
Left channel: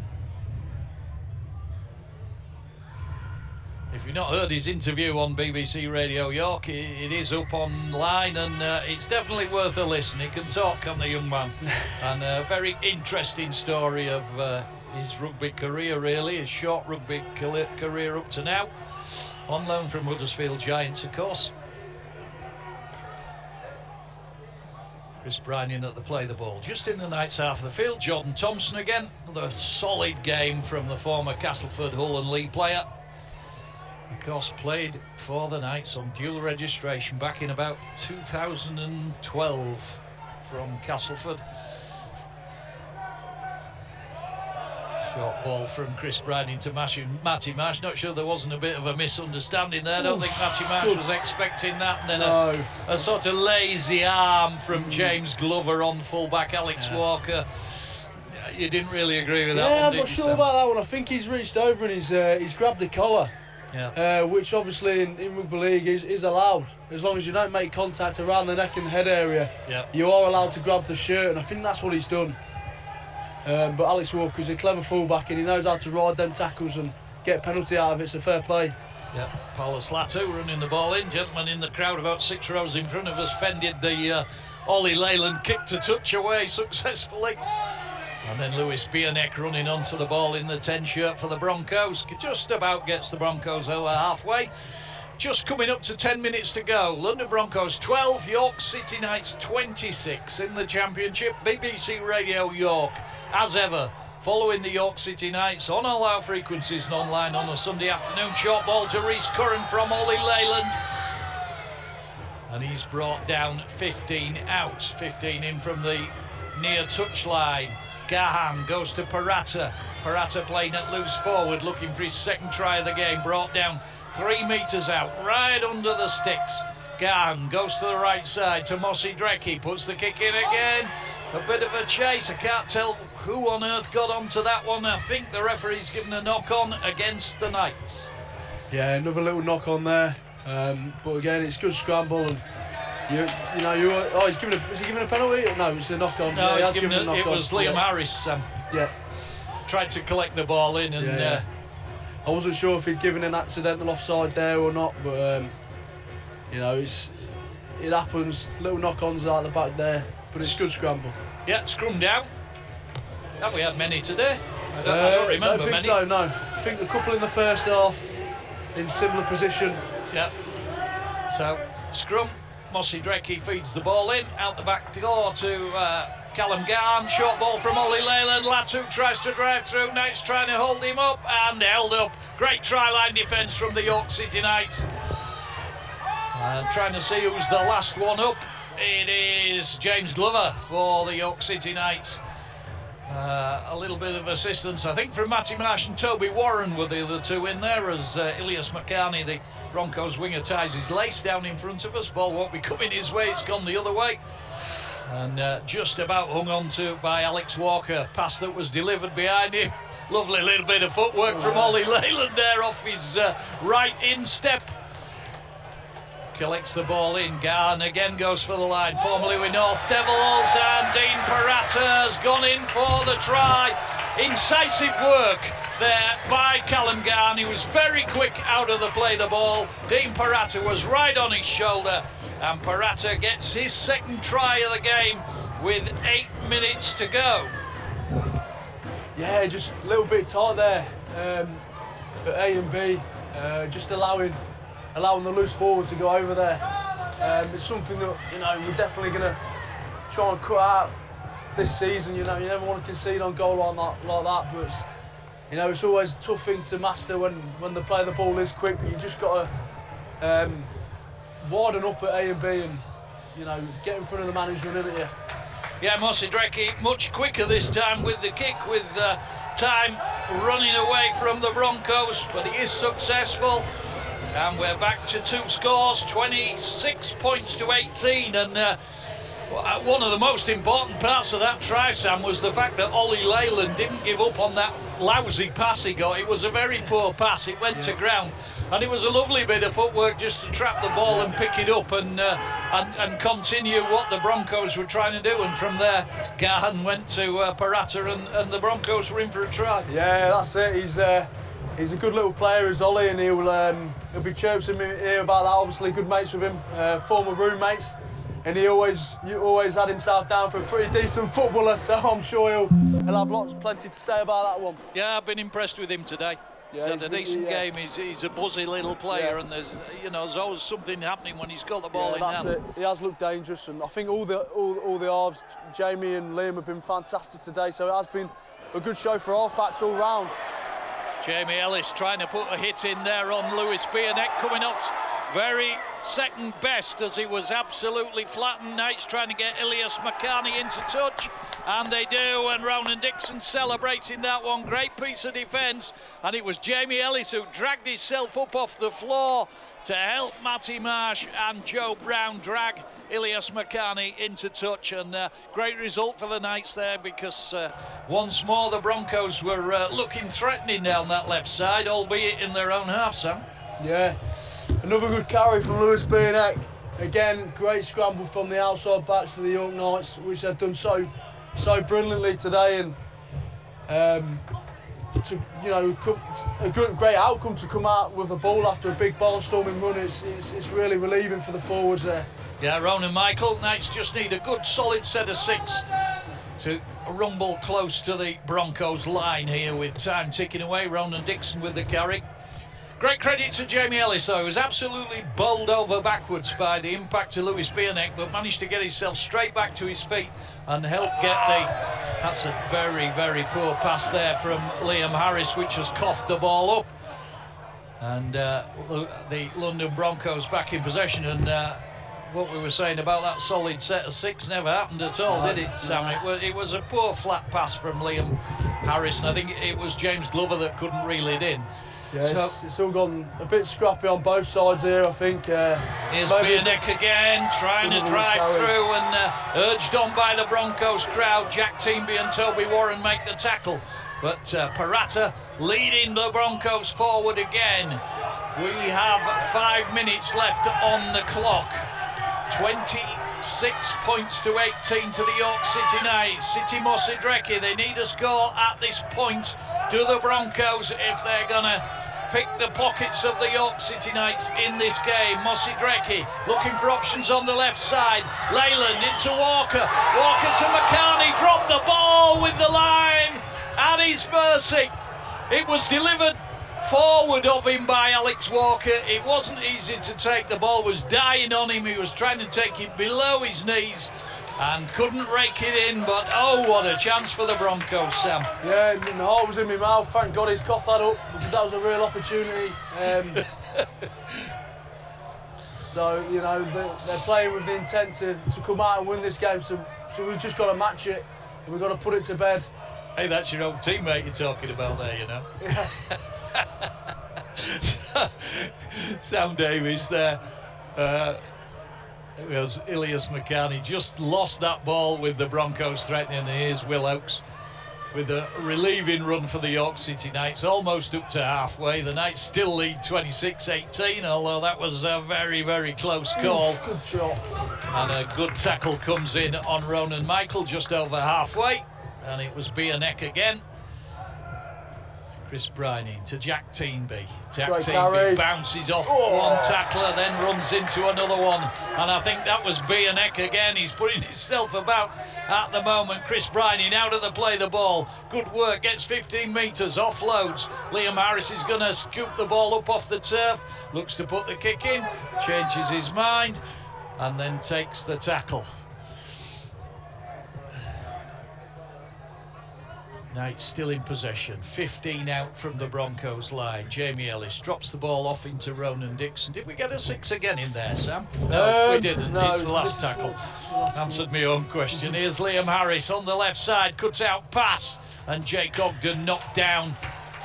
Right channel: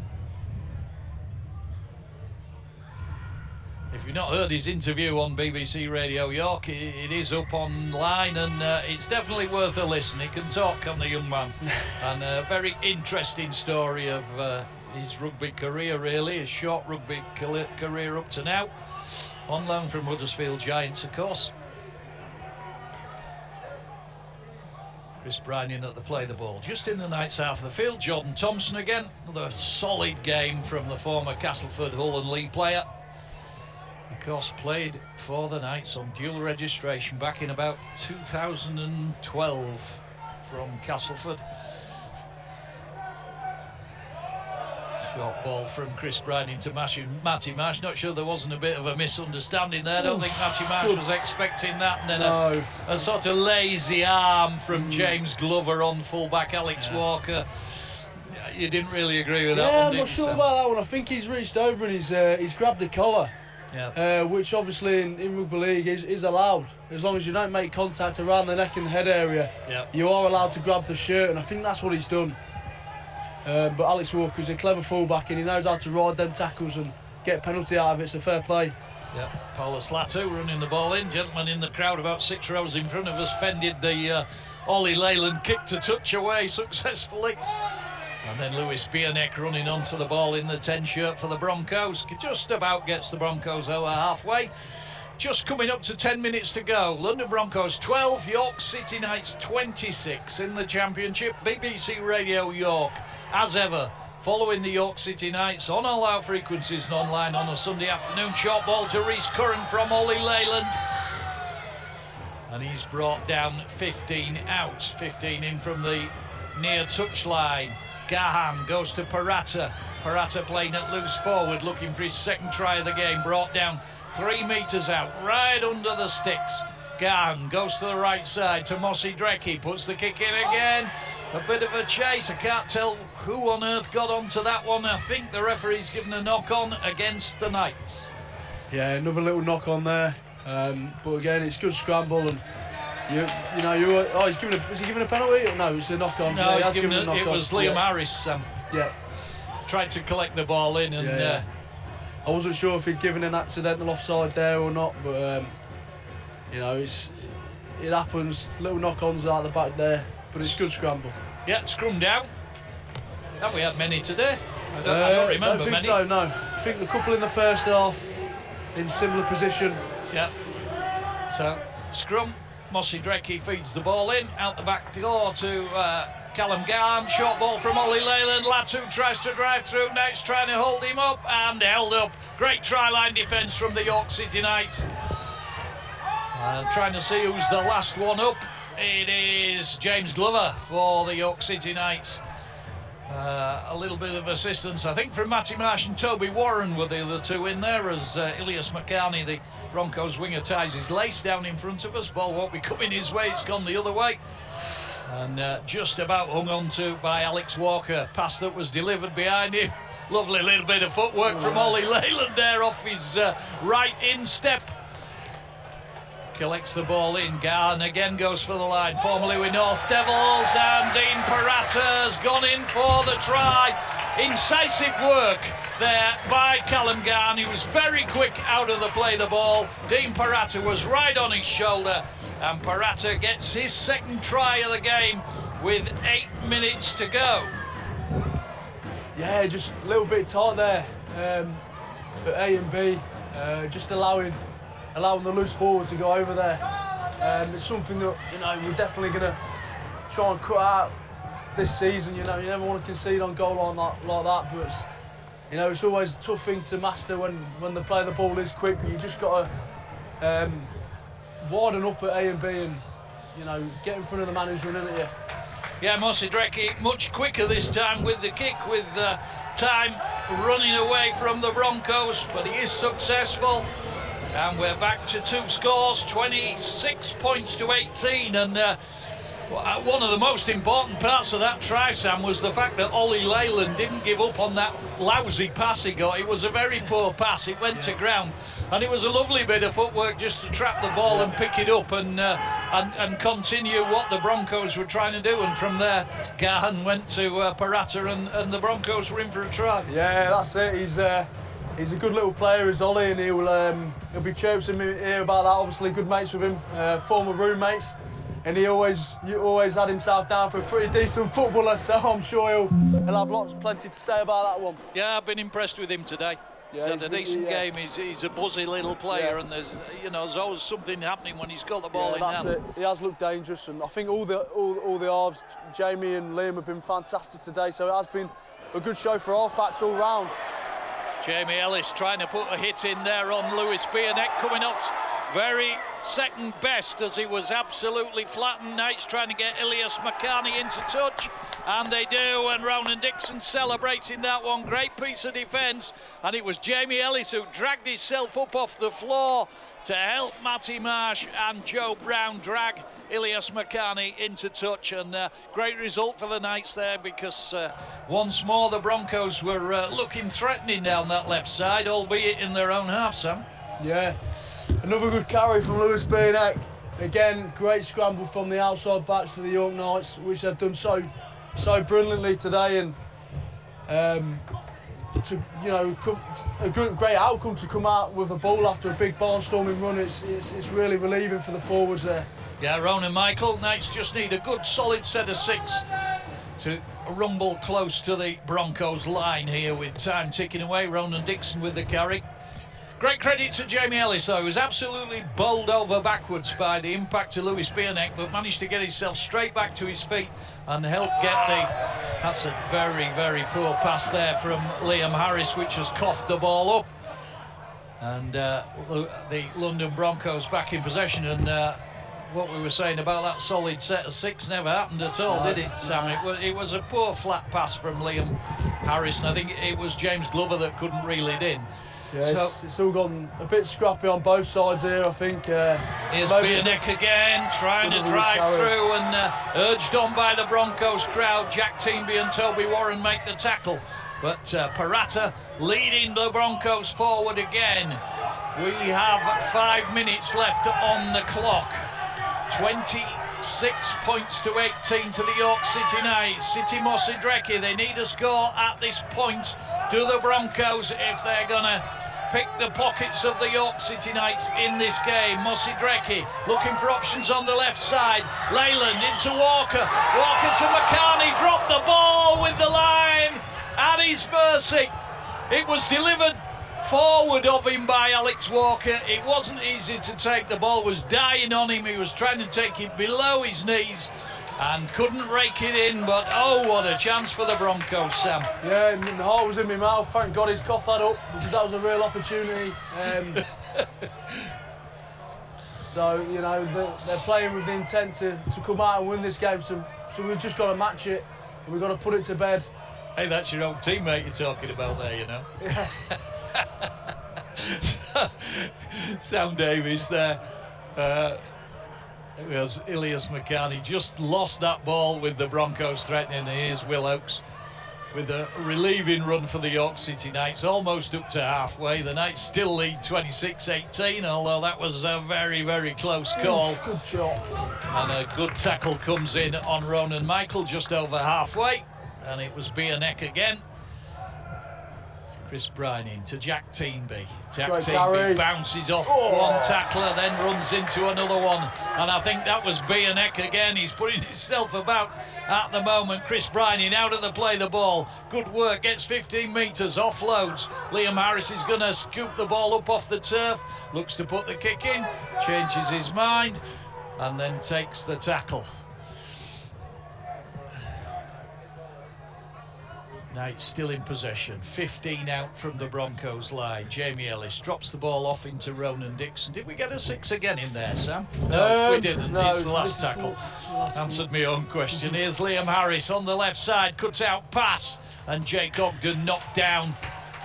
If you've not heard his interview on BBC Radio York, it is up online, and it's definitely worth a listen. He can talk, can the young man? And a very interesting story of his rugby career, really, his short rugby career up to now. On loan from Huddersfield Giants, of course. Chris Bryan in at the play the ball. Just in the Knights half of the field, Jordan Thompson again. Another solid game from the former Castleford, Hull and Leigh player. Of course, played for the Knights on dual registration back in about 2012 from Castleford. Short ball from Chris Bryan into Matty Marsh. Not sure there wasn't a bit of a misunderstanding there. I don't think Matty Marsh was expecting that. And then a sort of lazy arm from James Glover on fullback Alex Walker. You didn't really agree with that one, I'm not sure about that one. I think he's reached over and he's grabbed the collar. Yeah. Which obviously in rugby league is allowed. As long as you don't make contact around the neck and the head area, you are allowed to grab the shirt, and I think that's what he's done. But Alex Walker's a clever fullback, and he knows how to ride them tackles and get a penalty out of it. It's a fair play. Yep, Paulus Latu running the ball in. Gentleman in the crowd about 6 rows in front of us fended the Ollie Leyland kick to touch away successfully. And then Lewis Bierneck running onto the ball in the 10 shirt for the Broncos. Just about gets the Broncos over halfway. Just coming up to 10 minutes to go. London Broncos 12, York City Knights 26 in the Championship. BBC Radio York, as ever, following the York City Knights on all our frequencies and online on a Sunday afternoon. Short ball to Reece Curran from Ollie Leyland. And he's brought down 15 out. 15 in from the near touchline. Gahan goes to Parata. Parata playing at loose forward, looking for his second try of the game. Brought down 3 metres out, right under the sticks. Gahan goes to the right side to Mosidrecki, puts the kick in again. A bit of a chase. I can't tell who on earth got onto that one. I think the referee's given a knock-on against the Knights. Yeah, another little knock-on there. But again, it's good scramble, and was he giving a penalty? No, it's a knock-on. No, yeah, it was Liam Harris. Tried to collect the ball in, and I wasn't sure if he'd given an accidental offside there or not, but it happens. Little knock-ons out the back there, but it's good scramble. Yeah, scrum down. Have we had many today? I don't remember I don't think many. so, no. I think a couple in the first half in similar position. Yeah. So scrum. Mosidrecki feeds the ball in, out the back door to Callum Garn, short ball from Ollie Leyland. Latu tries to drive through. Knights trying to hold him up and held up. Great try-line defence from the York City Knights. Trying to see who's the last one up. It is James Glover for the York City Knights. A little bit of assistance, I think, from Matty Marsh and Toby Warren were the other two in there, as Ilias McCarney, the Broncos winger, ties his lace down in front of us. Ball won't be coming his way, it's gone the other way. And just about hung on to by Alex Walker. Pass that was delivered behind him. Lovely little bit of footwork from Ollie Leyland there off his right instep. Collects the ball in. Garn again goes for the line, formerly with North Devils, and Dean Parata has gone in for the try. Incisive work there by Callum Garn. He was very quick out of the play the ball. Dean Parata was right on his shoulder, and Parata gets his second try of the game with 8 minutes to go. Yeah, just a little bit tight there at A and B, just allowing the loose forward to go over there. It's something that, you know, you're definitely going to try and cut out this season. You know, you never want to concede on goal like that, but it's, you know, it's always a tough thing to master when the play the ball is quick. But you just got to widen up at A and B and, you know, get in front of the man who's running at you. Yeah, Mossy Drecky much quicker this time with the kick, with time running away from the Broncos, but he is successful. And we're back to 2 scores, 26 points to 18. And one of the most important parts of that try, Sam, was the fact that Ollie Leyland didn't give up on that lousy pass he got. It was a very poor pass. It went to ground. And it was a lovely bit of footwork just to trap the ball and pick it up and continue what the Broncos were trying to do. And from there, Gahan went to Parata and the Broncos were in for a try. Yeah, that's it. He's a good little player, is Ollie, and he'll be chirping me here about that. Obviously, good mates with him, former roommates, and he always had himself down for a pretty decent footballer. So I'm sure he'll have plenty to say about that one. Yeah, I've been impressed with him today. Yeah, he's had a decent game. He's a buzzy little player, and there's always something happening when he's got the ball in hand. That's it. He has looked dangerous, and I think all the halves, Jamie and Liam, have been fantastic today. So it has been a good show for halfbacks all round. Jamie Ellis trying to put a hit in there on Lewis Bierneck, coming off very second best as he was absolutely flattened. Knights trying to get Ilias McCarney into touch, and they do, and Ronan Dixon celebrating that one. Great piece of defence, and it was Jamie Ellis who dragged himself up off the floor to help Matty Marsh and Joe Brown drag Ilias McCarney into touch, and great result for the Knights there, because once more the Broncos were looking threatening down that left side, albeit in their own half, Sam. Yeah, another good carry from Lewis Bierneck. Again, great scramble from the outside backs for the York Knights, which they've done so brilliantly today, and a great outcome to come out with a ball after a big barnstorming run. It's really relieving for the forwards there. Yeah, Ronan Michael, Knights just need a good solid set of 6 to rumble close to the Broncos line here with time ticking away. Ronan Dixon with the carry. Great credit to Jamie Ellis, though. He was absolutely bowled over backwards by the impact of Lewis Bierneck, but managed to get himself straight back to his feet and help get that's a very, very poor pass there from Liam Harris, which has coughed the ball up. And the London Broncos back in possession, and what we were saying about that solid set of 6 never happened at all, did it, Sam? It was a poor flat pass from Liam Harris, and I think it was James Glover that couldn't reel it in. Yeah, it's all gone a bit scrappy on both sides here, I think. Here's Bierneck again, trying to drive through, and urged on by the Broncos crowd. Jack Teamby and Toby Warren make the tackle, but Parata leading the Broncos forward again. We have 5 minutes left on the clock. 26 points to 18 to the York City Knights. City Mossy Drecky, they need a score at this point. Do the Broncos if they're going to pick the pockets of the York City Knights in this game. Mossy Drecky looking for options on the left side. Leyland into Walker. Walker to McCarney, dropped the ball with the line at his mercy. It was delivered forward of him by Alex Walker. It wasn't easy to take. The ball was dying on him. He was trying to take it below his knees, and couldn't rake it in, but oh, what a chance for the Broncos, Sam. Yeah, my heart was in my mouth. Thank God he's coughed that up, because that was a real opportunity. So, you know, they're playing with the intent to come out and win this game, so we've just got to match it. We've got to put it to bed. Hey, that's your old teammate you're talking about there, you know. Yeah. Sam Davies there. It was Ilias McCann. Just lost that ball with the Broncos threatening. Here's Will Oakes with a relieving run for the York City Knights, almost up to halfway. The Knights still lead 26-18, although that was a very, very close call. Good shot. And a good tackle comes in on Ronan Michael just over halfway, and it was Bierneck again. Chris Bryning to Jack Teamby. Jack Teamby bounces off one tackler, then runs into another one. And I think that was Bierneck again. He's putting himself about at the moment. Chris Bryning out of the play the ball. Good work, gets 15 metres, offloads. Liam Harris is going to scoop the ball up off the turf. Looks to put the kick in, changes his mind, and then takes the tackle. Knights still in possession, 15 out from the Broncos line. Jamie Ellis drops the ball off into Ronan Dixon. Did we get a 6 again in there, Sam? No, we didn't. No, it's the last tackle. Answered my own question. Here's Liam Harris on the left side, cuts out pass, and Jake Ogden knocked down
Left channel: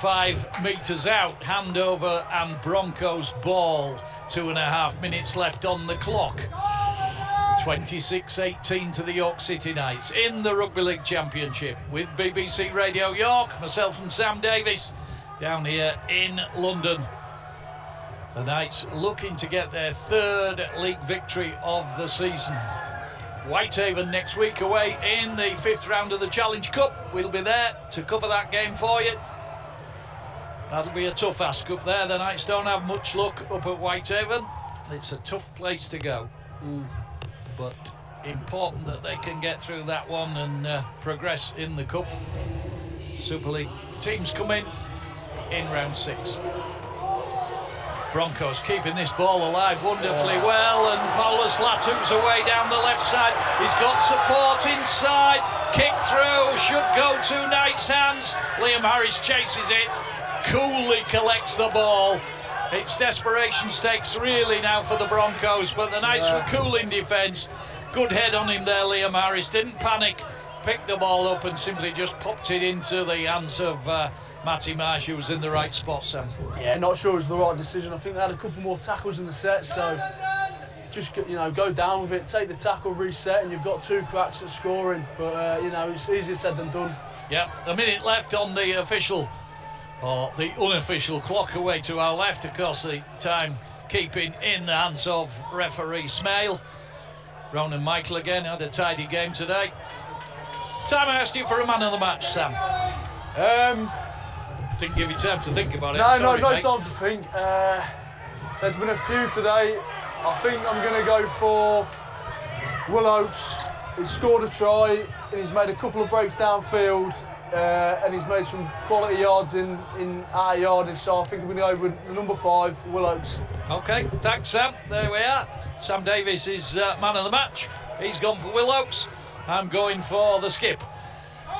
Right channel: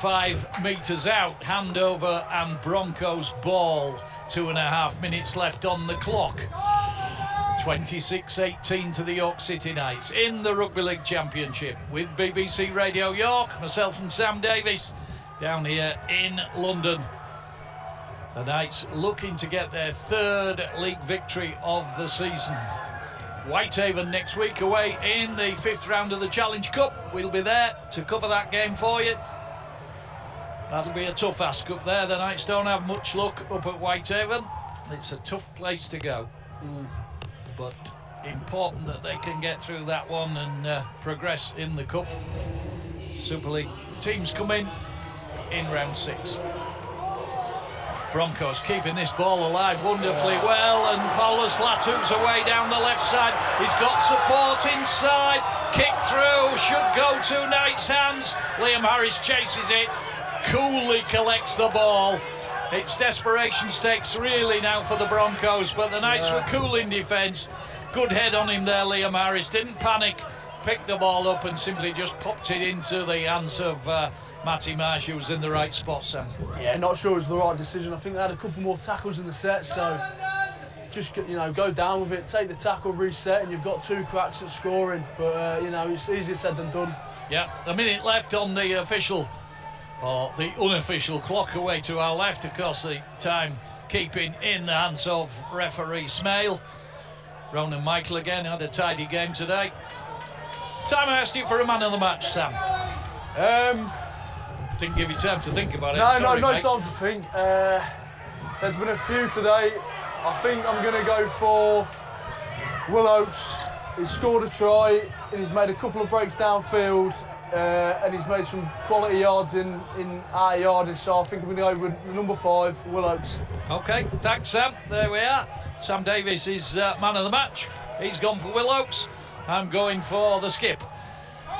5 metres out. Handover and Broncos ball. 2.5 minutes left on the clock. 26-18 to the York City Knights in the Rugby League Championship with BBC Radio York, myself and Sam Davies down here in London. The Knights looking to get their 3rd league victory of the season. Whitehaven next week away in the 5th round of the Challenge Cup. We'll be there to cover that game for you. That'll be a tough ask up there. The Knights don't have much luck up at Whitehaven. It's a tough place to go. But important that they can get through that one and progress in the Cup. Super League teams come in round 6. Broncos keeping this ball alive wonderfully well, and Paulus Latu's away down the left side. He's got support inside, kick through, should go to Knights' hands. Liam Harris chases it, coolly collects the ball. It's desperation stakes really now for the Broncos, but the Knights were cool in defence. Good head on him there, Liam Harris. Didn't panic, picked the ball up and simply just popped it into the hands of Matty Marsh, who was in the right spot, Sam. Yeah, not sure it was the right decision. I think they had a couple more tackles in the set, so just, you know, go down with it, take the tackle, reset, and you've got 2 cracks at scoring. But, you know, it's easier said than done. Yeah, a minute left on the official, or the unofficial clock away to our left. Of course, the time keeping in the hands of referee Smale. Ronan Michael again had a tidy game today. Time I asked you for a man of the match, Sam. Didn't give you time to think about it. No, Sorry, no mate. time to think. There's been a few today. I think I'm going to go for Will Oakes. He's scored a try and he's made a couple of breaks downfield. And he's made some quality yards in our yardage, so I think we're going to go with number 5, Will Oakes. OK, thanks, Sam. There we are. Sam Davies is man of the match. He's gone for Will Oakes. I'm going for the skip,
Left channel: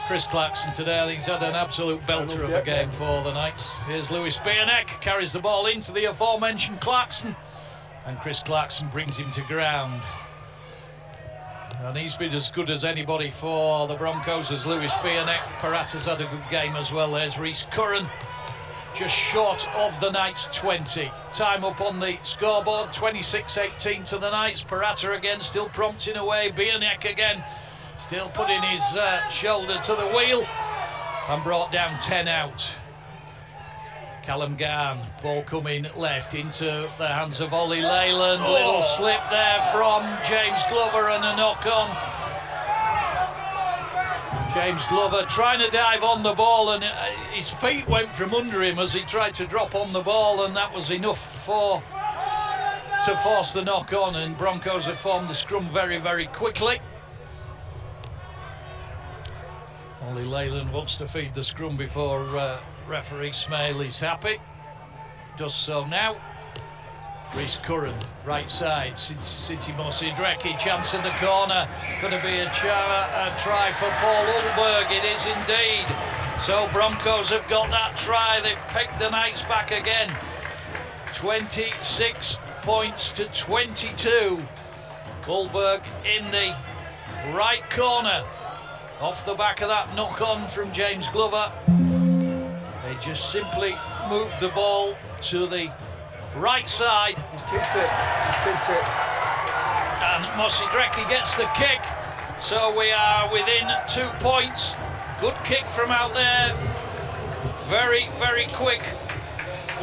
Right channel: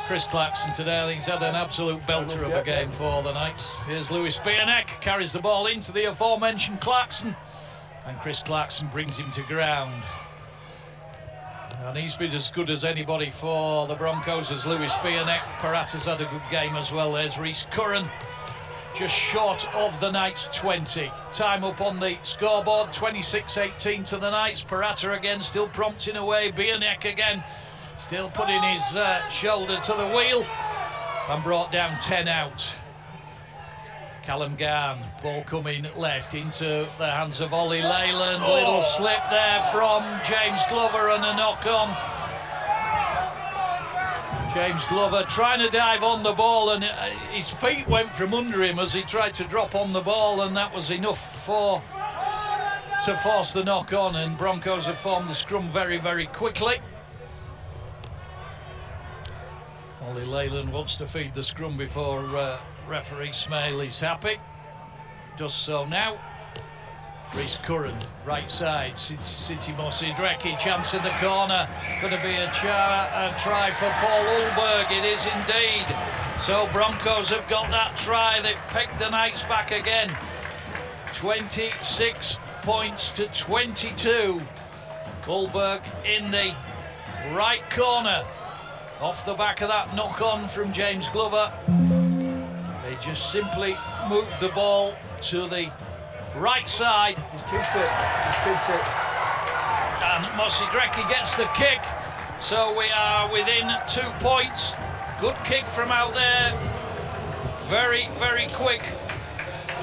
Chris Clarkson, today. I think he's had an absolute belter of a game for the Knights. Here's Lewis Bierneck, carries the ball into the aforementioned Clarkson, and Chris Clarkson brings him to ground. And he's been as good as anybody for the Broncos as Lewis Bierneck. Parata's had a good game as well. There's Rhys Curran, just short of the Knights 20. Time up on the scoreboard, 26-18 to the Knights. Parata again, still prompting away. Bierneck again, still putting his shoulder to the wheel, and brought down 10 out. Callum Garn, ball coming left into the hands of Ollie Leyland. Little slip there from James Glover and a knock on. James Glover trying to dive on the ball, and his feet went from under him as he tried to drop on the ball, and that was enough to force the knock on, and Broncos have formed the scrum very, very quickly. Ollie Leyland wants to feed the scrum before referee Smale is happy. Does so now. Rhys Curran, right side, City Mossy Drecky, chance in the corner, going to be a try for Paul Ulberg, it is indeed. So Broncos have got that try, they've pegged the Knights back again. 26 points to 22. Ulberg in the right corner, off the back of that knock-on from James Glover. They just simply moved the ball to the right side. He's kicked it. And Mossy Drecky gets the kick. So we are within 2 points. Good kick from out there. Very, very quick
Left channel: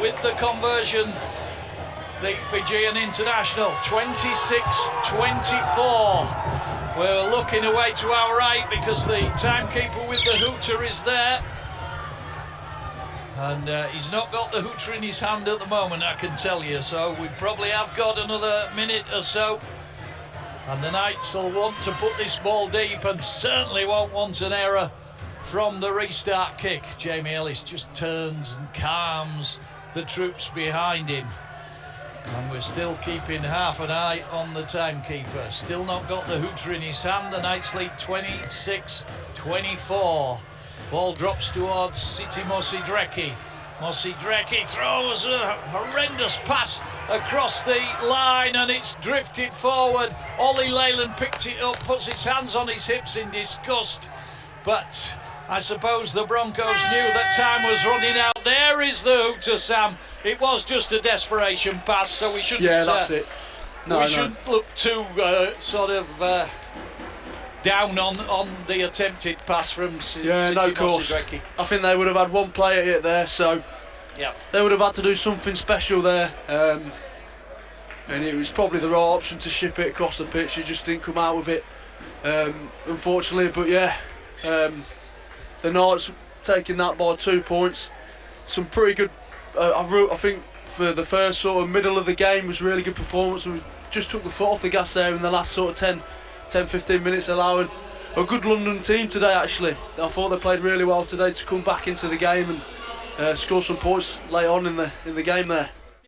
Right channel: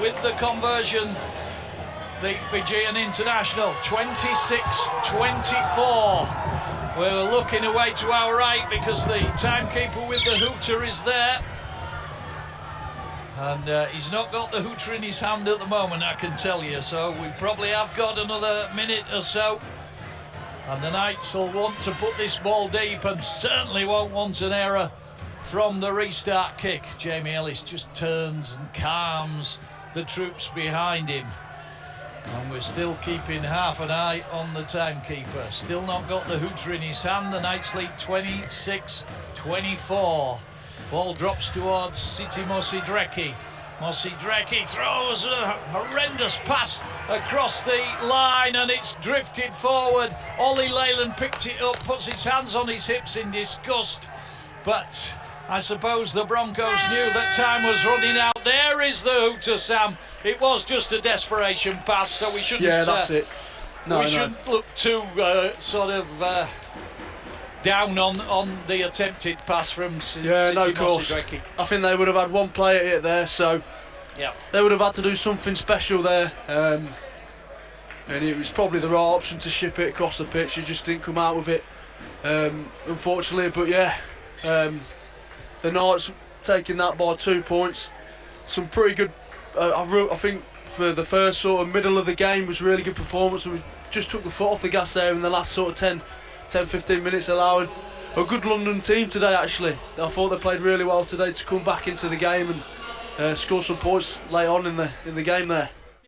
with the conversion. The Fijian international, 26-24. We're looking away to our right because the timekeeper with the hooter is there. And he's not got the hooter in his hand at the moment, I can tell you. So we probably have got another minute or so. And the Knights will want to put this ball deep and certainly won't want an error from the restart kick. Jamie Ellis just turns and calms the troops behind him. And we're still keeping half an eye on the timekeeper. Still not got the hooter in his hand. The Knights lead 26-24. Ball drops towards City Mossy Drecky. Mossy Drecky throws a horrendous pass across the line and it's drifted forward. Ollie Leyland picked it up, puts his hands on his hips in disgust. But I suppose the Broncos knew that time was running out. There is the hooter, Sam. It was just a desperation pass, so we shouldn't. Yeah, that's it. We shouldn't look too down on the attempted pass from City of course. Drecky. I think they would have had one play at it there, so yeah, they would have had to do something special there. And it was probably the right option to ship it across the pitch. He just didn't come out with it, unfortunately. But yeah. The Knights taking that by 2 points. Some pretty good, I think for the first sort of middle of the game was really good performance. We just took the foot off the gas there in the last sort of 10-15 minutes, allowing a good London team today actually. I thought they played really well today to come back into the game and score some points late on in the game there.